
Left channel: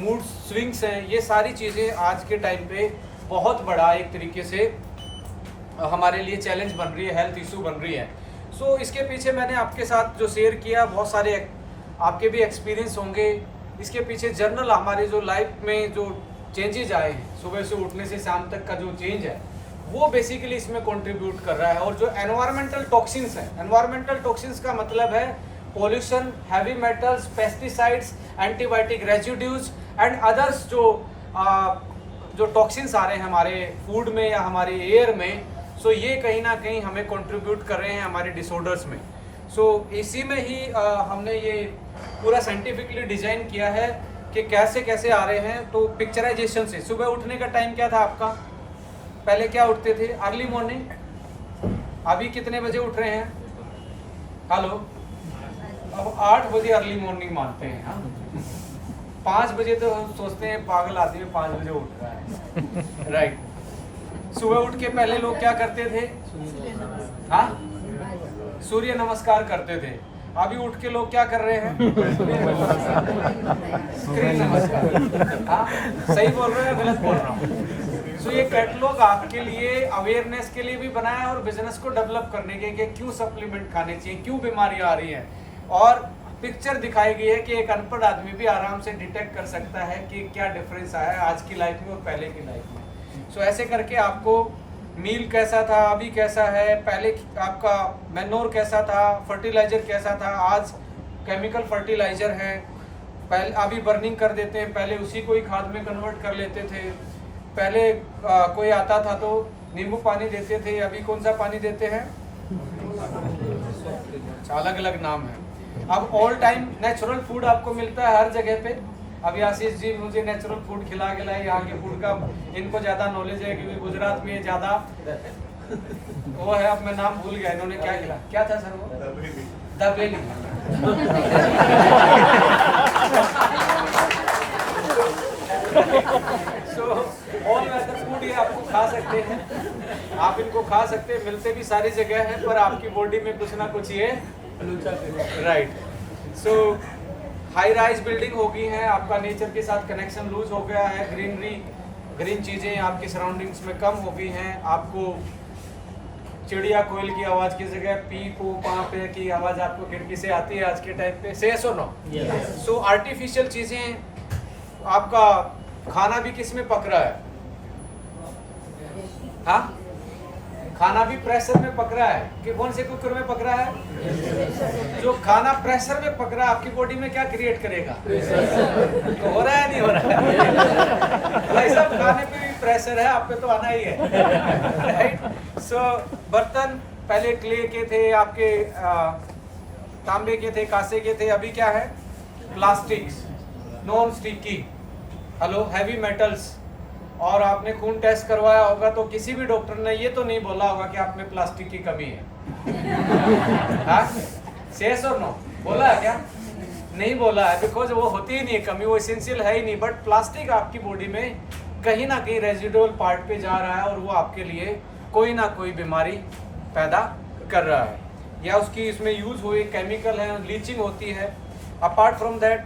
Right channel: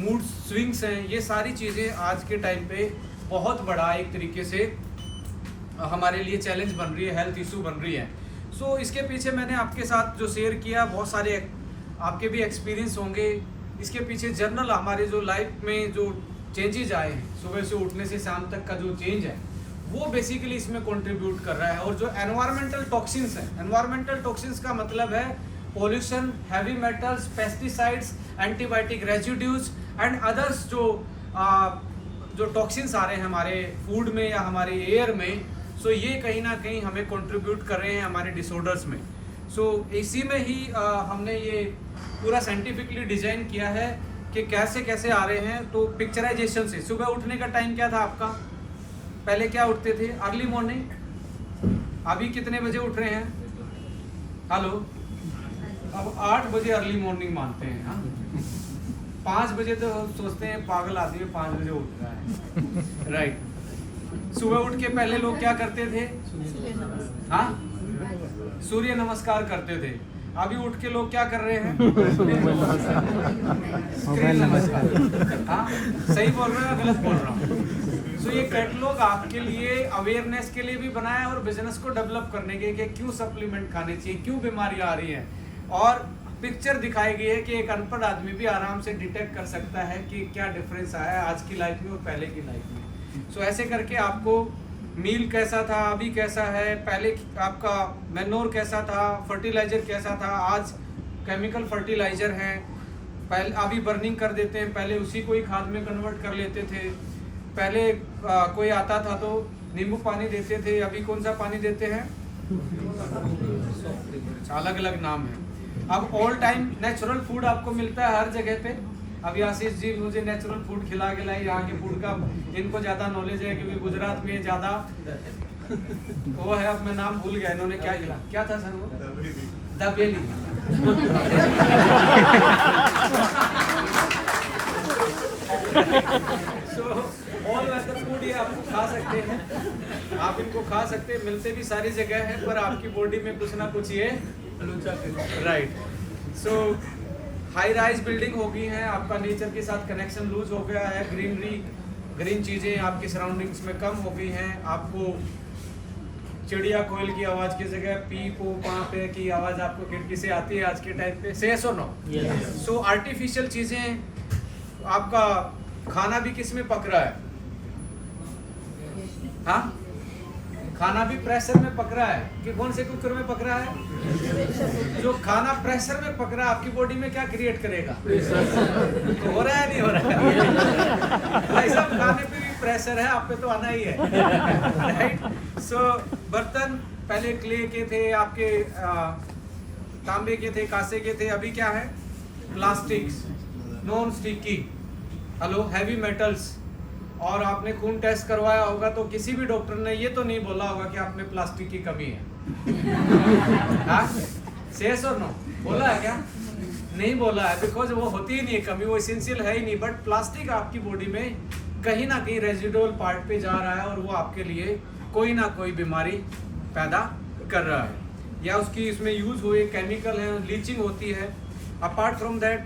मूड स्विंग्स हैं, ये सारी चीज़ें आज के टाइम पे बहुत बड़ा एक तरीके से हमारे लिए चैलेंज बन रही है, हेल्थ इशू बन रही है। सो इसके पीछे मैंने आपके साथ जो शेयर किया, बहुत सारे आपके भी एक्सपीरियंस होंगे। इसके पीछे जर्नल हमारे जो लाइफ में जो चेंजेज आए हैं, सुबह से उठने से शाम तक का जो चेंज है, वो बेसिकली इसमें कंट्रीब्यूट कर रहा है। और जो एनवायरमेंटल टॉक्सिन्स हैं, एनवायरमेंटल टॉक्सिन्स का मतलब है pollution, heavy metals, pesticides, antibiotic residues and others जो टॉक्सिन्स आ रहे हैं हमारे फूड में या हमारे एयर में, सो ये कहीं ना कहीं हमें कंट्रीब्यूट कर रहे हैं हमारे डिसऑर्डर्स में। सो इसी में ही हमने ये पूरा साइंटिफिकली डिजाइन किया है कि कैसे कैसे आ रहे हैं। तो पिक्चराइजेशन से, सुबह उठने का टाइम क्या था आपका? पहले क्या उठते थे? Early morning. अभी कितने बजे उठ रहे हैं? हेलो, अब 8 बजे अर्ली मॉर्निंग मानते हैं। हाँ, 5 बजे तो सोचते हैं पागल आदमी 5 बजे उठ रहा है, राइट। सुबह उठ के पहले लोग क्या करते थे? हाँ, सूर्य नमस्कार करते थे। अभी उठ के लोग क्या कर रहे हैं? स्क्रीन नमस्कार। हाँ, सही बोल रहे हो, गलत बोल रहा हूँ? सो ये कैटलॉग आपके लिए अवेयरनेस के लिए भी बनाया है और बिजनेस को डेवलप करने के कि क्यों सप्लीमेंट खाने चाहिए, क्यों बीमारी आ रही है, और पिक्चर दिखाई गई है कि एक अनपढ़ आदमी भी आराम से डिटेक्ट कर सकता है कि क्या डिफरेंस आया है आज की लाइफ में और पहले की लाइफ में। सो ऐसे करके आपको मील कैसा था, अभी कैसा है, पहले आपका मैनोर कैसा था, फर्टिलाइजर कैसा था, आज केमिकल फर्टिलाइजर है, पहले अभी बर्निंग कर देते हैं, पहले उसी को ही खाद में कन्वर्ट कर लेते थे। पहले कोई आता था तो नींबू पानी देते थे, अभी कौन सा पानी देते हैं? अलग अलग नाम है। अब ऑल टाइम नेचुरल फूड आपको मिलता है हर जगह पे। अभी आशीष जी मुझे नेचुरल फूड खिला यहाँ के फूड का इनको ज़्यादा नॉलेज है, क्योंकि गुजरात में ज़्यादा वो है। अब मैं नाम भूल गया, इन्होंने क्या खिला, क्या था सर वो? दबेली। सो ऑल वेदर फूड ये आपको खा सकते हैं, आप इनको खा सकते हैं, मिलते भी सारी जगह है, पर आपकी बॉडी में कुछ ना कुछ ये राइट। सो हाई राइज बिल्डिंग हो गई है, आपका नेचर के साथ कनेक्शन लूज हो गया है, ग्रीन चीज़ें आपकी सराउंडिंग्स में कम हो गई हैं। आपको चिड़िया कोयल की आवाज़ की जगह पी पो पा पे की आवाज़ आपको खिड़की से आती है आज के टाइम पे। से सो नो। सो आर्टिफिशियल चीज़ें, आपका खाना भी किस में पक रहा है? हाँ, खाना भी प्रेशर में पक रहा है कि कौन से कुकर में पक रहा है? जो खाना प्रेशर में पक रहा है आपकी बॉडी में क्या क्रिएट करेगा? तो हो रहा है नहीं हो रहा है? भाई साहब, खाने पे भी प्रेशर है, आप पे तो आना ही है, राइट। सो बर्तन पहले क्ले के थे, आपके तांबे के थे, कांसे के थे, अभी क्या है? Plastics, non sticky, hello, heavy metals. और आपने खून टेस्ट करवाया होगा तो किसी भी डॉक्टर ने ये तो नहीं बोला होगा कि आप में प्लास्टिक की कमी है। हाँ, सेस और नो बोला है क्या? नहीं बोला है, बिकॉज वो होती ही नहीं है कमी, वो एसेंशियल है ही नहीं। बट प्लास्टिक आपकी बॉडी में कहीं ना कहीं रेजिडुअल पार्ट पे जा रहा है और वो आपके लिए कोई ना कोई बीमारी पैदा कर रहा है, या उसकी इसमें यूज हुए केमिकल है, लीचिंग होती है। अपार्ट फ्रॉम दैट,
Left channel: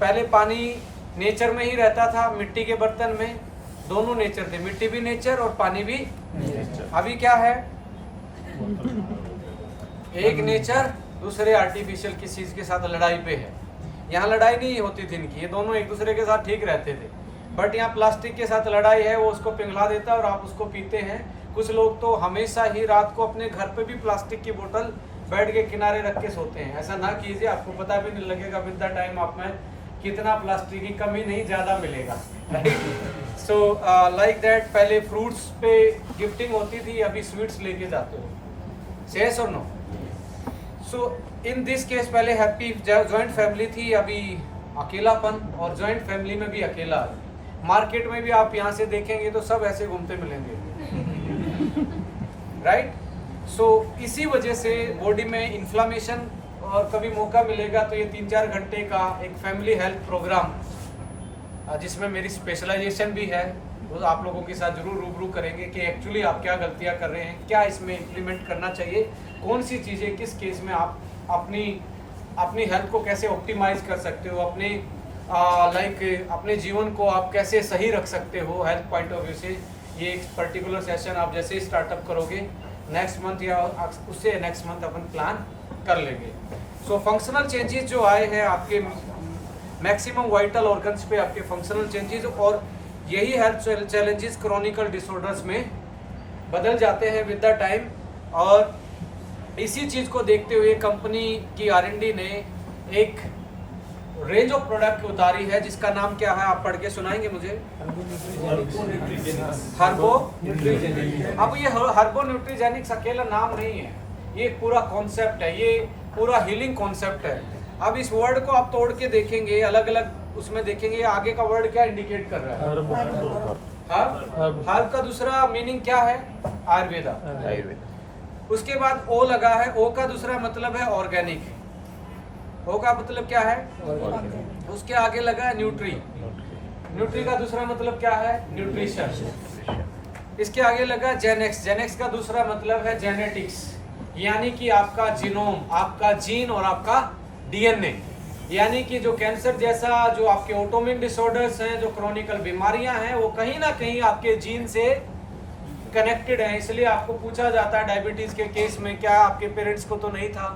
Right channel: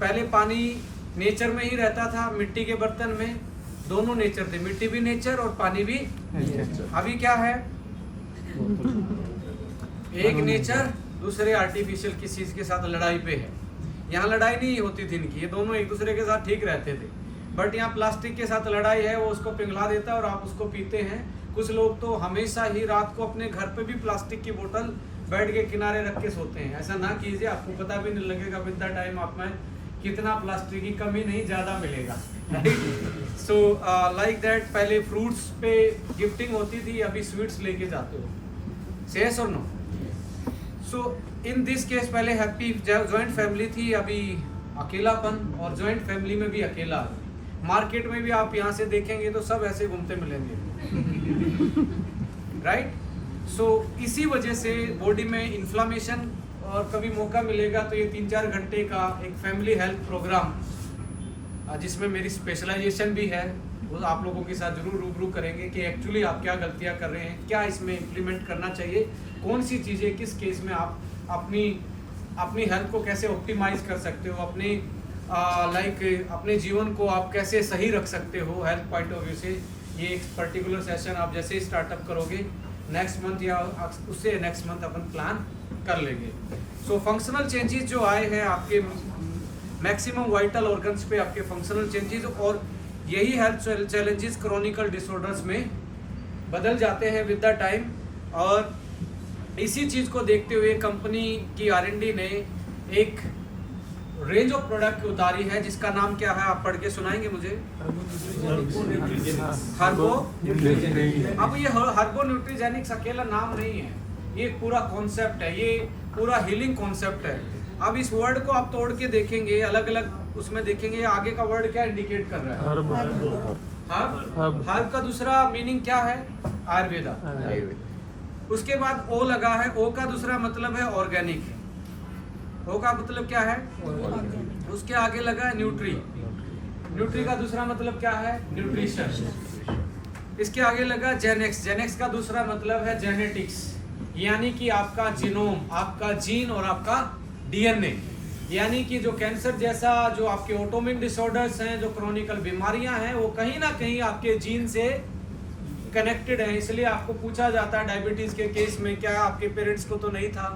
पहले पानी नेचर में ही रहता था, मिट्टी के बर्तन में, दोनों नेचर थे, मिट्टी भी नेचर और पानी भी नेचर। अभी क्या है? एक नेचर, दूसरे आर्टिफिशियल किसी चीज के साथ लड़ाई पे है। यहाँ लड़ाई नहीं होती थी इनकी, ये दोनों एक दूसरे के साथ ठीक रहते थे। बट यहाँ प्लास्टिक के साथ लड़ाई है, वो उसको पिघला देता है और आप उसको पीते हैं। कुछ लोग तो हमेशा ही रात को अपने घर पे भी प्लास्टिक की बोतल बेड के किनारे रख के सोते हैं। ऐसा ना कीजिए, आपको पता भी नहीं लगेगा विद द टाइम आप में कितना प्लास्टिक की कमी नहीं ज़्यादा मिलेगा। सो लाइक दैट, पहले फ्रूट्स पे गिफ्टिंग होती थी, अभी स्वीट्स लेके जाते हो। सेस और नो? सो इन दिस केस पहले हैप्पी जॉइंट फैमिली थी, अभी अकेलापन, और जॉइंट फैमिली में भी अकेला। मार्केट में भी आप यहाँ से देखेंगे तो सब ऐसे घूमते मिलेंगे, राइट। सो इसी वजह से बॉडी में इन्फ्लामेशन और कभी मौका मिलेगा तो ये 3-4 घंटे का एक फैमिली हेल्थ प्रोग्राम जिसमें मेरी स्पेशलाइजेशन भी है, वो आप लोगों के साथ जरूर रूबरू करेंगे कि एक्चुअली आप क्या गलतियां कर रहे हैं, क्या इसमें इम्प्लीमेंट करना चाहिए, कौन सी चीज़ें किस केस में आप अपनी हेल्थ को कैसे ऑप्टिमाइज कर सकते हो, अपने जीवन को आप कैसे सही रख सकते हो हेल्थ पॉइंट ऑफ व्यू से। ये एक पर्टिकुलर सेशन आप जैसे ही स्टार्टअप करोगे नेक्स्ट मंथ या उससे नेक्स्ट मंथ अपन प्लान कर लेंगे। सो फंक्शनल चेंजेस जो आए हैं आपके मैक्सिमम वाइटल ऑर्गन्स पे, आपके फंक्शनल चेंजेस, और यही हेल्थ चैलेंजेस क्रॉनिकल डिसऑर्डर्स में बदल जाते हैं विद द टाइम। और इसी चीज़ को देखते हुए कंपनी की R&D ने एक रेंज ऑफ प्रोडक्ट उतारी है जिसका नाम क्या है, आप पढ़ के सुनाएंगे मुझे? हर्बो। अब ये हर्बो न्यूट्रीजेनिक्स अकेला नाम नहीं है, ये पूरा कॉन्सेप्ट है, ये पूरा हीलिंग कॉन्सेप्ट है। अब इस वर्ड को आप तोड़ के देखेंगे, अलग अलग उसमें देखेंगे आगे का वर्ड क्या इंडिकेट कर रहा है। हर्ब का दूसरा मीनिंग क्या है? आयुर्वेदा। उसके बाद ओ लगा है, ओ का दूसरा मतलब है ऑर्गेनिक। ओ का मतलब क्या है? उसके आगे लगा है न्यूट्री। न्यूट्री का दूसरा मतलब क्या है? न्यूट्रिशन। इसके आगे लगा जेनेक्स। जेनेक्स का दूसरा मतलब है जेनेटिक्स, यानी कि आपका जीनोम, आपका जीन और आपका DNA, यानी कि जो कैंसर जैसा जो आपके ऑटोइम्यून डिसऑर्डर्स हैं, जो क्रॉनिकल बीमारियां हैं, वो कहीं ना कहीं आपके जीन से कनेक्टेड हैं। इसलिए आपको पूछा जाता है डायबिटीज के केस में क्या आपके पेरेंट्स को तो नहीं था,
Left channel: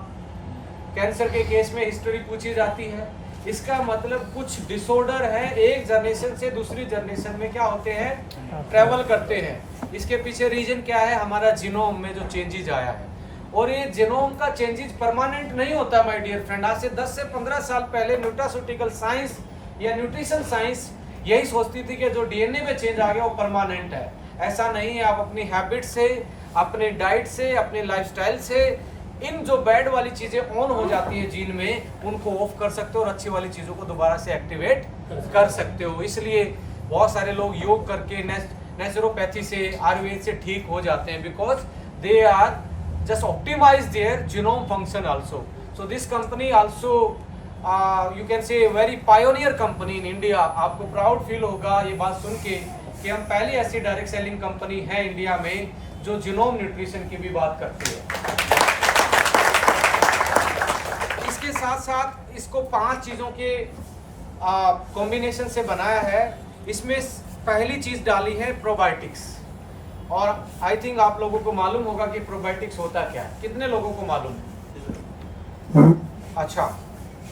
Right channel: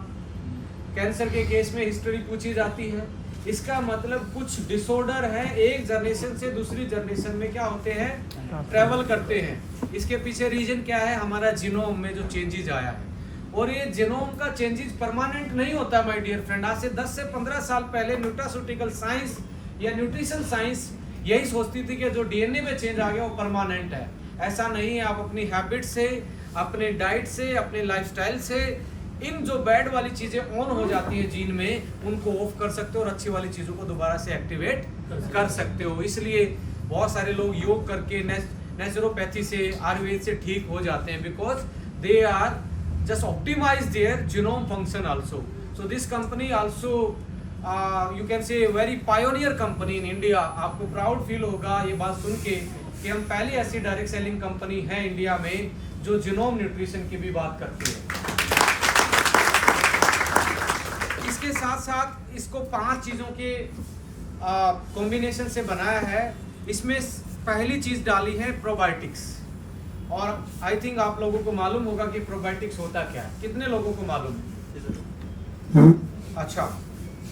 कैंसर के केस में हिस्ट्री पूछी जाती है। इसका मतलब कुछ डिसऑर्डर है एक जनरेशन से दूसरी जनरेशन में क्या होते हैं, ट्रैवल करते हैं। इसके पीछे रीजन क्या है? हमारा जीनोम में जो चेंजेस आया है। और ये जीनोम का चेंजेस परमानेंट नहीं होता माय डियर फ्रेंड। आज से 10 से 15 साल पहले न्यूट्रास्यूटिकल साइंस या न्यूट्रिशन साइंस यही सोचती थी कि जो DNA में चेंज आ गया वो परमानेंट है। ऐसा नहीं है। आप अपनी हैबिट से, अपने डाइट से, अपने लाइफस्टाइल से इन जो बैड वाली चीज़ें ऑन हो जाती हैं जीन में, उनको ऑफ कर सकते हो और अच्छी वाली चीज़ों को दोबारा से एक्टिवेट कर सकते हो। इसलिए बहुत सारे लोग योग करके नेचुरोपैथी से, आयुर्वेद से ठीक हो जाते हैं, because they are just optimize their genome function also. So this company also you can say a very pioneer company in India. आपको प्राउड फील होगा ये बात सुन के कि हम पहली ऐसी डायरेक्ट सेलिंग कंपनी है इंडिया में जो जीनोम न्यूट्रिशन की भी बात करती है। इसके साथ साथ इसको 5 चीज़ों के कॉम्बिनेशन से बनाया है। इसमें पहली चीज़ डाली है प्रोबायोटिक्स, और आई थिंक आप लोगों को मालूम होगा कि प्रोबायोटिक्स होता क्या है। कितने लोगों को मालूम? अच्छा,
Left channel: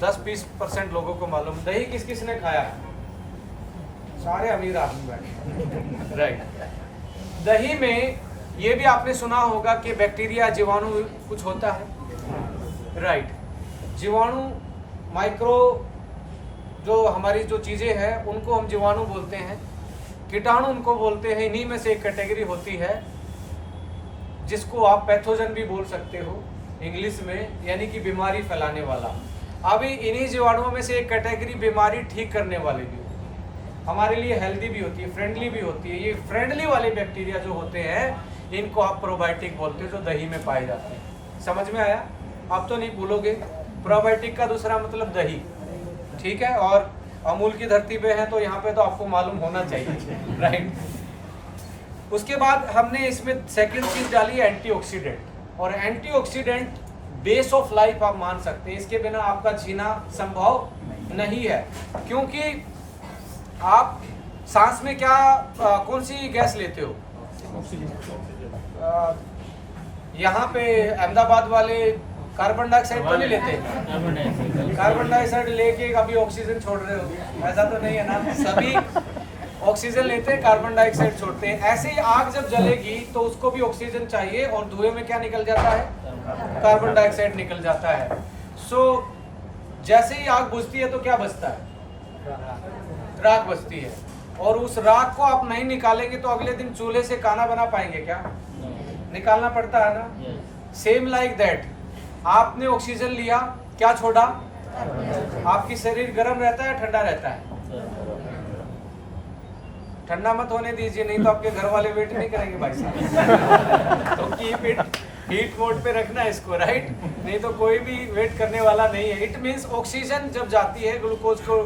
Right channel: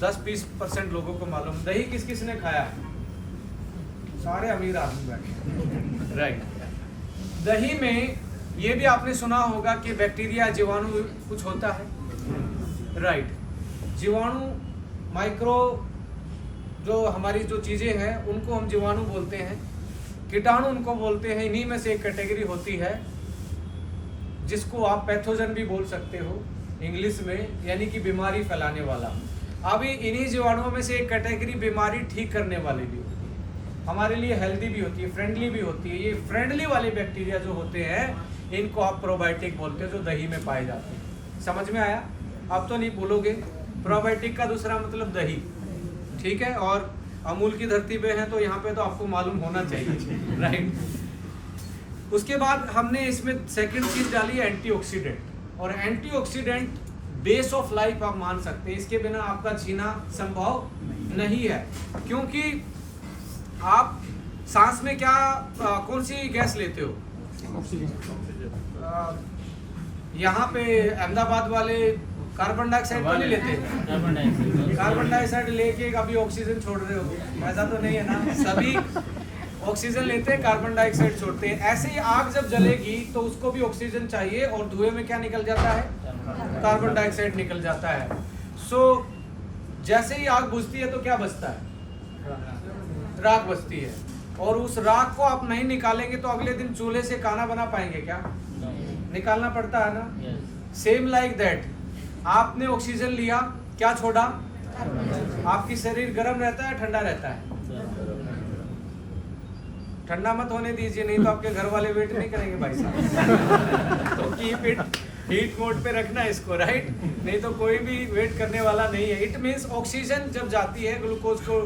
10-20% लोगों को मालूम। दही किस किस ने खाया है? सारे अमीर आदमी बैठे, राइट। दही में ये भी आपने सुना होगा कि बैक्टीरिया, जीवाणु कुछ होता है, राइट। जीवाणु, माइक्रो जो हमारी जो चीज़ें हैं उनको हम जीवाणु बोलते हैं, कीटाणु उनको बोलते हैं। इन्हीं में से एक कैटेगरी होती है जिसको आप पैथोजन भी बोल सकते हो इंग्लिश में, यानी कि बीमारी फैलाने वाला। अभी इन्हीं जीवाणुओं में से एक कैटेगरी बीमारी ठीक करने वाली भी होती है, हमारे लिए हेल्दी भी होती है, फ्रेंडली भी होती है। ये फ्रेंडली वाले बैक्टीरिया जो होते हैं इनको आप प्रोबायोटिक बोलते हो, जो दही में पाए जाते हैं। समझ में आया? आप तो नहीं भूलोगे। प्रोबायोटिक का दूसरा मतलब दही, ठीक है। और अमूल की धरती पे है तो यहाँ पे तो आपको मालूम होना चाहिए, राइट। उसके बाद हमने इसमें सेकंड चीज डाली है एंटीऑक्सीडेंट। और एंटीऑक्सीडेंट बेस ऑफ लाइफ आप मान सकते हैं, इसके बिना आपका जीना संभव नहीं है। क्योंकि आप सांस में क्या कौन सी गैस लेते हो? यहाँ पे अहमदाबाद वाले कार्बन डाइऑक्साइड तो नहीं लेते? कार्बन डाइऑक्साइड लेके अभी ऑक्सीजन छोड़ रहे हो, ऐसा तो नहीं है ना? सभी ऑक्सीजन लेते हैं, कार्बन डाइऑक्साइड छोड़ते हैं। ऐसे ही आग जब जलेगी तो उसको भी ऑक्सीजन चाहिए, और धुएं में क्या निकल जाता है? कार्बन डाइऑक्साइड निकल जाता है। सो जैसे ही आग बुझती है तो क्या बचता है? राख बचती है। और उस राख को आप नहीं निकालेंगे तो अगले दिन चूल्हे से खाना बना पाएंगे क्या? निकालना पड़ता है ना। सेम लाइक दैट, आपने ऑक्सीजन लिया, क्या छोड़ा? आपकी शरीर गर्म रहता है, ठंडा रहता है? ठंडा मत होने दीजिए, नहीं तो आपके घर वाले वेट नहीं करेंगे भाई साहब। तो कीप इट हीट मोड पे रखना इसको, राइट? नहीं तो कोई भी वेट करने वाला नहीं है। इट मीन्स ऑक्सीजन जब जाती है ग्लूकोज को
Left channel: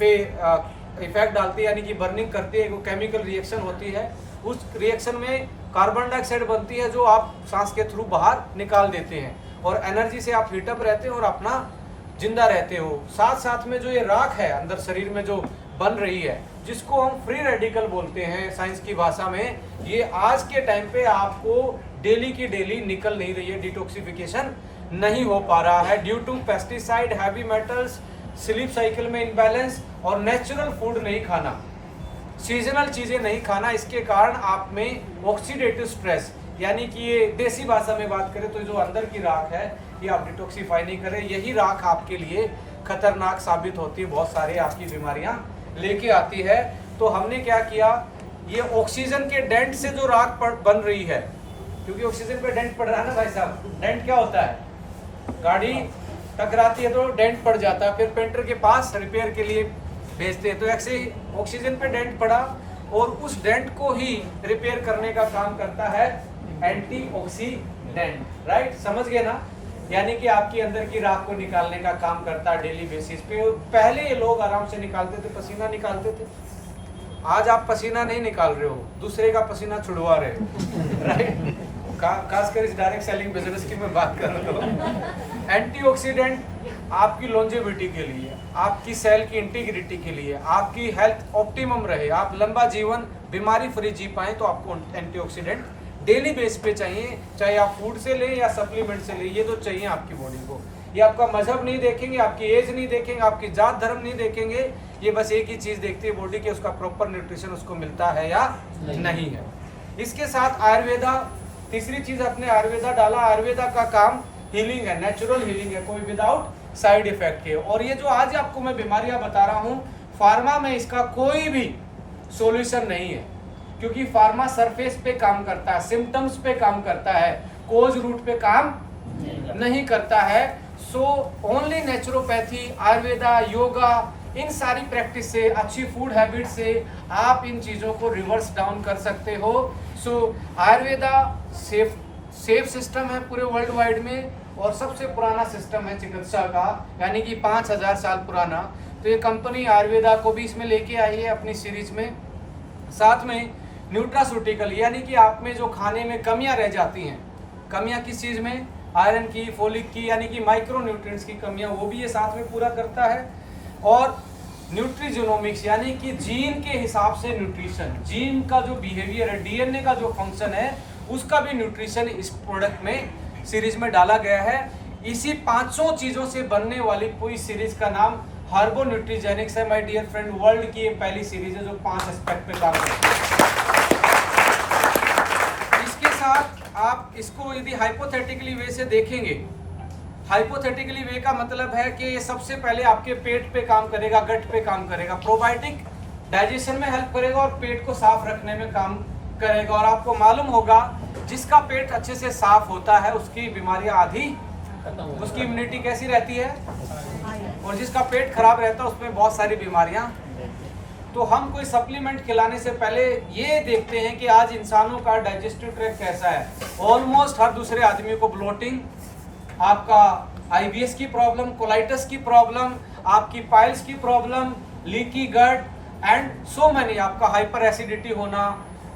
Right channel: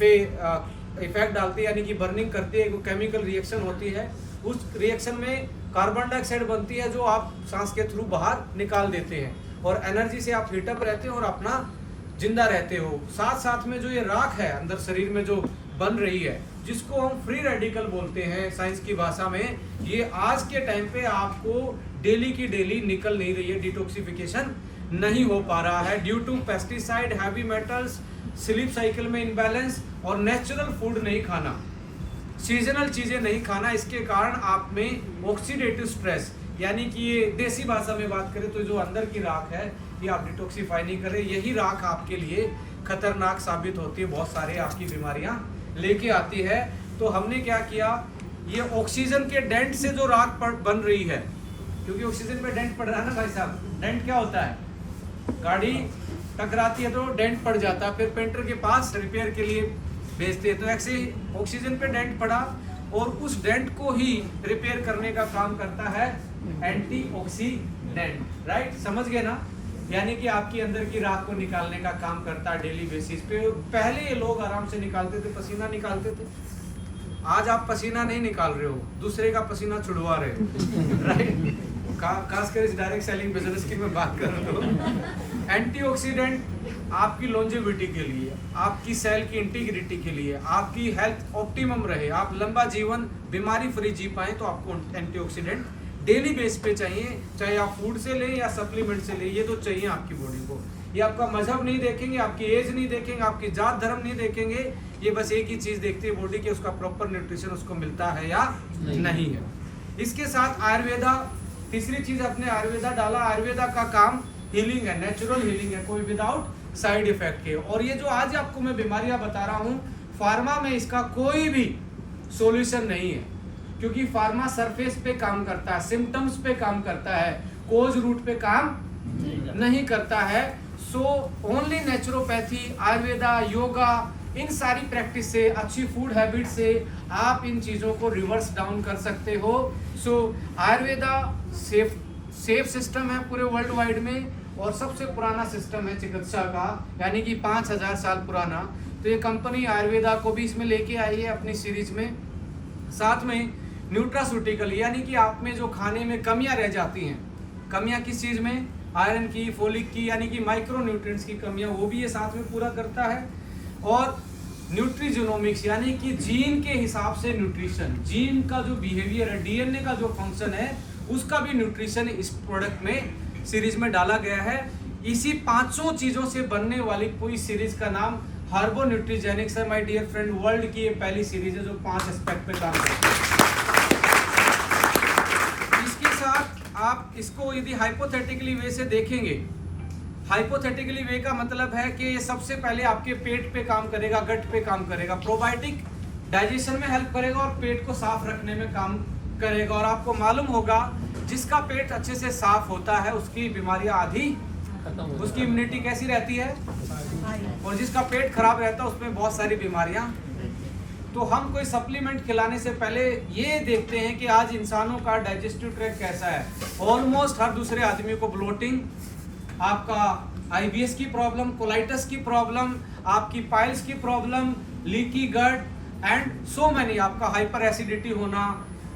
पे इफेक्ट डालती है, यानी कि बर्निंग करती है, वो केमिकल रिएक्शन होती है। उस रिएक्शन में कार्बन डाइऑक्साइड बनती है जो आप सांस के थ्रू बाहर निकाल देते हैं, और एनर्जी से आप हीटअप रहते हो और अपना जिंदा रहते हो। साथ साथ में जो ये राख है अंदर शरीर में जो बन रही है, जिसको हम फ्री रेडिकल बोलते हैं साइंस की भाषा में, ये आज के टाइम पे आपको डेली की डेली निकल नहीं रही है, डिटॉक्सिफिकेशन नहीं हो पा रहा है due to pesticide, heavy metals, sleep cycle में इम्बैलेंस और नेचुरल फूड नहीं खाना, सीजनल चीजें नहीं खाना। इसके कारण आप में ऑक्सीडेटिव स्ट्रेस, यानी कि ये देसी भाषा में बात करें तो जो अंदर की राख है ये आप डिटॉक्सिफाई नहीं करें, यही राख आपके लिए खतरनाक साबित होती है, बहुत सारे आपकी बीमारियां लेके आती है। तो हमने क्या किया, ये ऑक्सीजन के डेंट से जो राख बन रही है, क्योंकि ऑक्सीजन पे डेंट पड़ रहा है ना भाई साहब। डेंट क्या होता है, गाड़ी टकराती है तो डेंट पड़ जाता है, फिर पेंटर के पास रिपेयर के लिए भेजते हैं। तो ऐसे ही ऑक्सीजन पे डेंट पड़ा और उस डेंट को ही रिपेयर करने का काम करता है एंटीऑक्सीडेंट, राइट? समझ गए ना? यानी कि आपके अंदर की राख को निकालने का काम करता है डेली बेसिस पे। पहले ये लोग आराम से निकालते थे, पसीना निकालते थे। आज आप पसीना नहीं निकाल रहे हो, दूसरे का पसीना छुड़वा रहे हो, राइट? खासकर इस डायरेक्ट सेलिंग बिजनेस की मैं बात कर रहा हूँ। एंटीऑक्सीडेंट आपकी लॉन्जेविटी के लिए, आपकी सेल की इंटीग्रिटी के लिए, आपकी हेल्थ ऑप्टिमम रहे, आप लंबा जीवन बीमारी फ्री जी पाए, तो आपको एंटीऑक्सीडेंट डेली बेस पे चाहिए, चाहे आप फूड से लें या सप्लीमेंट से लें, ये तो चाहिए आपकी बॉडी को। ये आपका मजहब नहीं देखेंगे, आपकी एज नहीं देखेंगे, आपकी जात धर्म नहीं देखेंगे, ये बस एक ही चीज देखती है बॉडी के, उसका प्रॉपर न्यूट्रिशन उसको मिलता है या नहीं है। इसके साथ आयुर्वेदा, तीसरी चीज अपने आयुर्वेदा डाला। आयुर्वेदा का काम हीलिंग है, नेचुरल हीलिंग है, कोई विदाउट साइड इफेक्ट के। और ये जो आज आपको मैं बीमारियां बता रहा हूँ, फार्मा में इसका कोई भी सॉल्यूशन नहीं है, क्योंकि फार्मा सरफेस पे काम करता है, सिम्टम्स पे काम करता है, कोज रूट पे काम नहीं करता है। So only naturopathy, ayurveda, yoga, इन सारी प्रैक्टिस से, अच्छी फूड हैबिट से आप इन चीज़ों को रिवर्स डाउन कर सकते हो। सो आयुर्वेदा सेफ सिस्टम है पूरे वर्ल्ड वाइड में, और सबसे पुराना सिस्टम है चिकित्सा का, यानी कि 5000 साल पुराना। तो ये कंपनी आयुर्वेदा को भी इसमें लेके आई है अपनी सीरीज में। साथ में न्यूट्रास्यूटिकल, यानी कि आप में जो खाने में कमियां रह जाती हैं, कमियां किस चीज़ में, आयरन की, फोलिक की, यानी कि माइक्रो न्यूट्रिएंट्स की कमियां, वो भी ये साथ में पूरा करता है। और न्यूट्रीजीनोमिक्स, यानी कि जीन के हिसाब से न्यूट्रिशन, जीन का जो बिहेवियर है, डीएनए का जो फंक्शन है, उसका भी न्यूट्रिशन इस प्रोडक्ट में सीरीज में डाला गया है। इसी 500 चीज़ों से बनने वाली पूरी सीरीज का नाम हार्बो न्यूट्रीजेनिक्स है। माय डियर फ्रेंड, वर्ल्ड की ये पहली सीरीज है जो 5 एस्पेक्ट पे काम करती है। इसके साथ आप इसको यदि हाइपोथेटिकली वे से देखेंगे, हाइपोथेटिकली वे का मतलब है कि ये सबसे पहले आपके पेट पे काम करेगा, गट पे काम करेगा, प्रोबायोटिक डाइजेशन में हेल्प करेगा और पेट को साफ रखने में काम करेगा। और आपको मालूम होगा जिसका पेट अच्छे से साफ होता है उसकी बीमारियां आधी, उसकी इम्यूनिटी कैसी रहती है, और जिसका पेट खराब रहता है उसमें बहुत सारी बीमारियां। तो हम कोई सप्लीमेंट खिलाने से पहले ये देखते हैं कि आज इंसानों का डाइजेस्टिव ट्रैक्ट कैसा है। ऑलमोस्ट हर दूसरे आदमी को ब्लोटिंग, आपका आईबीएस की प्रॉब्लम, कोलाइटिस की प्रॉब्लम, आपकी पाइल्स की problem, leaky gut and so many, आपका हाइपर एसिडिटी होना,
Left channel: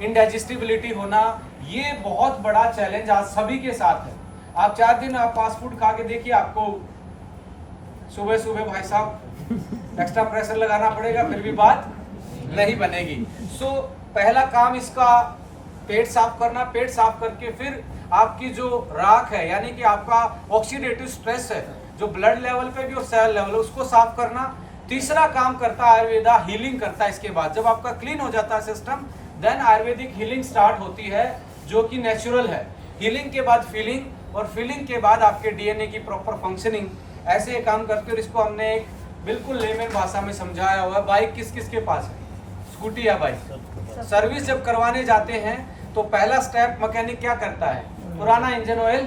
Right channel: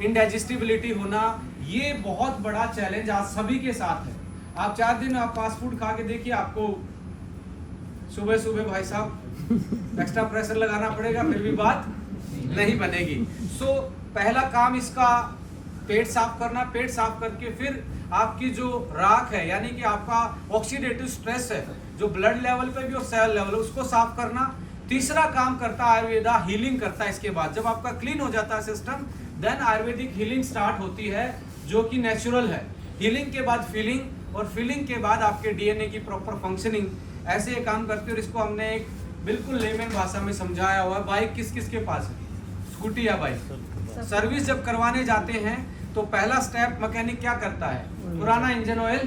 इनडाइजेस्टिबिलिटी होना, ये बहुत बड़ा चैलेंज आज सभी के साथ है। आप 4 दिन आप फास्ट फूड खा के देखिए, आपको सुबह सुबह भाई साहब एक्स्ट्रा प्रेशर लगाना पड़ेगा, फिर भी बात नहीं बनेगी। सो पहला काम इसका पेट साफ करना, पेट साफ करके फिर आपकी जो राख है, यानी कि आपका ऑक्सीडेटिव स्ट्रेस है जो ब्लड लेवल पे भी और सेल लेवल, उसको साफ करना। तीसरा काम करता है आयुर्वेदा, हीलिंग करता है। इसके बाद जब आपका क्लीन हो जाता है system, then Ayurvedic healing start होती है जो कि नेचुरल है। हीलिंग के बाद फीलिंग, और फीलिंग के बाद आपके डीएनए की प्रॉपर फंक्शनिंग, ऐसे ये काम करते हैं। और इसको हमने एक बिल्कुल लेमन भाषा में समझाया हुआ है। बाइक किस किस के पास है, स्कूटी या बाइक? सर्विस जब करवाने जाते हैं तो पहला स्टेप मैकेनिक क्या करता है, पुराना इंजन ऑयल।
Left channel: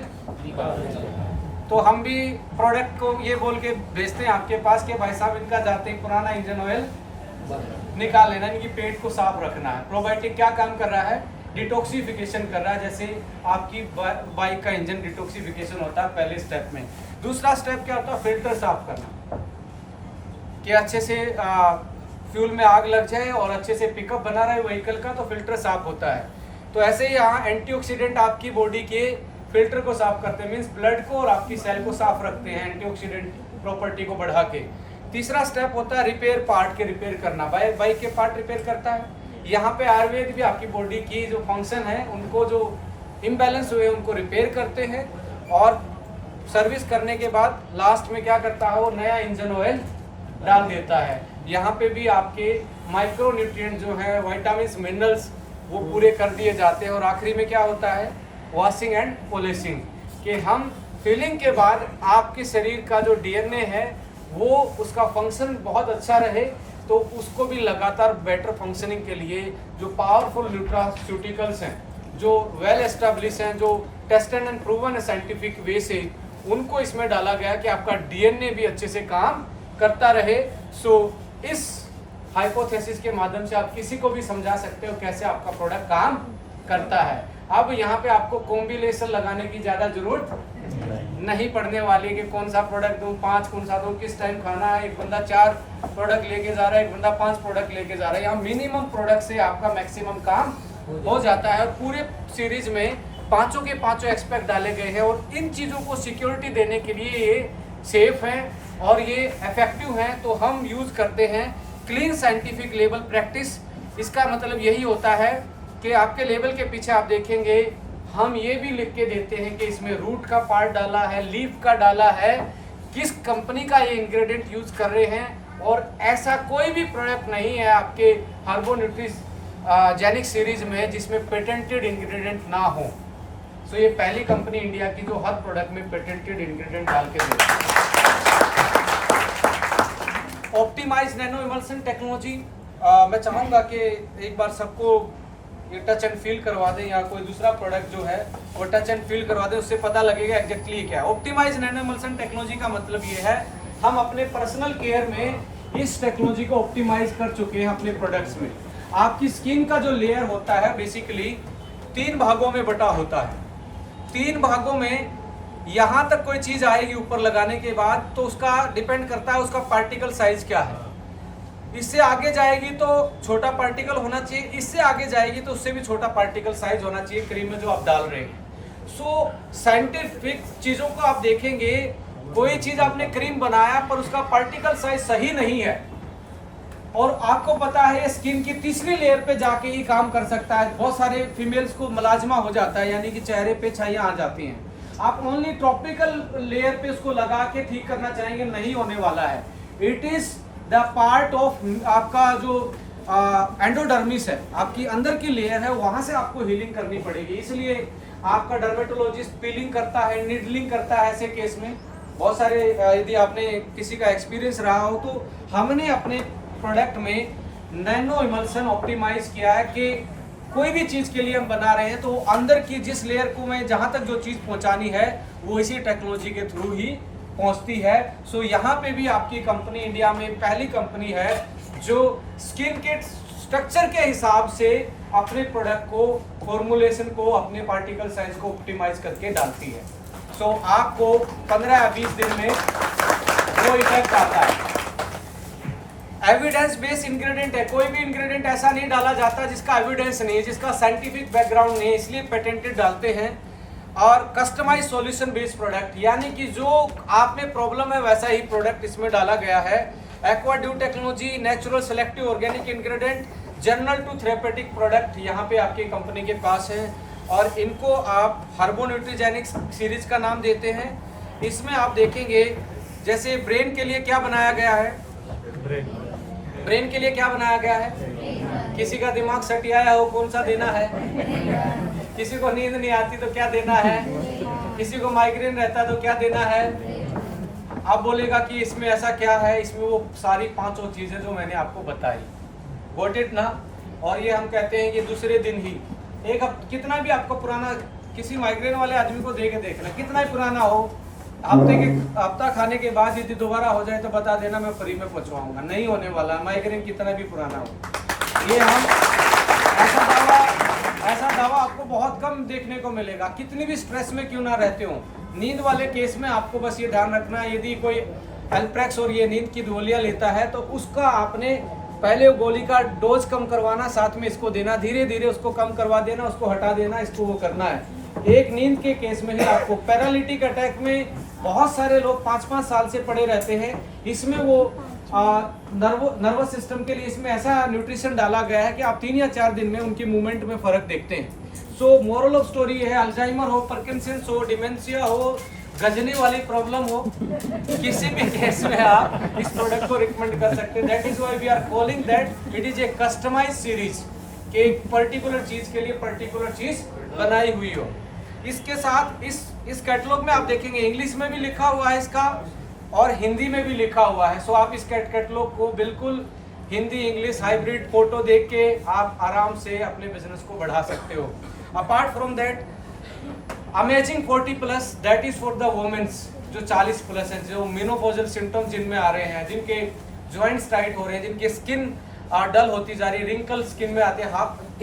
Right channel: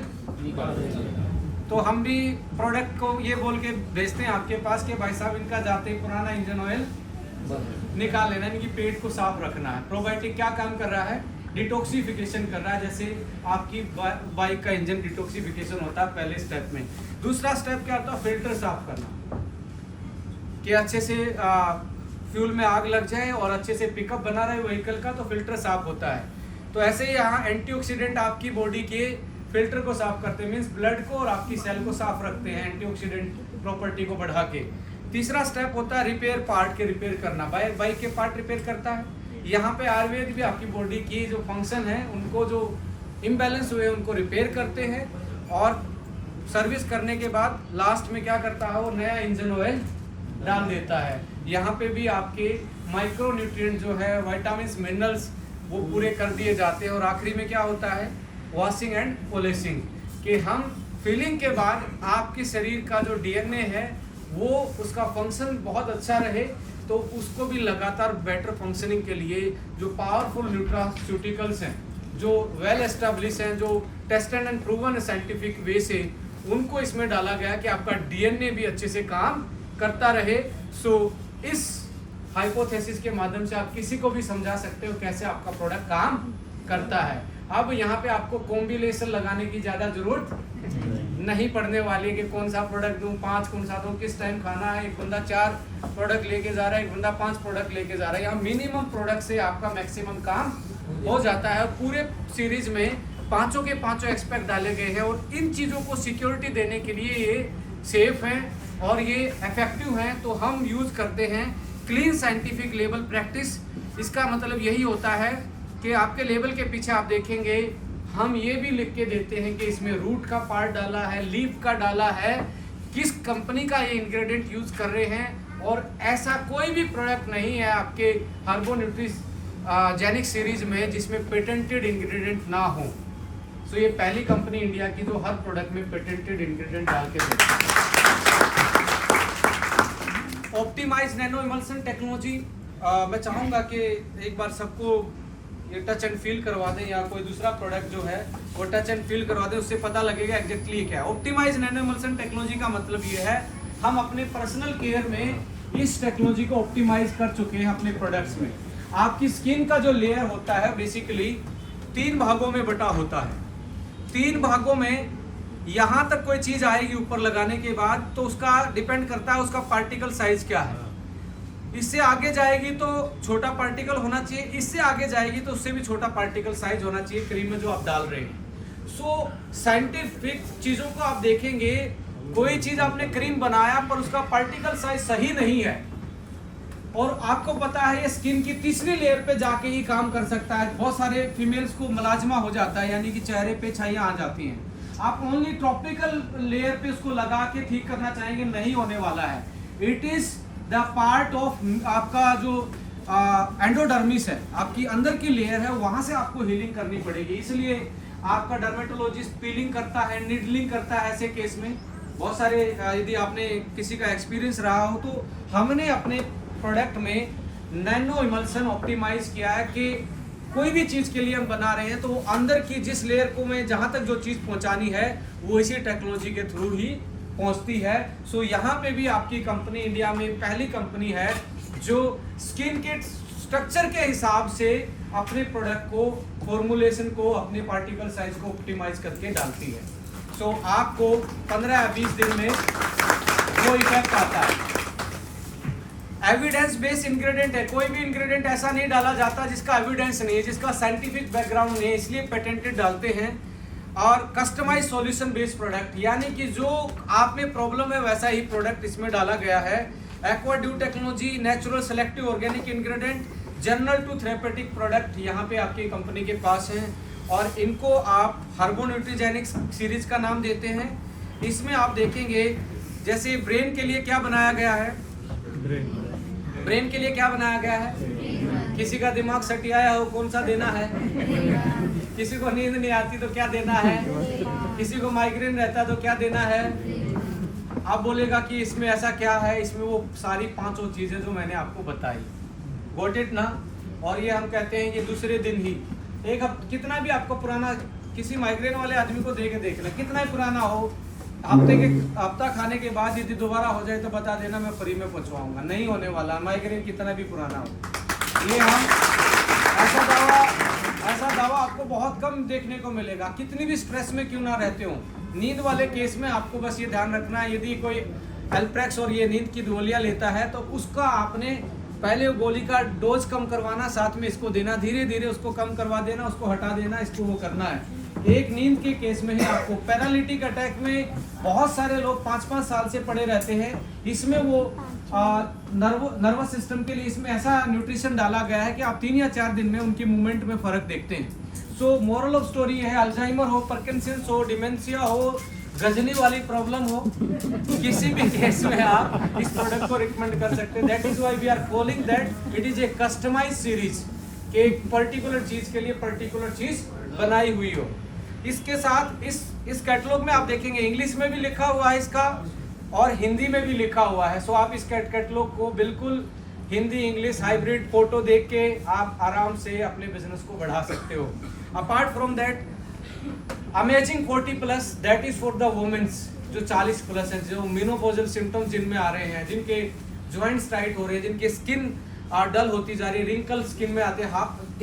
तो हम भी प्रोडक्ट को ये बोल के भेजते हैं आपके पास कि भाई साहब इनका जाते ही पुराना इंजन ऑयल निकाल लेना, इनकी पेट को साफ रखना है। प्रोबायोटिक क्या काम कर रहा है, डिटॉक्सिफिकेशन कर रहा है, जैसे आपकी बाइक का इंजन डिटॉक्सिफिकेशन होता है पहले स्टेप में। दूसरा स्टेप क्या होता है, फिल्टर साफ करना, कि अच्छे से फ्यूल में आग लग जाए और अच्छे से पिकअप बना रहे व्हीकल का, तो फिल्टर साफ होता है। तो ऐसे ही यहाँ एंटीऑक्सीडेंट आपकी बॉडी के फिल्टर को साफ करते हैं, मीन्स ब्लड को और आपकी सेल को साफ रखते हैं एंटीऑक्सीडेंट प्रॉपर्टी को बढ़ा के। तीसरा स्टेप होता है रिपेयर, पार्ट के रिपेयर करना, बाइक के पार्ट रिपेयर करता है। यहाँ पे आयुर्वेद भी आपकी बॉडी की जो फंक्शन है उनको जो इम्बैलेंस हुए उनको रिपेयर करते हैं, और सर्विस करने के बाद लास्ट में क्या करता है, वो नया इंजन ऑयल डाल देता है। यहाँ पे भी आपके माइक्रो न्यूट्रिएंट जो है, विटामिन्स, मिनरल्स, वो पूरे कर दिए जाते हैं। और आखिरी में क्या होता है, वॉशिंग एंड पॉलिशिंग, कि हम फिलिंग के बाद आपके शरीर का जो डीएनए है वो उसका फंक्शन बहुत अच्छा रहे, तो उसको भी लगातार बेटर फंक्शनिंग के लिए जो पावरफुल न्यूट्रास्यूटिकल्स हैं, जो वेल एस्टेब्लिश हैं, जो tested and proven scientific way से, उनको इसमें डाला गया कि आपका डीएनए भी अच्छे से काम करता रहे। सो इस हाइपोथेसिस के माध्यम से आप किसी को भी समझा सकते हो कैसे आपका प्रोडक्ट काम करता है। अब यहाँ पे आपको कॉम्बिनेशन लगाने की ज़्यादा जरूरत नहीं पड़ने वाली है कि कौन सा प्रोडक्ट दूं, 5 कौन सा दूं, किस टाइम खाना है। एक बंदा 4 प्रोडक्ट लेके जा रहा है, एक बंदा 5 प्रोडक्ट लेके जा रहा है। यहाँ मिनिमम प्रोडक्ट से आपका मैक्सिमम काम हो जाता है। और पूरे सीरीज में पांचों के पांचों एक्सपेक्ट डाले गए हैं, और इन चीज़ों को सिक्योरिटी देने के लिए ये सेफ हैं और ये इफेक्टिव हैं। तो हम यूज़ करते हैं क्लीन साइंटिफिक लेबल प्रैक्टिस। इसका मतलब यही होता है कि आपके लेबल के पीछे आप देखेंगे हम ये भी लिख के देते हैं कि इसमें रूट का पार्ट डाला है, लीफ का डाला है, किस कंपनी का ये इंग्रेडिएंट यूज़ कर रहे हैं। और ऐसा कोई भी प्रोडक्ट नहीं है आपके हार्बोन्यूट्रिजेनिक सीरीज में जिसमें पेटेंटेड इंग्रेडिएंट ना हो। सो ये पहली कंपनी इंडिया की जो हर प्रोडक्ट में पेटेंटेड इंग्रेडिएंट डाल के देती है। ऑप्टिमाइज नैनो इमल्सन टेक्नोलॉजी, मैं चाहूँगा कि एक बार सबको ये टच एंड फील करवा दें, या कोई दूसरा प्रोडक्ट जो है वो टच एंड फील करवा दें, उससे पता लगेगा एग्जैक्टली क्या है। ऑप्टिमाइज नैनो इमल्सन टेक्नोलॉजी का मतलब ये है हम अपने पर्सनल केयर में इस टेक्नोलॉजी को ऑप्टिमाइज कर चुके हैं अपने प्रोडक्ट्स में। आपकी स्किन का जो लेयर होता है बेसिकली 3 भागों में बटा होता है। 3 भागों में यहाँ तक कोई चीज़ आएगी ऊपर लगाने के बाद तो उसका डिपेंड करता है उसका पार्टिकल साइज क्या है। इससे आगे जाएगी तो छोटा पार्टिकल होना चाहिए, इससे आगे जाएगी तो उससे भी छोटा पार्टिकल साइज होना चाहिए क्रीम में जो आप डाल रहे हैं। सो साइंटिफिक चीज़ों को आप देखेंगे, कोई चीज़ आपने क्रीम बनाया पर उसका पार्टिकल साइज सही नहीं है, और आपको पता है ये स्किन की तीसरी लेयर पे जाके ही काम कर सकता है। बहुत सारे फीमेल्स को मलाजमा हो जाता है, यानी कि चेहरे पे छाइयाँ आ जाती हैं। आप ओनली टॉपिकल लेयर पे उसको लगा के ठीक करना चाहेंगे, नहीं होने वाला है। It is the part of आपका जो एंडोडर्मिस है, आपकी अंदर की लेयर है, वहाँ से आपको हीलिंग करनी पड़ेगी। इसलिए आपका डर्मेटोलॉजिस्ट पीलिंग करता है, निडलिंग करता है ऐसे केस में। बहुत सारे यदि आपने किसी का एक्सपीरियंस रहा हो तो हमने अपने प्रोडक्ट में नैनो इमल्सन ऑप्टिमाइज किया है कि कोई भी चीज़ के लिए हम बना रहे हैं तो अंदर की जिस लेयर को मैं जहाँ तक जो चीज़ पहुँचानी है वो इसी टेक्नोलॉजी के थ्रू ही पहुँचती है। सो यहाँ पे भी आपकी कंपनी इंडिया में पहली कंपनी है जो स्किन के स्ट्रक्चर के हिसाब से अपने प्रोडक्ट को, फॉर्मुलेशन को, अपने पार्टिकल साइज को ऑप्टिमाइज करके डालती है। सो आपको 15 या 20 दिन में वो इफेक्ट आता है। एविडेंस बेस्ड इंग्रेडिएंट है, कोई भी इंग्रेडिएंट ऐसा नहीं डाला जाता जिसका एविडेंस नहीं है, जिसका साइंटिफिक बैकग्राउंड नहीं है, इसलिए पेटेंटेड डालते हैं। और कस्टमाइज सॉल्यूशन बेस्ड प्रोडक्ट, यानी कि जो आप में प्रॉब्लम है वैसा ही प्रोडक्ट इसमें डाला गया है। Aqua dew technology, natural selective organic ingredient, general to therapeutic product यहाँ पे आपकी कंपनी के पास है, और इनको आप हार्बोन्यूट्रिजेनिक सीरीज का नाम देते हैं। इसमें आप देखेंगे जैसे ब्रेन के लिए क्या बनाया गया है, ब्रेन के लिए क्या बनाया गया है, किसी का दिमाग सटियाया हो कौन सा देना है, किसी को नींद नहीं आती तो क्या देना है, किसी को माइग्रेन रहता तो क्या देना है। आप बोलेगा कि इसमें ऐसा क्या है, इसमें वो सारी 5 चीज़ें जो मैंने आपको बताई, गॉट इट ना। और ये हम कहते हैं कि दूसरे दिन ही एक कितना भी आपको पुराना किसी माइग्रेन वाले आदमी को दे के देखना, कितना ही पुराना हो, हफ्ता खाने के बाद यदि दोबारा हो जाए तो बता देना, मैं फ्री में पहुंचवाऊंगा। नहीं होने वाला, माइग्रेन कितना भी पुराना हो। ये हम ऐसा दावा ऐसा दावा आपको बहुत कम देखने को मिलेगा, कितनी भी स्ट्रेस में क्यों ना रहते हो। नींद वाले केस में आपको बस ये ध्यान रखना है, यदि कोई एल्प्रेक्स और ये नींद की गोलियां लेता है तो उसका आपने पहले वो गोली का डोज कम करवाना, साथ में इसको देना, धीरे धीरे उसको कम करवा देना, उसको हटा देना, इसको वो करना है। एक नींद के केस में ही आपको पैरालिटिक अटैक में बहुत सारे लोग 5-5 साल से पड़े रहते हैं। इसमें वो नर्वस सिस्टम के लिए इसमें ऐसा न्यूट्रिशन डाला गया है कि आप 3 या 4 दिन में उनकी मूवमेंट में फर्क देखते हैं। सो मोरल ऑफ स्टोरी है, अल्जाइमर हो, पार्किंसंस हो, डिमेंशिया हो, गजनी वाली प्रॉब्लम हो, किसी भी केस में आप इस प्रोडक्ट को रिकमेंड कर सकते हैं। That is why we are calling that it is a customized series, कि एक पर्टिकुलर चीज के लिए पर्टिकुलर चीज बनाई हुई हो। इसके साथ इस कैटलॉग में आप देखेंगे इंग्लिश में भी लिखा हुआ है इसका और हिंदी में भी लिखा हुआ है। सो आप इस कैटलॉग को बिल्कुल हिंदी इंग्लिश हाइब्रिड फोटो देख के आप आराम से अपने बिजनेस को बढ़ा सकते हो। Apart from that amazing 40+ that is for the women's जो 40+ हैं, जो मेनोपॉजल सिम्टम्स जिनमें आ रहे हैं, जिनके जॉइंट्स टाइट हो रहे हैं, जिनके स्किन डल होती जा रही है, रिंकल स्किन में आते हैं,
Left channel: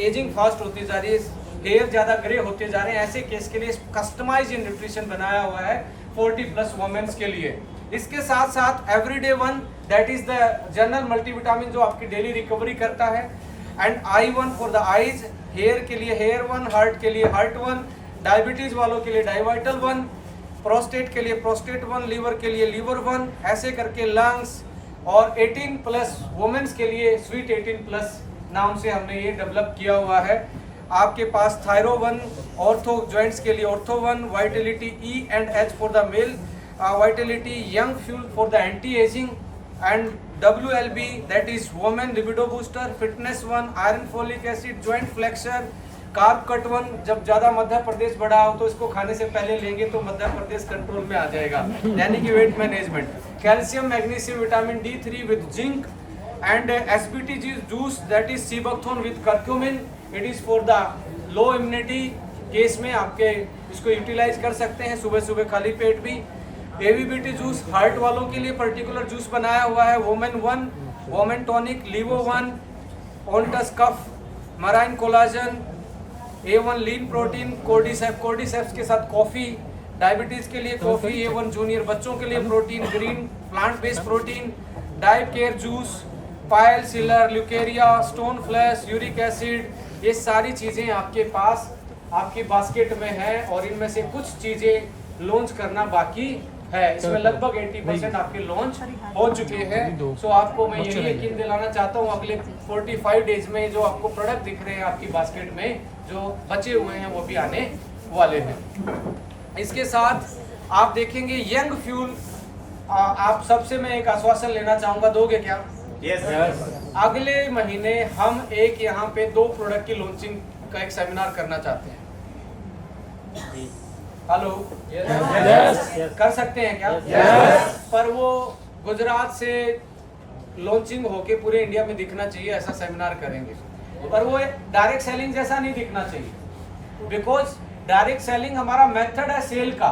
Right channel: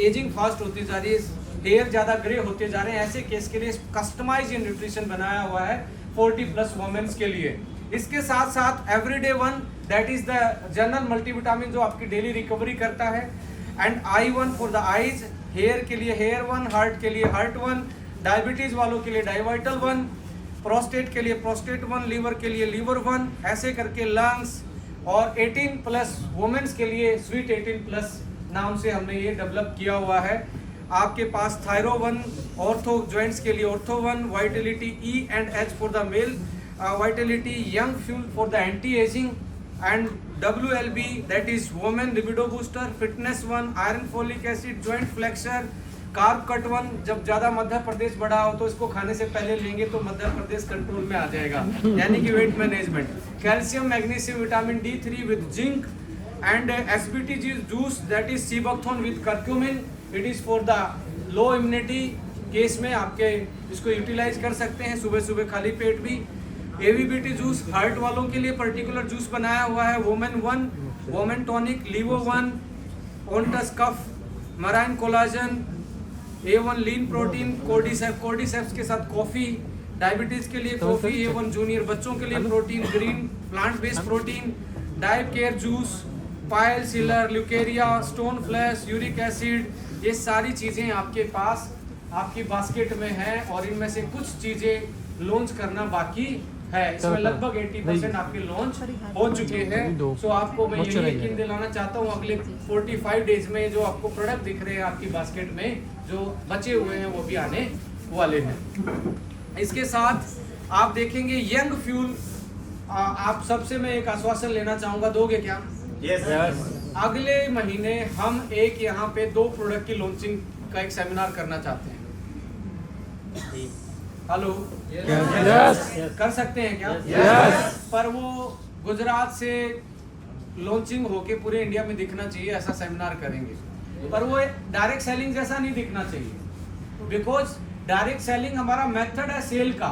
एजिंग फास्ट होती जा रही है, हेयर ज़्यादा ग्रे होते जा रहे हैं। ऐसे केस के लिए कस्टमाइज न्यूट्रिशन बनाया हुआ है 40+ वुमेन्स के लिए। इसके साथ साथ everyday 1 that is the general multivitamin जो आपकी डेली रिकवरी करता है, and I1 for the eyes, hair के लिए हेयर 1, हार्ट के लिए हार्ट 1, डायबिटीज वालों के लिए डायवाइटल 1, प्रोस्टेट के लिए प्रोस्टेट 1, लीवर के लिए लीवर 1, ऐसे करके लंग्स, और 18+ वुमेन्स के लिए स्वीट 18+ नाम से हमने ये डेवलप किया हुआ है। आपके पास थायरो 1, ऑर्थो जॉइंट्स के लिए ortho 1, vitality E and H for the male, vitality young fuel for the anti ageing, and WLB that is women libido booster, fitness 1, iron folic acid, joint flexor, carb cut 1। जब ज़्यादा मध्य प्रदेश बढ़ा हो तो इसको खाने से पहले लेंगे तो मध्य प्रदेश कंट्रोल में आ जाएगा, यानी कि weight management. Calcium magnesium vitamin D3 with zinc, and SBT juice that is sea buckthorn with curcumin, it is for the low immunity case में आपके इसको यूटिलाइज कर सकते हैं सुबह सुबह खाली पेट भी। AVBT जूस हार्ट वालों के लिए पर्टिकुलर जूस बनाया हुआ है, वोमेन 1, वोमेन टॉनिक, लीवो 1, ओंटस cough, marine collagen, A1 lean protein, cordyceps के साथ कॉफ़ी, डायबिटीज के लिए कॉफ़ी, A1 जूनियर बच्चों के लिए protein, green plant based protein, dive care juice, pile sealer, leucorrhoea, stone flush, uric acid, ये सारी चीज़ें आपके पास आपकी बास्केट में है, और इनमें से कुछ चीज़ें लॉन्च करना बाकी है। इसमें लगभग 80% आपके लॉन्च हो चुके हैं। सो आपको मैं यही यकीन दिलाना चाहता हूँ, अगले 45 डेज में जो आपको प्रोडक्ट दिख रहे हैं आपकी बास्केट में, जो बचे हुए हैं वो भी आने वाले हैं। इसके साथ आप देखेंगे यंग फ्यूल, आप सबसे मैं एक आश्वासन लेना चाहूँगा, दोगे क्या? यस। अगले महीने हम एक यहाँ पे 2 प्रोडक्ट की लॉन्चिंग का एक सेमिनार करना चाहते हैं। हेलो, कर सकते हैं क्या? पर वो गुजरात से लॉन्चिंग होके पूरे इंडिया में दिखना चाहिए, ऐसा सेमिनार करेंगे। पर वो डायरेक्ट सेलिंग जैसा नहीं दिखना चाहिए, बिकॉज डायरेक्ट सेलिंग हमारा मेथड है सेल का,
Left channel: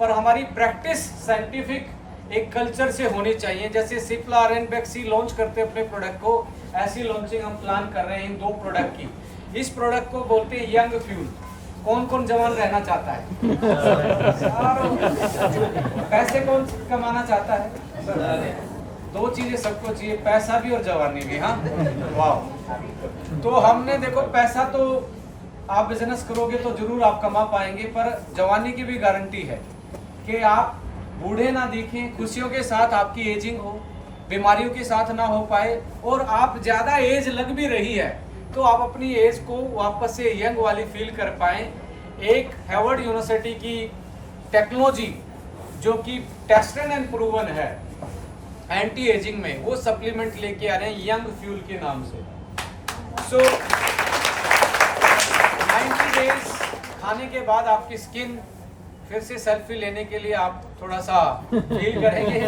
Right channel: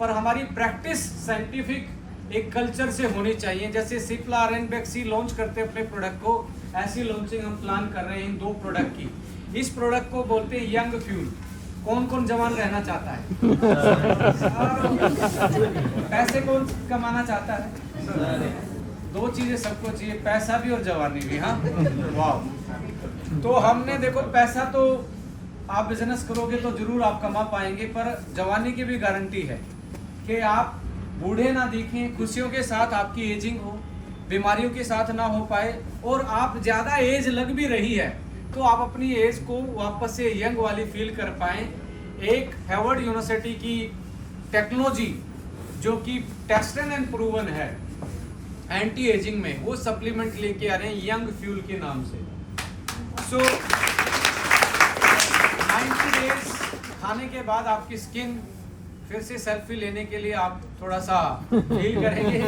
पर हमारी प्रैक्टिस साइंटिफिक एक कल्चर से होनी चाहिए। जैसे सिप्ला और एनबेक्सी लॉन्च करते हैं अपने प्रोडक्ट को, ऐसी लॉन्चिंग हम प्लान कर रहे हैं इन 2 प्रोडक्ट की। इस प्रोडक्ट को बोलते हैं यंग फ्यूल। कौन कौन जवान रहना चाहता है? पैसे कौन कमाना चाहता है? 2 चीजें सबको चाहिए, पैसा भी और जवानी भी। हाँ, वाह। तो हमने देखो, पैसा तो आप बिजनेस करोगे तो जरूर आप कमा पाएंगे, पर जवानी की भी गारंटी है कि आप बूढ़े ना दिखें, खुशियों के साथ आपकी एजिंग हो, बीमारियों के साथ ना हो पाए, और आप ज़्यादा एज लग भी रही है तो आप अपनी एज को वापस से यंग वाली फील कर पाएँ। एक हार्वर्ड यूनिवर्सिटी की टेक्नोलॉजी जो कि टेस्टेड एंड प्रूवन है एंटी एजिंग में, वो सप्लीमेंट लेके आ रहे हैं यंग फ्यूल के नाम से। सो 90 डेज खाने के बाद आपकी स्किन फिर से सेल्फी लेने के लिए आप थोड़ा सा फील करेंगे,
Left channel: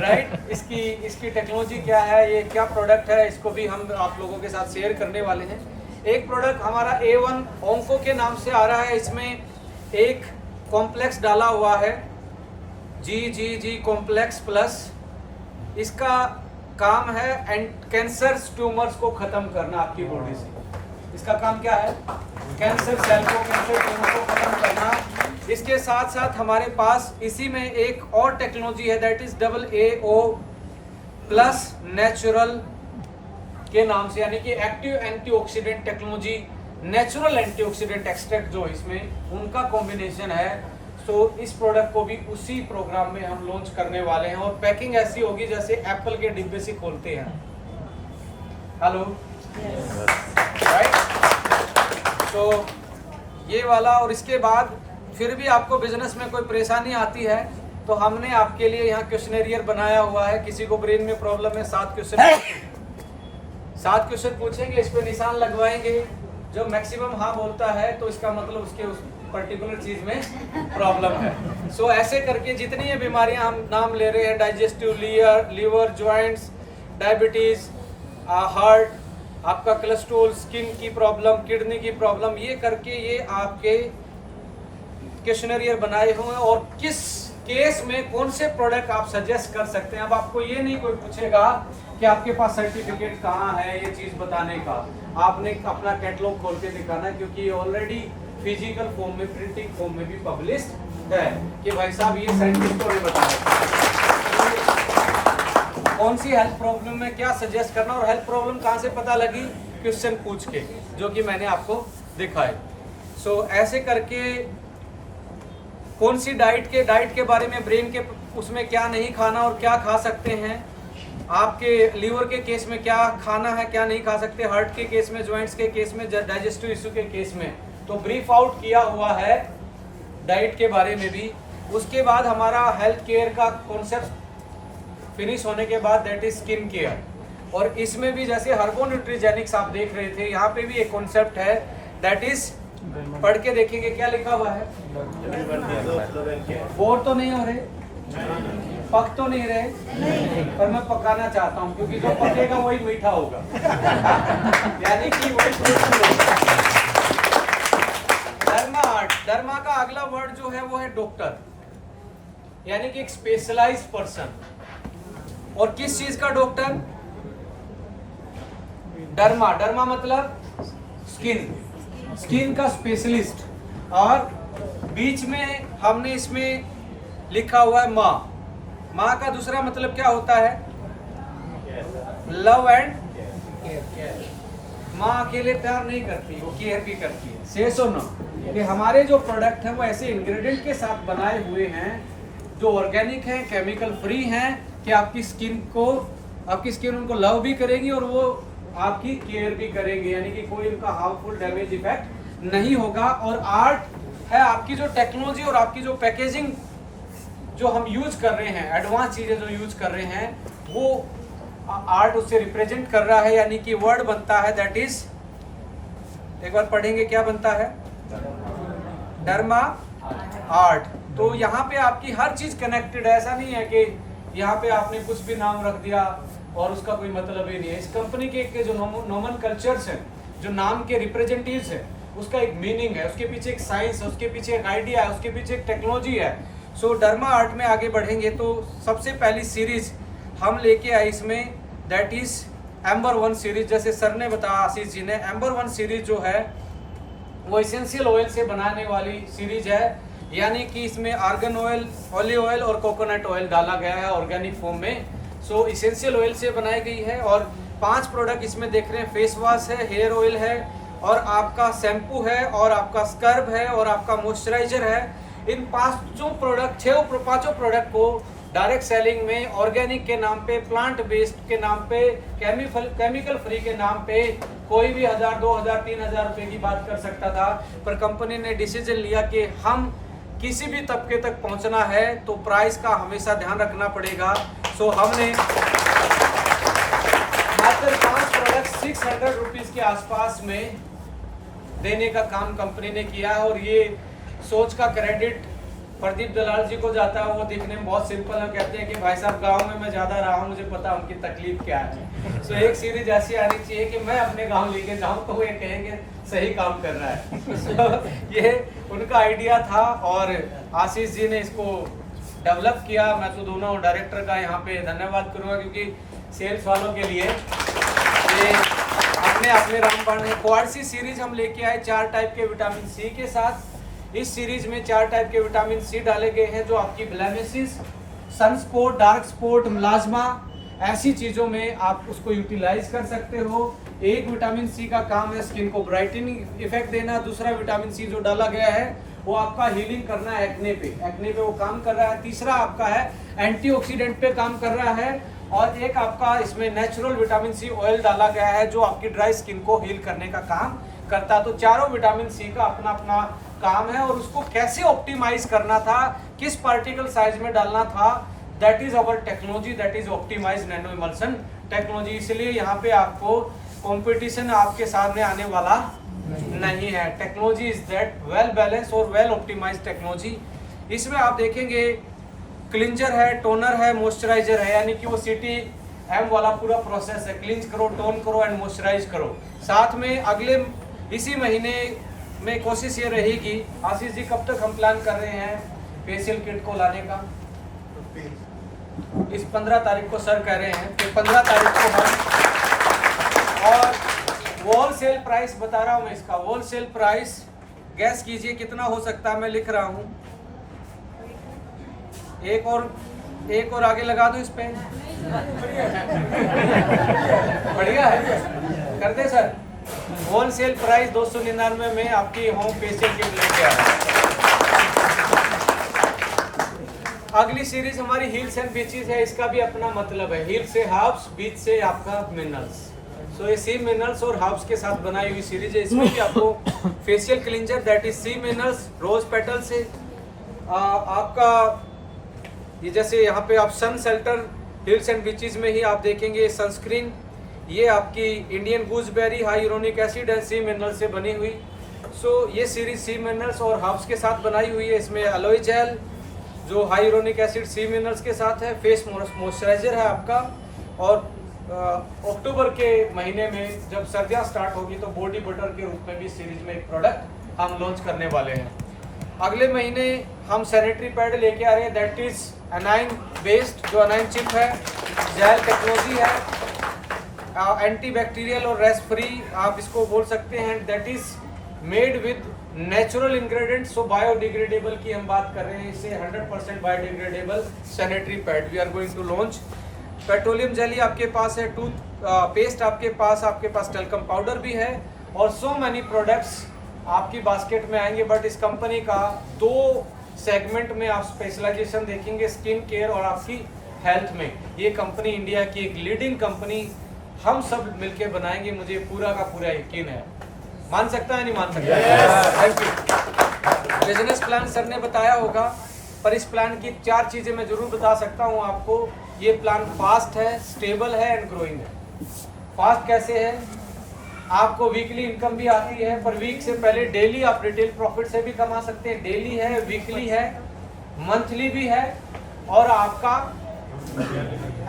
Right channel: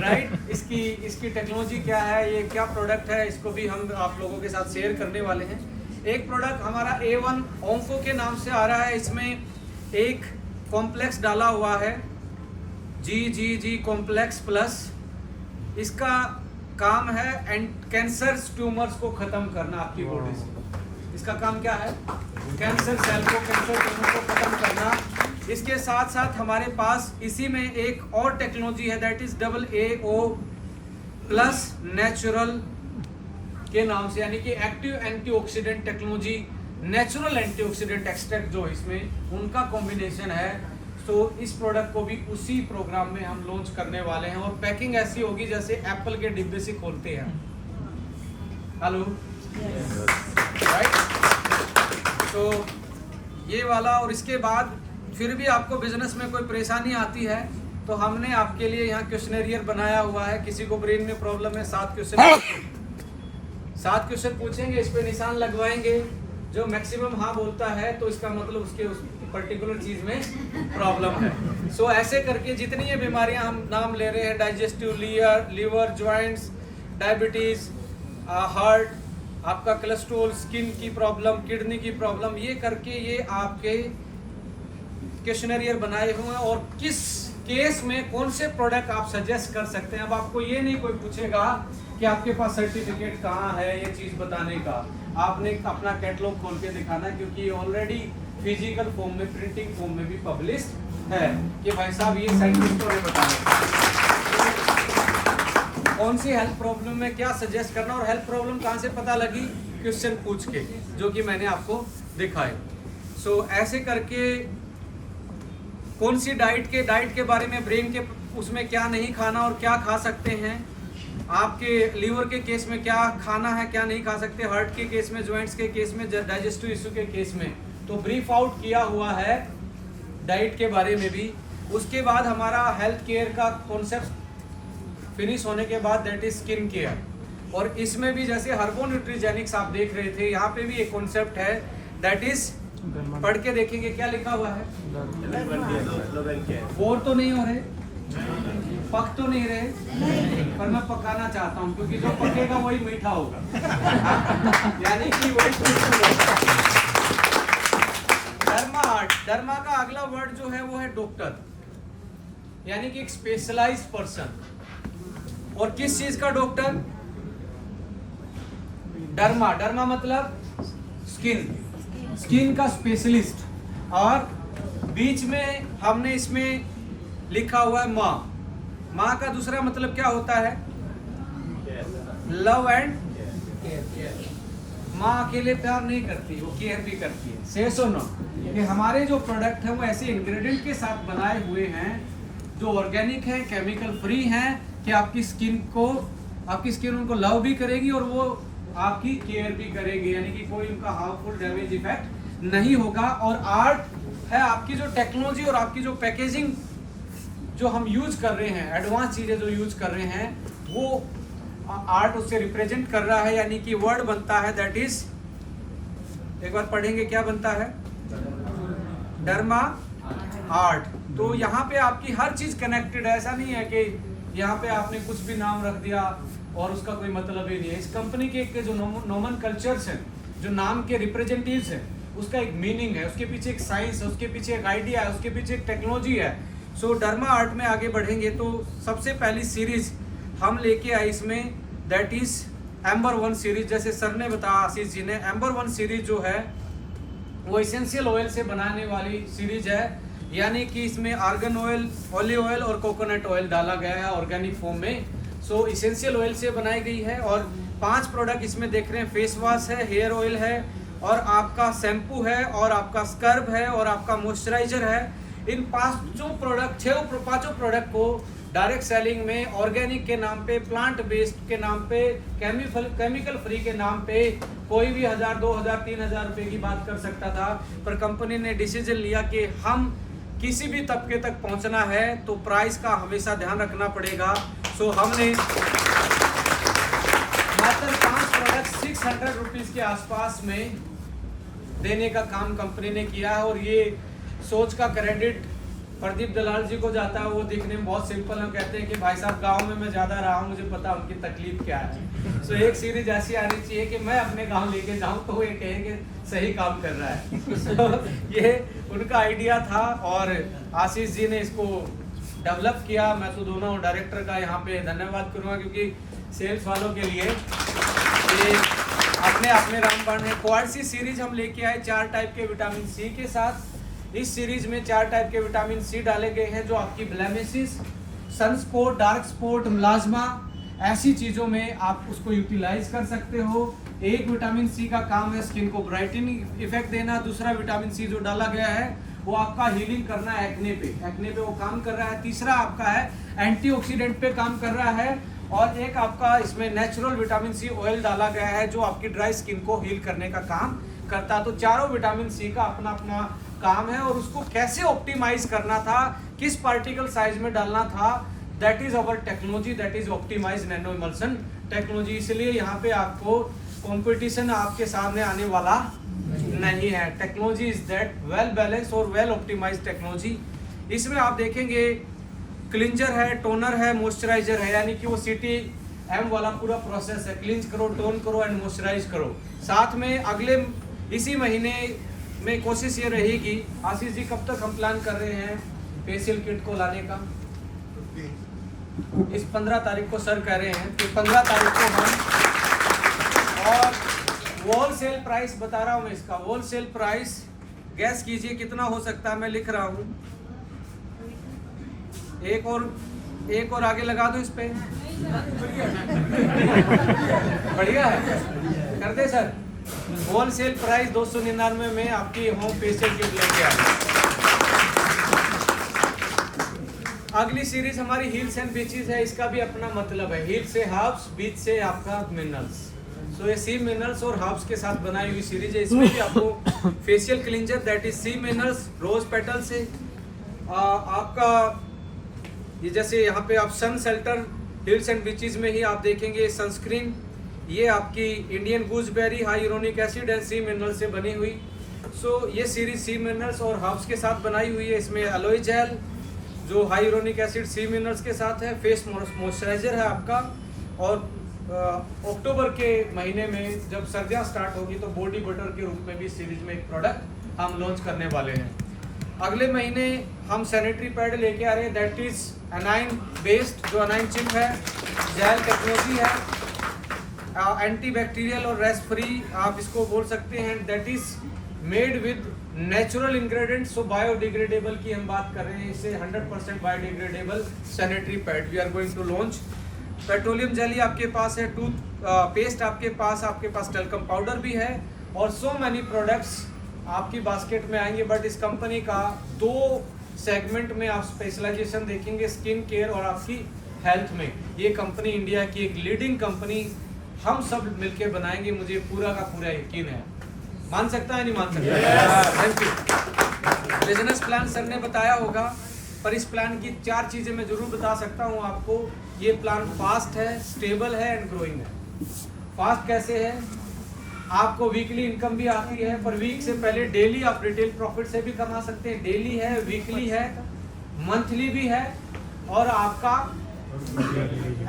राइट? इसकी टेक्नोलॉजी क्या है, ये क्या प्रोडक्ट है, इसको भी हम आप लोगों के साथ शेयर करने वाले हैं। एक प्रोडक्ट हमारा A1 ओंको के नाम से आ रहा है, इसमें एक कॉम्प्लेक्स डाला हुआ है, GGG कॉम्प्लेक्स प्लस। इसका काम है कैंसर ट्यूमर्स को खत्म करना आपकी बॉडी से। इसका काम क्या है? कैंसर सेल को, कैंसर ट्यूमर को खत्म करना। इसके साथ साथ हमारे पास इसी में एक और टेक्नोलॉजी है, that is AAO plus natural के नाम से, यानी कि active antioxidant technology, natural antioxidant extract जो इसमें उनका कॉम्बिनेशन है। तो इस प्रोडक्ट को भी उसी प्रोग्राम में हम लॉन्च करने वाले हैं और पैकिंग ऐसी होगी जैसे एप्पल के डिब्बे से खोलते हैं। Hello, right? तो ये वाला, और इसके बाद फिर भी आपको बिजनेस में कोई परेशानी आती है तो हमने आपके लिए यहाँ क्वेश्चनेरियर बनाया हुआ है। किसी को ब्रेन में प्रॉब्लम है, 7 क्वेश्चन पूछेंगे, इस पे निशान लगवाएंगे। जो मैक्सिमम हाँ बोलता है तो इसका मतलब उसके उस पर्टिकुलर चीज में प्रॉब्लम है। सो ऐसे करके जितनी ये बीमारियां हम नाम ले रहे हैं, digestive, liver, joints, diabetes, heart, आपका कोलेस्ट्रॉल, स्किन की प्रॉब्लम, किडनी की प्रॉब्लम, ये करके ये आपके क्वेश्चनरियर बनाए हुए हैं और किस केस में कौन से प्रोडक्ट आप सजेस्ट कर सकते हैं। अब आपको ये नहीं कोई पूछेगा कि आपके पास सर्टिफिकेट कहाँ है ये चीज बताने का, आपने अपना कैटलॉग खोल के दिखाना है, क्योंकि ये ऑलरेडी फिजिकल फॉर्म में, प्रिंटिंग फॉर्म में भी पब्लिश्ड है कि भाई साहब ये साइंटिस्टों ने बताया कौन सी हेल्थ प्रॉब्लम में क्या सजेस्ट करना। और हेल्थ प्रॉब्लम कहाँ से पता लगी? क्वेश्चन पूछ के, जो कि मैंने आपको दिखाए। सो ऐसे करके कौन सी डाइट के बारे में, ब्रेन के उसमें क्या नहीं खाना और क्या खा सकते हैं, आपके लीवर के केस में क्या खाना है क्या नहीं खा सकते, हार्ट के केस में, जॉइंट्स के केस में, डाइजेस्टिव इशू के केस में, तो ब्रीफ आउट किया हुआ है डाइट के बारे में भी। उसके बाद हमारा हेल्थ केयर का कॉन्सेप्ट फिनिश होने के बाद दैट इज स्किन केयर, और इसमें भी जैसे हर्बो न्यूट्रीजेनिक्स आप देख रहे थे, यहाँ पे भी एक कॉन्सेप्ट है दैट इज, पढ़ के देखेंगे क्या लिखा हुआ है। बोर तो नहीं हो रहे, पक तो नहीं रहे, पर मैं पकाना चाहता हूँ क्योंकि जो पकेगा वही मीठा होगा यानी कि वही। डर्मा का अगला वर्ड जो है वो है डॉक्टर, यानी कि एक स्पेशलाइज्ड पर्सन। और किस चीज का डॉक्टर? डर्मा मतलब स्किन का स्पेशलिस्ट। और बीच में हमने इसमें लिखा हुआ है माँ का दूसरा मतलब क्या होता है? Love and care. माँ अकेले प्यार नहीं करती, वो केयर भी करती है। से सुनो कि हमारे जो प्रोडक्ट हैं वो ऐसे इंग्रेडिएंट के साथ बनाए हुए हैं जो ऑर्गेनिक हैं, केमिकल फ्री हैं, कि आपकी स्किन उनको लव भी करेगी और वो आपकी केयर भी करेंगे, यानी कि कोई उनका हार्मफुल डैमेज इफेक्ट नहीं होगा। और आर्ट है आपकी जो टेक्नोलॉजी और आपकी जो पैकेजिंग जो हम यूज कर रहे हैं, एडवांस चीजें जो यूज कर रहे हैं, वो आर्ट उससे रिप्रेजेंट कर रहा है, यानी कि वर्ड बनता है दैट इज, एक बार पढ़ेंगे क्या बनता है? Derma art. तो यहाँ पे आपकी हर चीज कनेक्टेड है, ऐसा नहीं है कि यहाँ पे आपने कुछ भी नाम रख दिया और उसका कोई मतलब ही नहीं है। इस कंपनी के जो नोमेनकल्चर्स हैं, जो नाम के रिप्रेजेंटेटिव्स हैं, उसका एक मीनिंग है, उसके पीछे एक साइंस है, उसके पीछे एक आइडिया है, उसके पीछे एक टेक्नोलॉजी है। सो डर्मा आर्ट में आगे बढ़ेंगे तो सबसे पहली सीरीज हम लेके आए इसमें, दैट इज एम्बर 1 सीरीज। जैसे सर ने बताया, आशीष जी ने, एम्बर 1 सीरीज जो है वो एसेंशियल ऑयल से बनाने वाली सीरीज है, यानी कि इसमें आर्गन ऑयल, ऑलिव ऑयल और कोकोनट ऑयल डाला गया है ऑर्गेनिक फॉर्म में। सो एसेंशियल ऑयल से बनाई गई है और 5 प्रोडक्ट इसमें देख रहे हैं। फेस वॉश है, हेयर ऑयल है, और आपका शैम्पू है, और आपका स्क्रब है, और आपका मॉइस्चराइजर है। इन 5 प्रोडक्ट को डायरेक्ट सेलिंग में ऑर्गेनिक के नाम पे, प्लांट बेस्ड के नाम पे, केमिकल फ्री के नाम पे कोई भी 1000, 2000, 3000 रुपए की बात कर सकता था, पर कंपनी ने डिसीजन लिया कि हम किसी भी तबके तक पहुंचना है तो प्राइस का हमेशा ध्यान रखना पड़ेगा। सो हमने मात्र 5 प्रोडक्ट 600 रुपीज के आसपास में देने का काम कंपनी ने किया है, और ये सोच का क्रेडिट प्रदीप दलाल जी को जाता है। वो दिखने में बहुत सिंपल है, कहते हैं कि भाई साहब गांव में मैं ज़्यादा रहा हूँ, मुझे पता उनकी तकलीफ क्या है। सो एक सीरीज ऐसी आनी चाहिए कि मैं अपने गांव लेके जाऊँ तो वो ये कहेंगे सही काम कर रहा है। so, ये उनका आइडिया था और आशीष जी ने इसको डेवलप किया। मैं तो दोनों डायरेक्टर का यहाँ पे धन्यवाद करूँगा, क्योंकि सेल्स वालों के लिए ये अपने राम रामबाण है। क्वाड सी सीरीज हम लेके आए 4 टाइप के विटामिन सी के साथ। इस सीरीज में 4 टाइप के विटामिन सी डाले गए हैं जो आपकी ब्लेमिसेस, सनस्पॉट, डार्क स्पॉट, मिलाज्मा, ऐसी चीज़ों में आप उसको यूटिलाइज कर सकते हो। एक विटामिन सी का काम है स्किन को ब्राइटनिंग इफेक्ट देना। दूसरा विटामिन सी जो डाला गया है वो आपका हीलिंग करना है एक्ने पे वो काम कर रहा है। तीसरा आपका है एंटीऑक्सीडेंट पे काम कर रहा है। और एक आपका इसमें नेचुरल विटामिन सी ऑयल डाला गया है जो आपकी ड्राई स्किन को हील करने का काम करता है। तो चारों विटामिन सी का अपना अपना काम है और उसको कैसे ऑप्टिमाइज करना था, किस पार्टिकल साइज में डालना था, that is our technology, that is optimize nano emulsion technology. इसलिए यहाँ पे आपको कंपटीशन आपके सामने आने वाला नहीं है। Technology is that well balance और वेल ऑप्टिमाइज टेक्नोलॉजी। इसमें आप देखेंगे क्लिंजर है, टोनर है, मॉइस्चराइजर है, यानी कि वो CTM वाला पूरा प्रोसेस है। क्लिंज करो, टोन करो एंड मॉइस्चराइज करो। साथ में अगले इसी महीने में कोशिश ये रहेगी, आशीष जी कब तक हम प्लान कर रहे हैं फेशियल किट को लाने का? इस 15 तारीख को सर कह रहे हैं कि 15 तारीख को हम, और होलसेल प्राइस बता रहा हूँ मैं इसका। होलसेल प्राइस गैस कीजिए कितना हो सकता है, मैं लिख रहा हूँ। एक और आगे लगा दो इस पे। बढ़िया है, कर दे सर। होलसेल प्राइस 299 में आपकी होम फेशियल किट लेके आए। अगली सीरीज हमारी हील्स एंड बीचेस है। इसका भी अपना मतलब है। हील से हर्ब्स, बीच से आपका मिनरल्स। सो ये सी मिनरल्स और हर्ब्स के साथ बनाई हुई सीरीज है। इसमें भी आपको facial cleanser that is sea minerals rose petal से आपका ये, जैसे यहाँ पे आप sun shelter hills and beaches में ही आप देखेंगे सनस्क्रीन, ये आपकी Indian gooseberry hyaluronic acid and sea mineral से बनी हुई। सो ये सीरीज सी मिनरल्स और हर्ब्स के साथ बनाई हुई है। इसमें एलोए जेल जो हाइलोरोनिक एसिड सी मिनरल्स के साथ है, फेस मॉइस्चराइजर है आपका। और अक्टूबर के महीने में जब सर्दियाँ स्टार्ट होगी तो बॉडी बटर के रूप में भी सीरीज में एक प्रोडक्ट हम लॉन्च करने वाले हैं। अगले महीने हम सैनिटरी पैड लेके आ रहे हैं दैट इज अनाइन बेस्ड, जो अनाइन चिप है, जेल टेक्नोलॉजी है, एंटी बैक्टीरियल और रेस्ट फ्री आप इसको बोल सकते हैं। That is made with natural ingredients, so biodegradable की हम बात कर रहे हैं। इसे 100% biodegradable sanitary pad we are going to launch. Petroleum jelly आपके पास है, टूथ पेस्ट आपके पास टेल्कम पाउडर भी है, और सो मैनी प्रोडक्ट्स आपकी बास्केट में आएंगे। बट इस कंपनी का 2 सेगमेंट में आप स्पेशलाइजेशन देखेंगे, स्किन केयर और आपकी हेल्थ में। ये कंपनी इंडिया की एक लीडिंग कंपनी हम सब मिलके बनाएंगे, मुझे पूरा का पूरा यकीन है। मान सकता है नहीं मान सकता? Thank you. Business plan sir ने बताया होगा, पर इस प्लान की 4 चीज़ें मैं जरूर बता सकता हूँ आपको। ये प्लान फास्ट है, स्टेबल है एंड ग्रोइंग है। फास्ट कैसे है? आपको वीकली इनकम भी आती है, पर वीक से पहले डेली आप रिटेल प्रॉफिट से भी कमा सकते हैं। डेली है, वीकली है, मंथली भी है, और आपका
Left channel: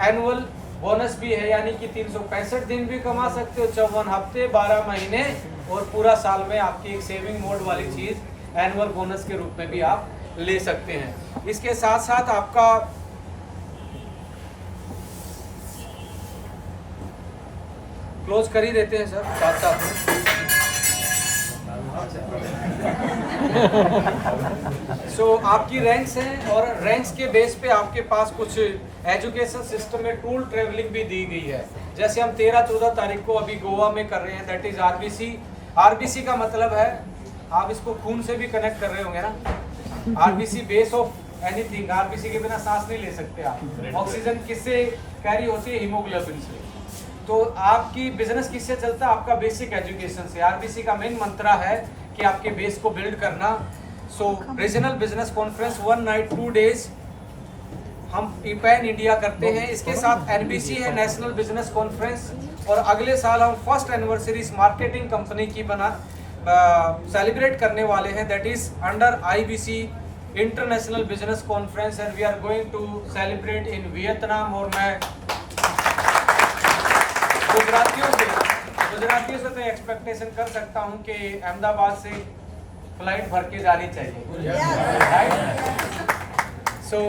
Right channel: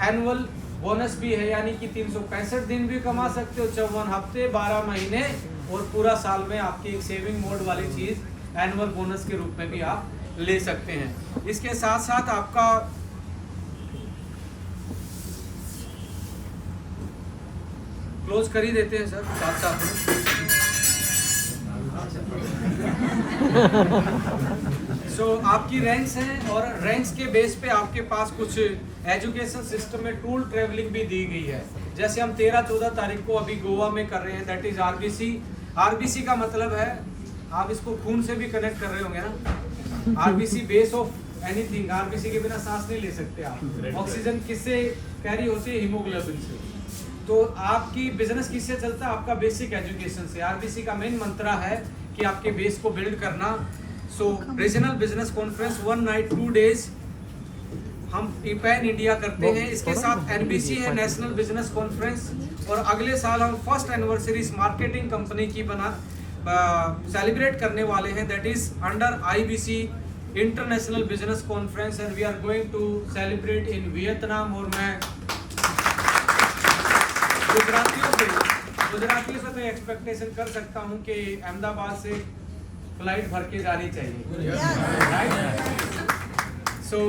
एनुअल बोनस भी है, यानी कि 365 दिन भी कमा सकते हो, 54 हफ्ते, 12 महीने और पूरा साल में आपकी एक सेविंग मोड वाली चीज़ एनुअल बोनस के रूप में भी आप ले सकते हैं। इसके साथ साथ आपका क्लोज कर ही देते हैं सर साथ साथ में। सो आपकी रैंक्स हैं, और रैंक्स के बेस पे आपके पास कुछ एजुकेशन सिस्टम में टूल ट्रेवलिंग भी दी गई है। जैसे हम 13-14 तारीख को अभी गोवा में कर रहे हैं, दैट इज RBC। RBC का मतलब है, आप इसको खून से भी कनेक्ट कर रहे होंगे ना। RBC base of anything. RBC के बिना सांस नहीं ले सकते आप। ऑक्सीजन किससे कैरी होती है? हीमोग्लोबिन से। तो आपकी बिजनेस किससे चलता है? आपका बेसिक एजुकेशन से। RBC का मेन मंत्रा है कि आपके बेस को बिल्ड करना। So regional business conference 1 night 2 days हम पैन इंडिया करते हैं। इसके साथ NBC है, नेशनल बिजनेस कॉन्फ्रेंस, और अगले साल हम फर्स्ट एनिवर्सरी मार्केटिंग कंपनी की सेलिब्रेट करने वाले हैं, that is under IBC international business conference, and we are going to celebrate in Vietnam. और मैं गुजरातियों से मैं एक्सपेक्टेशन कर सकता हूं कि अहमदाबाद से फ्लाइट भर के जानी चाहिए। सो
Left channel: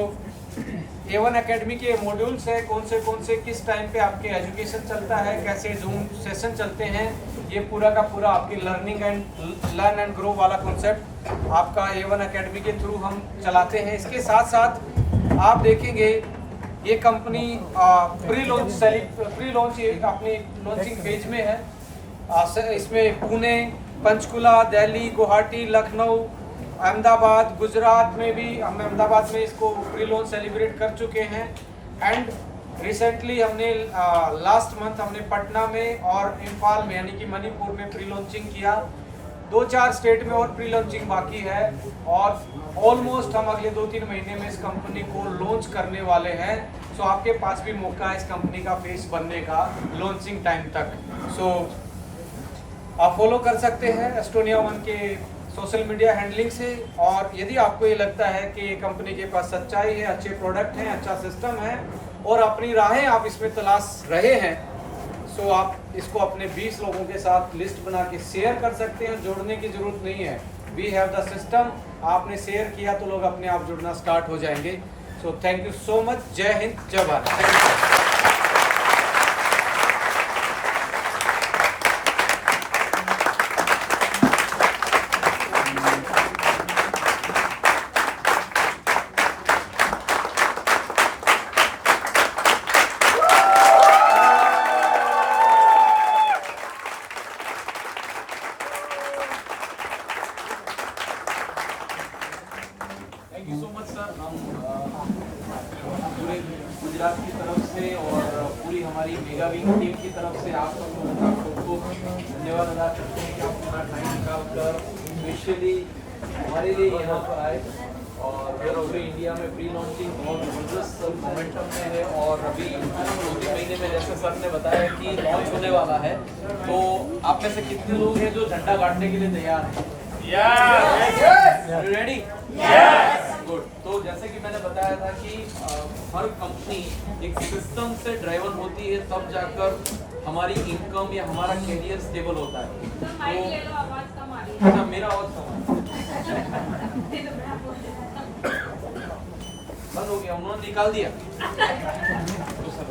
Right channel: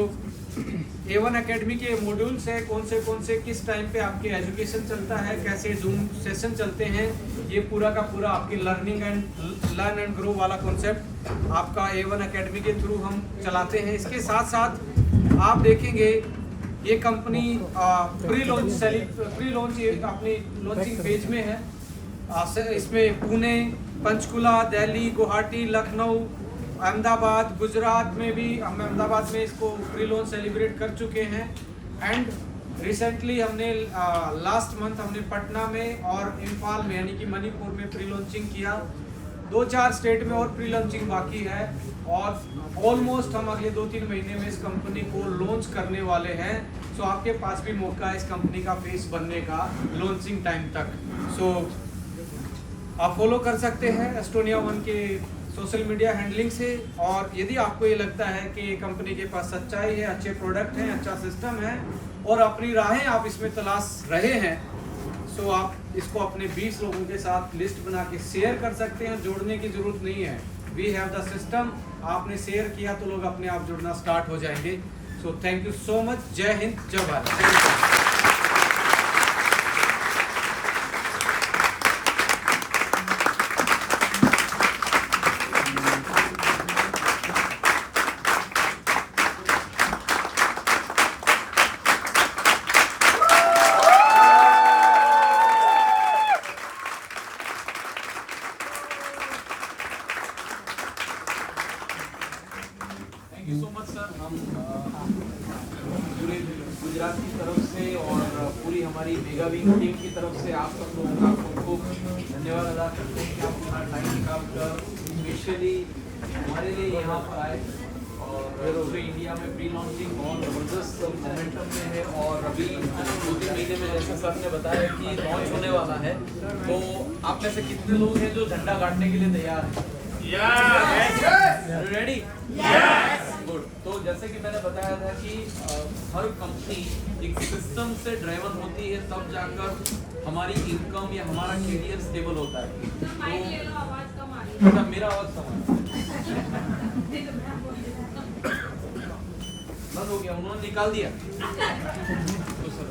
A1 एकेडमी के मॉड्यूल्स है, कौन से किस टाइम पे आपके एजुकेशन चलता है, कैसे जूम सेशन चलते हैं, ये पूरा का पूरा आपकी लर्न एंड ग्रो वाला कॉन्सेप्ट आपका A1 एकेडमी के थ्रू हम चलाते हैं। इसके साथ साथ आप देखेंगे ये कंपनी प्री लॉन्च अपने लॉन्चिंग पेज में है। इसमें पुणे, पंचकुला, दिल्ली, गुवाहाटी, लखनऊ, अहमदाबाद, गुजरात में भी हम अहमदाबाद में इसको प्री लॉन्च सेलिब्रेट कर चुके हैं। एंड रिसेंटली हमने लास्ट मंथ हमने पटना में और इम्फाल में यानी कि मणिपुर में प्री लॉन्चिंग किया। 2-4 स्टेट में और प्री लॉन्चिंग बाकी है और ऑलमोस्ट हम अगले 2-3 महीने में इस कंपनी को लॉन्च करने वाले हैं। सो आपके पास भी मौका है इस कंपनी का फेस बनने का लॉन्चिंग टाइम तक। सो आप फॉलो कर सकते हैं एस्टोनिया वन के सोशल मीडिया हैंडलिंग से। और यदि आपको ये लगता है कि कंपनी के पास सच्चाई है, अच्छे प्रोडक्ट हैं, अच्छा सिस्टम है और अपनी राहें आप इसमें तलाश रहे हैं, सो आप इसको अपने 20 लोगों के साथ लिस्ट बना के शेयर कर सकते हैं। जोड़ने की जरूरत नहीं है, वी हैव द सिस्टम। आपने शेयर किया तो लोग अपने आप जुड़ना स्टार्ट हो जाएंगे। So thank you so much. जय हिंद, जय Bharat. Thank you. Thank you so much sir. हम पूरे गुजरात की तरफ से और पूरी हमारी मेगा वीक टीम की तरफ से आप सबको धन्यवाद अदा करते हैं कि आप अपना टाइम निकाल कर स्पेशली हमारे लिए यहाँ पर आए। और पूरे इंडिया में प्री लॉन्चिंग बहुत ज़बरदस्त मोमेंटम में है और अभी 2-3 महीने में जैसे सर ने बताया कि लॉन्च होने वाला है, तो आप में से कितने लोग हैं जो झंडा गाड़ने के लिए तैयार हैं? रेडी? गुड। तो जैसे कि मैंने बताया था कि हर कंपनी एक सिस्टम से ड्राइवन होती है, तब जाकर हमारी इनकम या हमारा करियर स्टेबल होता है। तो मेरा आवाज कम है, बंद हो गया, उन्होंने निकाल दिया। तो सर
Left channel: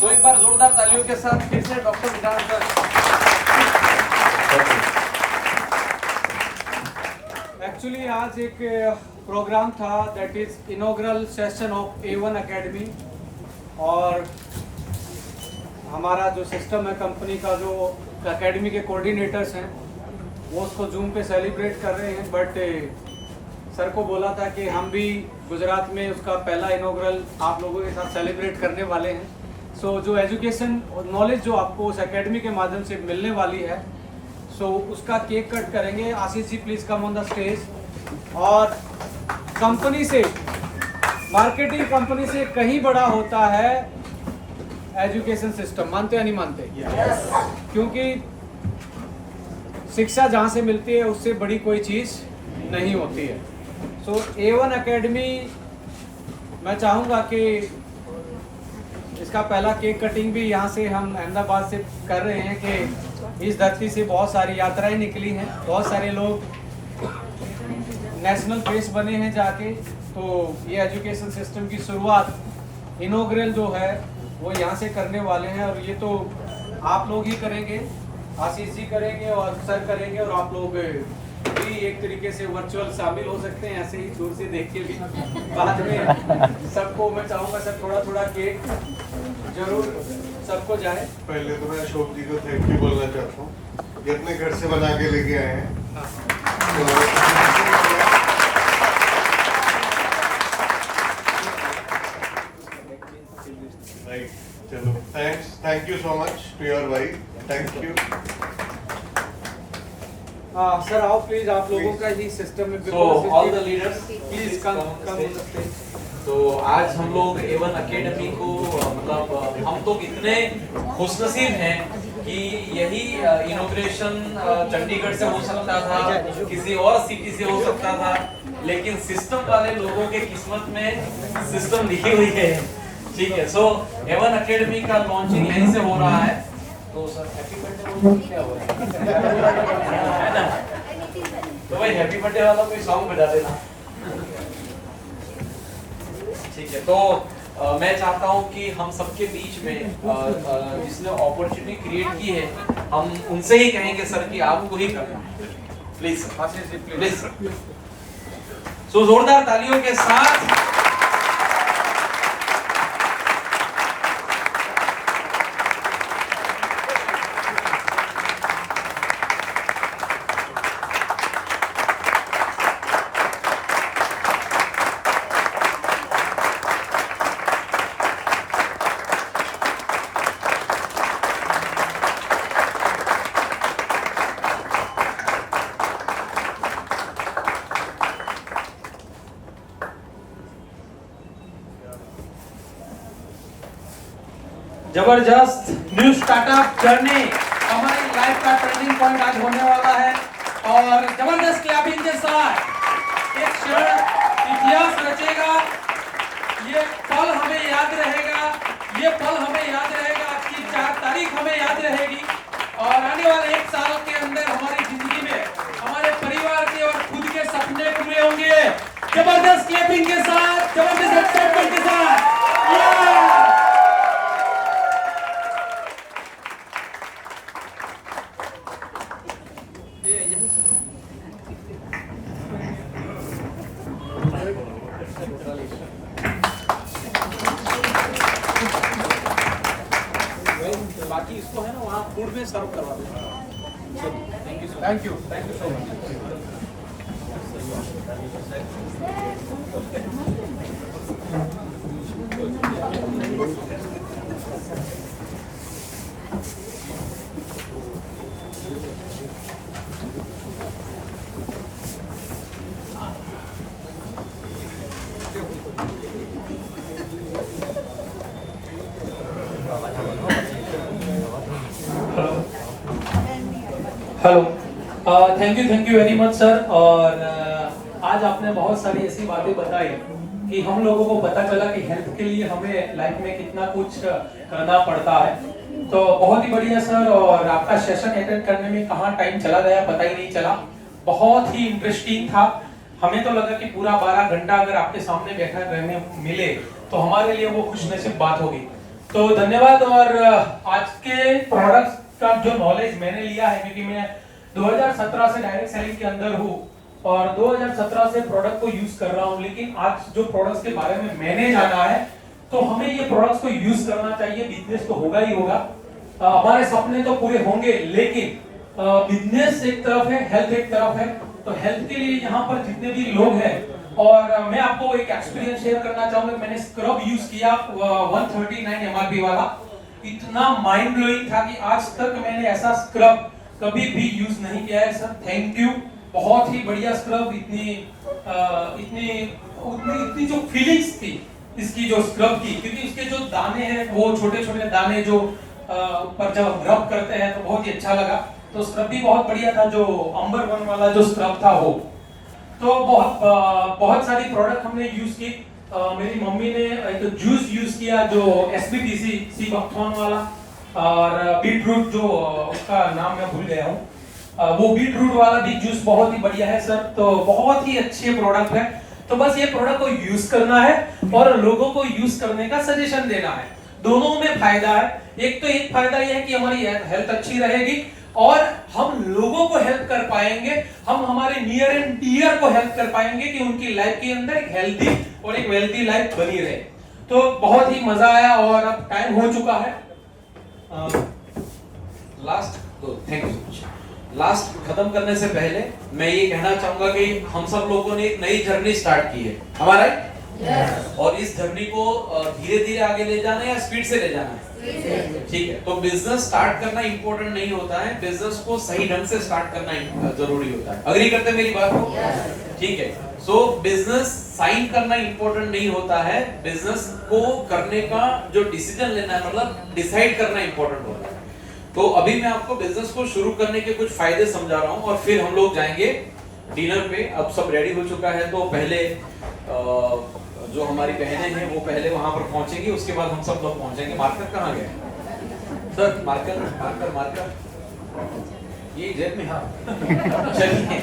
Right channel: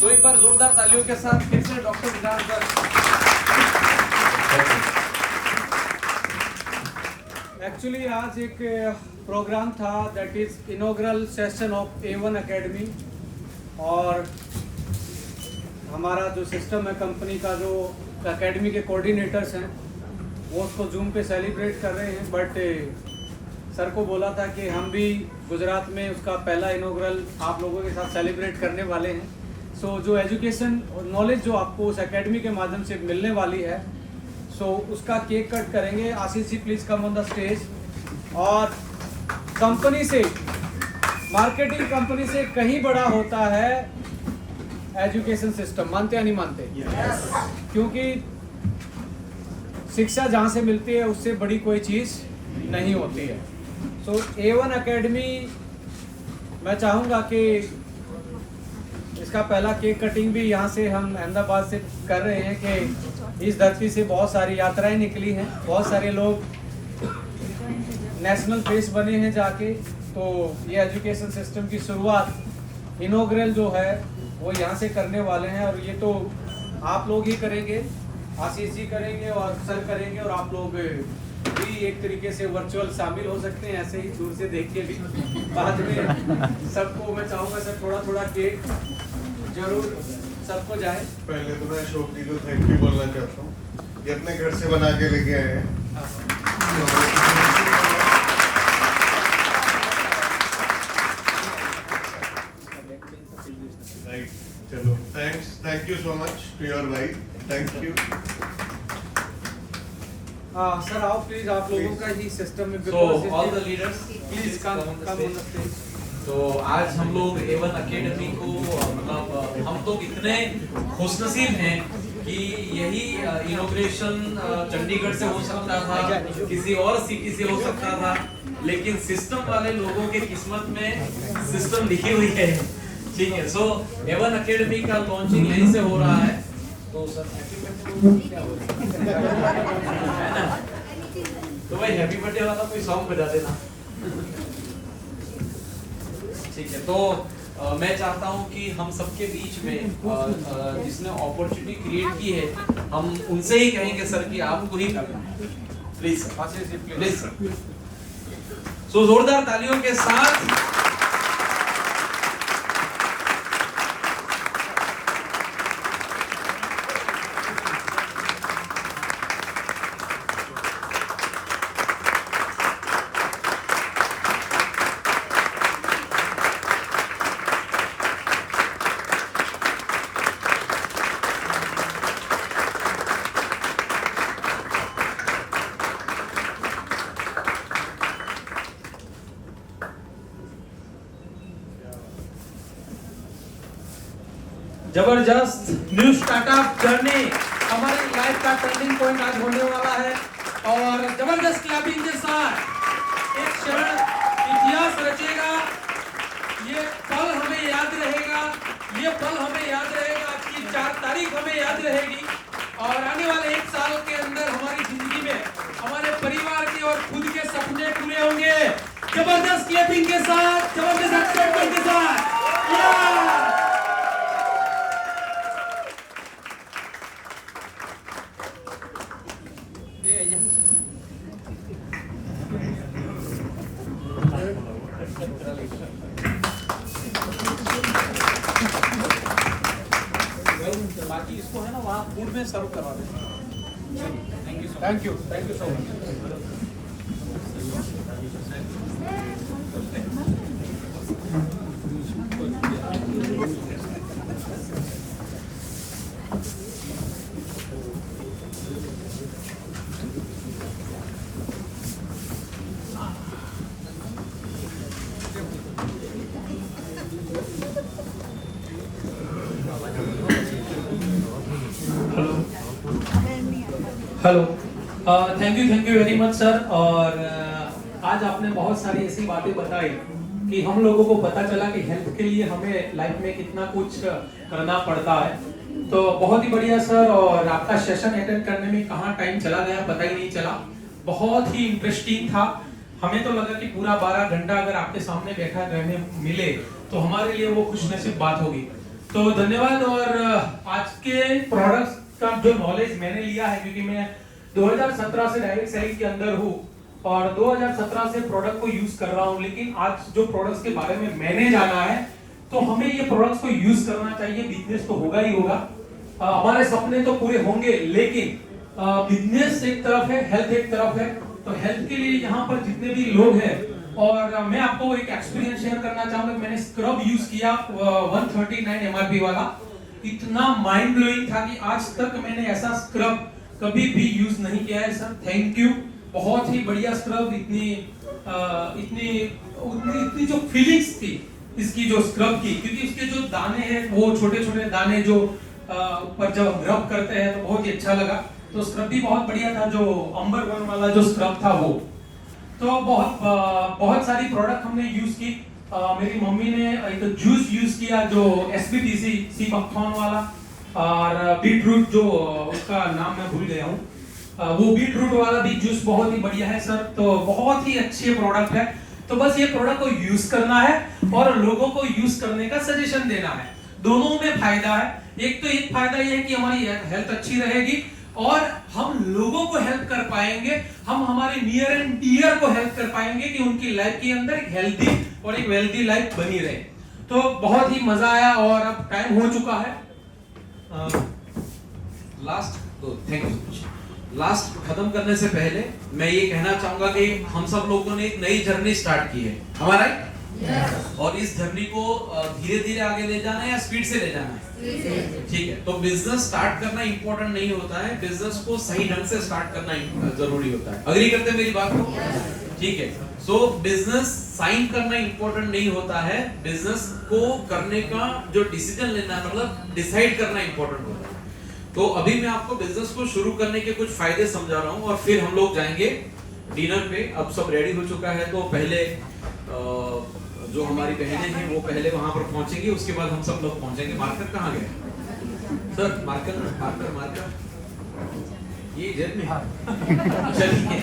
तो एक बार जोरदार तालियों के साथ फिर से डॉक्टर विधान सर। एक्चुअली आज एक प्रोग्राम था that is inaugural session of A1 academy और हमारा जो सिस्टम है कंपनी का, जो एकेडमी के कोऑर्डिनेटर्स हैं वो उसको जूम पे सेलिब्रेट कर रहे हैं। बट सर को बोला था कि हम भी गुजरात में उसका पहला इनॉग्रल आप लोगों के साथ सेलिब्रेट करने वाले हैं। सो जो एजुकेशन और नॉलेज जो आपको उस एकेडमी के माध्यम से मिलने वाली है, सो उसका केक कट करेंगे। Ashish ji please come on the stage. और कंपनी से, मार्केटिंग कंपनी से कहीं बड़ा होता है एजुकेशन सिस्टम, मानते या नहीं मानते? क्योंकि शिक्षा जहाँ से मिलती है उससे बड़ी कोई चीज़ नहीं होती है। सो A1 एकेडमी, मैं चाहूँगा कि इसका पहला केक कटिंग भी यहाँ से हम अहमदाबाद से कर रहे हैं कि इस धरती से बहुत सारी यात्राएं निकली हैं, बहुत सारे लोग नेशनल फेस बने हैं जाके। तो ये एजुकेशन सिस्टम की शुरुआत इनॉग्रल जो है वो यहाँ से करने वाले हैं और ये तो आप लोग ही करेंगे, आशीष जी करेंगे और सर करेंगे और आप लोग भी एक तरीके से वर्चुअल शामिल हो सकते हैं, ऐसे ही दूर से देख के भी। बाद में सबको मैं चाहूँगा सर थोड़ा थोड़ा केक जरूर सबको जाए। पहले तो मैं अशोक जी को थैंक यू बोलना चाहता हूँ, ये अपने घर से बना के लेके आए हैं। चलो thank you so much to your wife, thank you. हाँ सर आओ प्लीज, आप लोगों का ही सिस्टम में। So all the leaders please come on the stage. तो आज हम लोग A1 एकेडमी को मतलब हम तो इतने खुशनसीब हैं कि यही इनॉग्रेशन चंडीगढ़ से हो सकता था, किसी और सिटी से हो सकता था, लेकिन सिस्टम वाले लोगों के किस्मत में सिस्टम लिखी हुई है। ठीक है, सो A1 एकेडमी का लॉन्चिंग यहीं से हो रहा है। तो सर हैप्पी बर्थडे क्या हो रहा है ना? तो भाई हैप्पी बर्थडे वाला कोई सॉन्ग बजा देना। ठीक है, तो मैं चाहता हूं कि हम सबके बीच में जिसने अपॉर्चुनिटी क्रिएट की है, हम उनसे ही कहेंगे सर कि आपको ही करना है। प्लीज प्लीज सो जोरदार तालियों के साथ जबरदस्त न्यू स्टार्टअप जर्नी हमारी लाइफ का टर्निंग पॉइंट आज होने वाला है और जबरदस्त क्लैपिंग के साथ एक क्षण इतिहास रचेगा। ये पल हमें याद रहेगा, ये पल हमें याद रहेगा, आपकी 4 तारीख हमें याद रहेगी और आने वाले 1 साल के अंदर हमारी जिंदगी में हमारे परिवार के और खुद के सपने पूरे होंगे। जबरदस्त क्लैपिंग के साथ, जबरदस्त एक्साइटमेंट के साथ। बाकी इसको है ना वहाँ फूड में सर्व करवा देना। Thank you so much. Hello, thank you very much sir. और आज आपने बहुत सारी ऐसी बातें बताई कि हम लोगों को पता चला कि हेल्थ के लिए हमें लाइफ में कितना कुछ करना पड़ता है। तो बहुत ही बढ़िया सर, और आपका सेशन अटेंड करने में कहाँ टाइम चला गया पता ही नहीं चला। बहुत ही इंटरेस्टिंग था। हमें तो लगा कि पूरा 12 घंटा अगर आपके सामने बैठा रहने मिले तो हमारे लिए वो खुशनसीब बात होगी। तो धन्यवाद। और आज के प्रोडक्ट्स का जो नॉलेज मैंने लिया है, क्योंकि मैं 2017 से डायरेक्ट सेलिंग के अंदर हूँ और 2017 से प्रोडक्ट को यूज कर रहा हूँ, लेकिन आज जो प्रोडक्ट्स के बारे में मैंने जाना है तो हमें ये प्रोडक्ट्स को यूज करना चाहिए। बिजनेस तो होगा ही होगा, हमारे सपने तो पूरे होंगे, लेकिन बिजनेस एक तरफ है, हेल्थ एक तरफ है। तो हेल्थ के लिए यहाँ पर जितने भी लोग हैं, और मैं आपको एक एक्सपीरियंस शेयर करना चाहूंगा। मैंने स्क्रब यूज किया 139 MRP वाला, इतना माइंड ब्लोइंग था कि आज तक मैंने ऐसा स्क्रब कभी भी यूज नहीं किया है सर। थैंक यू, बहुत ही बढ़िया स्क्रब। इतनी जो फीलिंग्स थी इसकी जो स्क्रब की, क्योंकि इसके जो दाने हैं वो छोटे छोटे दाने जो पर जब रब करते हैं तो बहुत ही अच्छा लगा। तो स्क्रब भी बहुत बढ़िया था, जो अंबर 1 वाला जो स्क्रब था वो। तो बहुत सारी प्रोडक्ट हमने यूज की। मेरी मम्मी ने एक जूस यूज किया जो SBTC सी बकथॉन वाला, और बीटरूट जो उसका नाम मैं भूल गया हूँ, वो बीटरूट वाला भी जूस बहुत ही बढ़िया है सर। तो बहुत ही अच्छे प्रोडक्ट है। तो बस ये प्रोडक्ट को यूज करना है और लोगों को यूज करने का सजेशन देना है। दोनों में फायदा है। एक फायदा ये है कि हमारी हेल्थ अच्छी रहेगी और हम लोगों को हेल्प कर पाएंगे, हम हमारे नियर एंड डियर को हेल्प कर पाएंगे कि उनकी लाइफ के अंदर एक हेल्दी और एक वेल्थी लाइफ बनी रहे। तो बहुत ही मजा आया और अब टाइम हो चुका है। लास्ट खत्म करने से पहले मैं ये कहना चाहूंगा कि हम सब लोगों ने एक नई जर्नी स्टार्ट की है, हमारा और इस जर्नी को धीरे धीरे आगे ले जाना है या स्पीड से ले जाना है? ठीक है, तो बिजनेस स्टार्ट करना इंपॉर्टेंट नहीं होता है, बिजनेस को सही ढंग से स्टार्ट करना जरूरी होता है। अग्री करते हैं मेरी बात को? ठीक है, सो बिजनेस साइन करना इंपॉर्टेंट नहीं होता है, बिजनेस को करने का जो डिसीजन लेना है, मतलब डिसाइड करना इंपॉर्टेंट होता है। तो अभी मैं आपको बिजनेस को शुरू करने के कुछ फायदे समझा रहा हूँ और फिर हम लोग जाएंगे डिनर पे। अब सब रेडी हो चुका है, तो पहले जो हमारी बहनें हैं वो पहले वहां पर पहुंचेंगी, उसके बाद हम सब लोग पहुंचेंगे। मार्कर कहाँ गए सर? मार्कर ये जेब में। हाँ चलिए,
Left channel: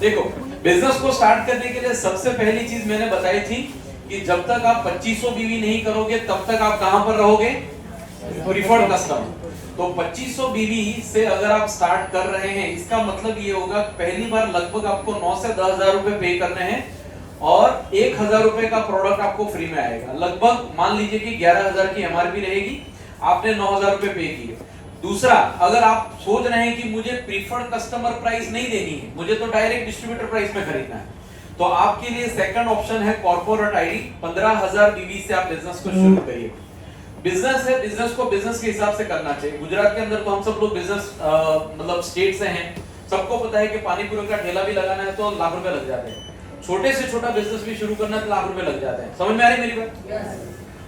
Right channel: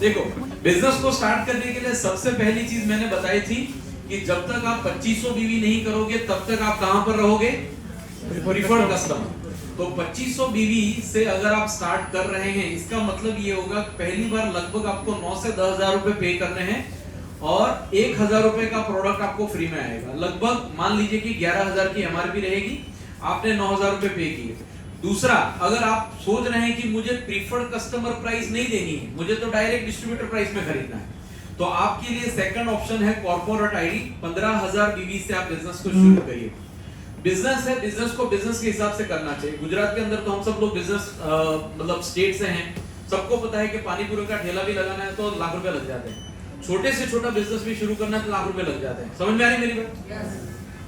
देखो, बिजनेस को स्टार्ट करने के लिए सबसे पहली चीज मैंने बताई थी कि जब तक आप 2500 बीवी नहीं करोगे तब तक आप कहां पर रहोगे? Preferred customer. तो 2500 बीवी से अगर आप स्टार्ट कर रहे हैं, इसका मतलब ये होगा पहली बार लगभग आपको 9 से 10,000 रुपए पे करने हैं और 1,000 रुपए का प्रोडक्ट आपको फ्री में आएगा। लगभग मान लीजिए कि 11,000 की एमआरपी रहेगी, आपने 9,000 रुपए पे किए। दूसरा, अगर आप सोच रहे हैं कि मुझे प्रीफर्ड कस्टमर प्राइस नहीं देनी है, मुझे तो डायरेक्ट डिस्ट्रीब्यूटर प्राइस में खरीदना है, तो आपके लिए सेकंड ऑप्शन है कॉर्पोरेट आईडी। 15,000 बीवी से आप बिजनेस को शुरू करिए। बिजनेस है, बिजनेस को बिजनेस के हिसाब से करना चाहिए। गुजरात के अंदर तो हम सब लोग बिजनेस मतलब स्टेट से हैं, सबको पता है कि पानी पूरी का ठेला भी लगाना है तो लाख रुपए लग जाते हैं, छोटे से छोटा बिजनेस भी शुरू करना है तो लाख रुपए लग जाते हैं। समझ में आ रही मेरी बात?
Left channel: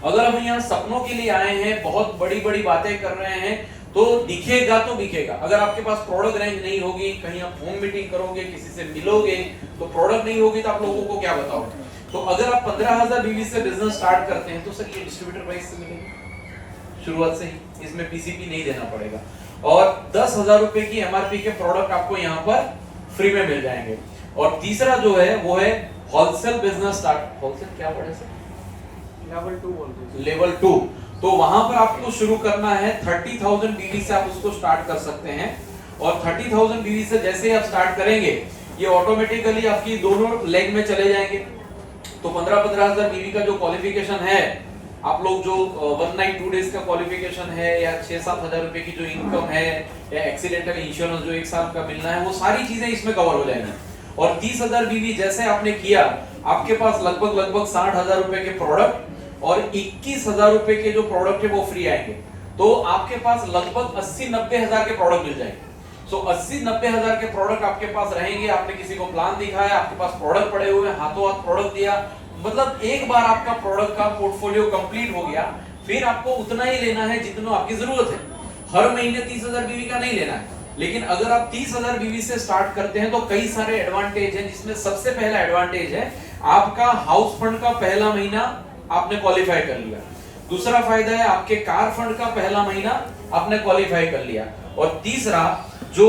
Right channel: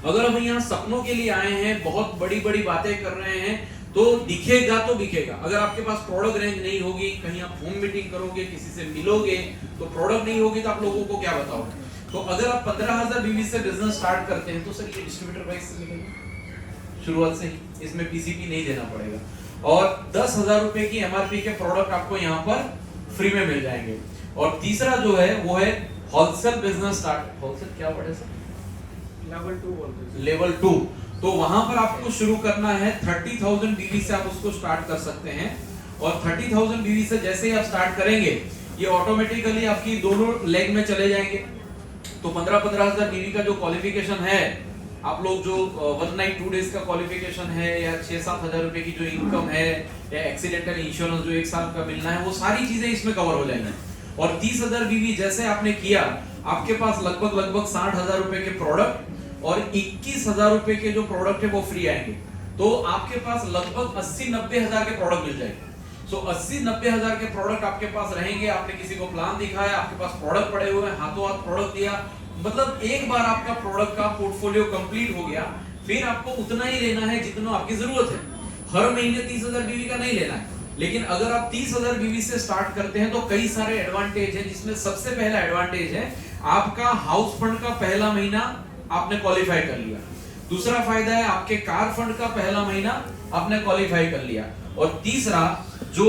अगर हम यहाँ सपनों के लिए आए हैं, बहुत बड़ी बड़ी बातें कर रहे हैं, तो दिखेगा तो दिखेगा। अगर आपके पास प्रोडक्ट रेंज नहीं होगी, कहीं आप होम मीटिंग करोगे, किसी से मिलोगे, तो प्रोडक्ट नहीं होगी तो आप लोगों को क्या बताओगे? तो अगर आप 15,000 बीवी से बिजनेस स्टार्ट करते हैं तो सर ये डिस्ट्रीब्यूटर प्राइस से मिलेगा शुरुआत से ही, इसमें पीसीपी नहीं देना पड़ेगा और 10,000 रुपए की एमआरपी के प्रोडक्ट आपको यहाँ पर फ्री में मिल जाएंगे। और तीसरा जो है वो है होलसेल बिजनेस स्टार्ट। होलसेल क्या पढ़े सर? लेवल 2। तो वहां पर आपको शुरू करना है 30,000 बीवी से, आप उसको स्टार्ट कर सकते हैं और 30,000 बीवी से जैसे ही आप स्टार्ट करेंगे ये ऑटोमेटिकली आपकी दोनों लेग में चले जाएंगे। तो 15,000 बीवी का जो क्वालिफिकेशन है, आप लोग जो 1 नाइट 2 डेज का क्वालिफिकेशन है या 6-7,000 रुपए की जो इनकम है या एक्सीडेंटल इंश्योरेंस जो 1 साल का मिलना है, वो सारी चीजें इसमें कवर हो जाएंगी। और 30,000 बीवी जैसे आपने किया, आपके पास लगभग 60,000 रुपए के प्रोडक्ट और 21,000 रुपए के जो प्रोडक्ट है वो फ्री आएंगे। तो आपके पास लगभग 80-90 हजार के प्रोडक्ट मिल जाएंगे। सो 80-90 हजार के प्रोडक्ट आपके पास रहेंगे। आपने किसी को प्लान दिखाया, आपके पास प्रोडक्ट पड़े हुए, हाथों हाथ प्रोडक्ट दिया, मतलब एक बार आपका प्रोडक्ट का पोर्टफोलियो कंप्लीट हो गया। फिर आपको उतना ही लेना है जितना आपकी जरूरत है। हर महीने 30,000 बीवी का नहीं लेना है। लेकिन अगर आप 30,000 बीवी से स्टार्ट करते हैं तो कई सारे एडवांटेज हैं, जिसमें सबसे पहला एडवांटेज है आपका हाउस फंड का पहला महीना आपने क्वालिफाई कर लिया। दूसरा फायदा है आपके कार फंड का पहला महीना आपने क्वालिफाई कर लिया। और तीसरा जो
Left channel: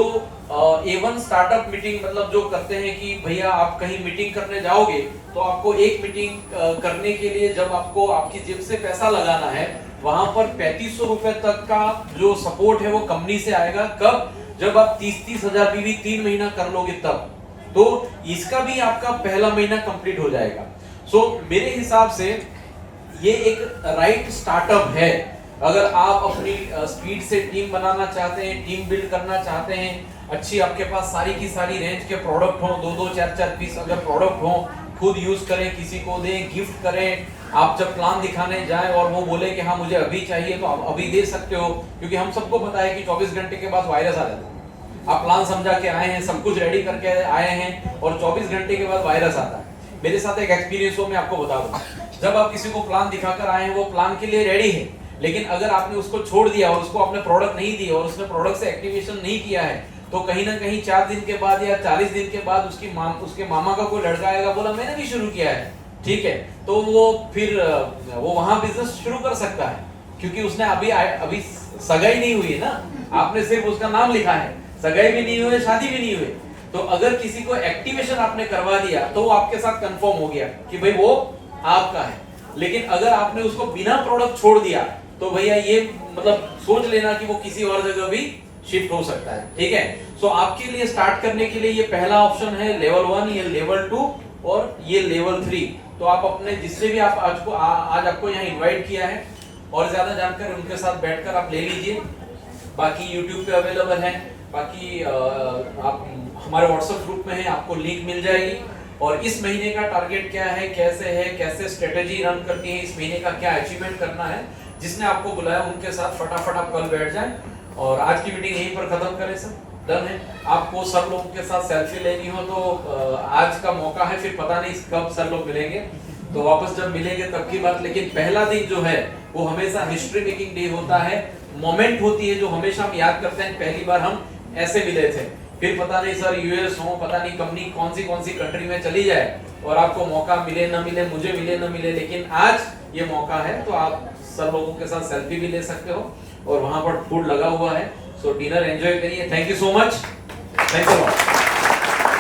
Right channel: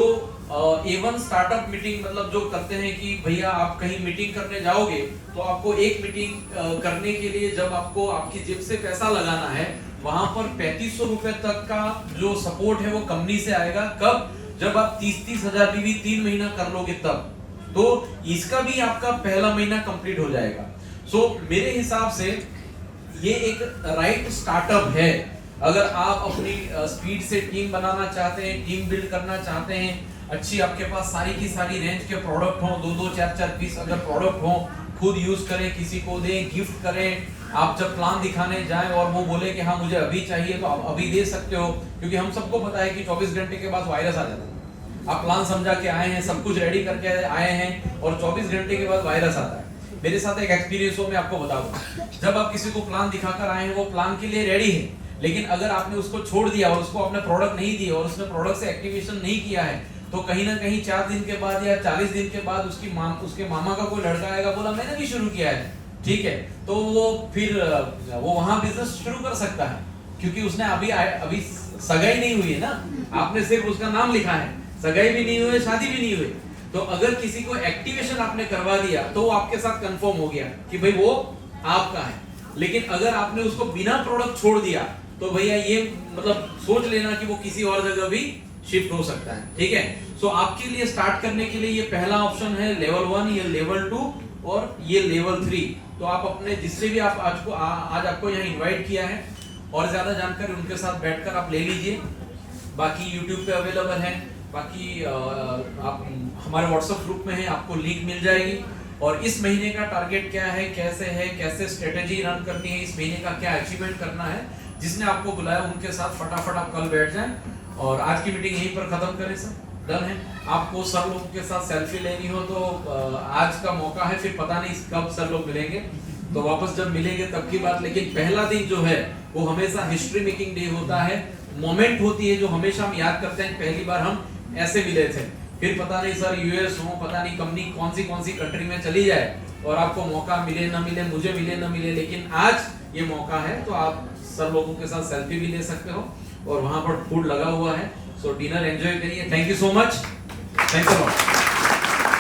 A1 स्टार्टअप मीटिंग मतलब जो करते हैं कि भैया आप कहीं मीटिंग करने जाओगे तो आपको एक मीटिंग करने के लिए जब आपको आपकी जेब से पैसा लगाना है, वहां पर 3500 रुपए तक का जो सपोर्ट है वो कंपनी से आएगा। कब? जब आप 30 हजार बीवी 3 महीना कर लोगे तब। तो इसका भी आपका पहला महीना कंप्लीट हो जाएगा। सो मेरे हिसाब से ये एक राइट स्टार्टअप है। अगर आप अपनी स्पीड से टीम बनाना चाहते हैं, टीम बिल्ड करना चाहते हैं, अच्छी आपके पास सारी की सारी रेंज के प्रोडक्ट हो, 2-2 4-4 पीस अगर प्रोडक्ट हो, खुद यूज करें, किसी को दें, गिफ्ट करें। आप जब प्लान दिखाने जाएं और वो बोले कि हाँ मुझे अभी चाहिए, तो आप अभी दे सकते हो, क्योंकि हम सबको पता है कि 24 घंटे के बाद वायरस आ जाता है। आप प्लान समझा के आए हैं, सब कुछ रेडी करके आए हैं और 24 घंटे के बाद वायरस आता है। मेरे साथ एक एक्सपीरियंस हो, मैं आपको बता दूं। जब आप किसी को प्लान दिखाकर आए हैं, वो प्लान के लिए रेडी है, लेकिन अगर आपने उसको छोड़ दिया और उसको आपने प्रोडक्ट नहीं दिया और उसने प्रोडक्ट से एक्टिवेशन नहीं किया है, तो कहीं ना कहीं 4 दिन के बाद या 40 दिन के बाद उसके मामा का कोई लड़का आएगा, बोला मैंने भी शुरू किया है, ठीक है, तो वो फिर वो वहां बिजनेस शुरू कर सकता है, क्योंकि उसने अभी सगाई नहीं हुई है ना, आपने सिर्फ उसका नाम लिखा है, सगाई भी नहीं हुई, शादी भी नहीं हुई। तो अगर किसी को एक्टिवेशन आपने करवा दिया तो वो आपके साथ कंफर्म हो गया कि भाई वो आपका है। लेकिन अगर आपने उसको बिना प्रोडक्ट छोड़ दिया तो भैया ये मतलब सोच लेना कि वो किसी और जगह भी शिफ्ट हो सकता है, ठीक है। सो आपके लिए स्टार्ट करने के लिए ये पहला ऑप्शन है लेवल 1, ये लेवल 2 और ये लेवल 3। तो आप अपने जिससे भी आप आज आपको यहाँ इन्वाइट किया है और ज्यादा जानकारी उनके साथ बैठकर आप ले लीजिए। बाकी यूट्यूब पे अवेलेबल है, बाकी आप हमारे व्हाट्सएप ग्रुप में है, आपको लिंक मिल जाएगी। और इस महीने का टारगेट क्या है, कैसे स्ट्रेटेजी रन करनी है, इस महीने का क्या अचीवमेंट करना है, जिसने आपको बुलाया उनके साथ फटाफट आप कल बैठ जाएं। और आज की मीटिंग यहीं पर खत्म करें सर, डन है। आपको सर लोगों के साथ सेल्फी लेनी हो तो आज का मौका है, फिर पता नहीं कब सर लोग मिलेंगे, तो वापस जब मिलेंगे तब की बात। लेकिन पहला दिन जो है वो हमेशा हिस्ट्री मेकिंग डे होता है, मोमेंट होती है जो हमेशा हम याद करते हैं, पहली बार हम ऐसे मिले थे। फिर पता नहीं सर यूएस हो, पता नहीं कंपनी कौन सी कंट्री में चली जाए और आपको मौका मिले ना मिले, मुझे मिले ना मिले, लेकिन आज ये मौका है तो आप सब लोगों के साथ सेल्फी भी ले सकते हो और वहां पर फूड लगा हुआ है। सो डिनर एंजॉय करिए। Thank you so much, thanks a lot.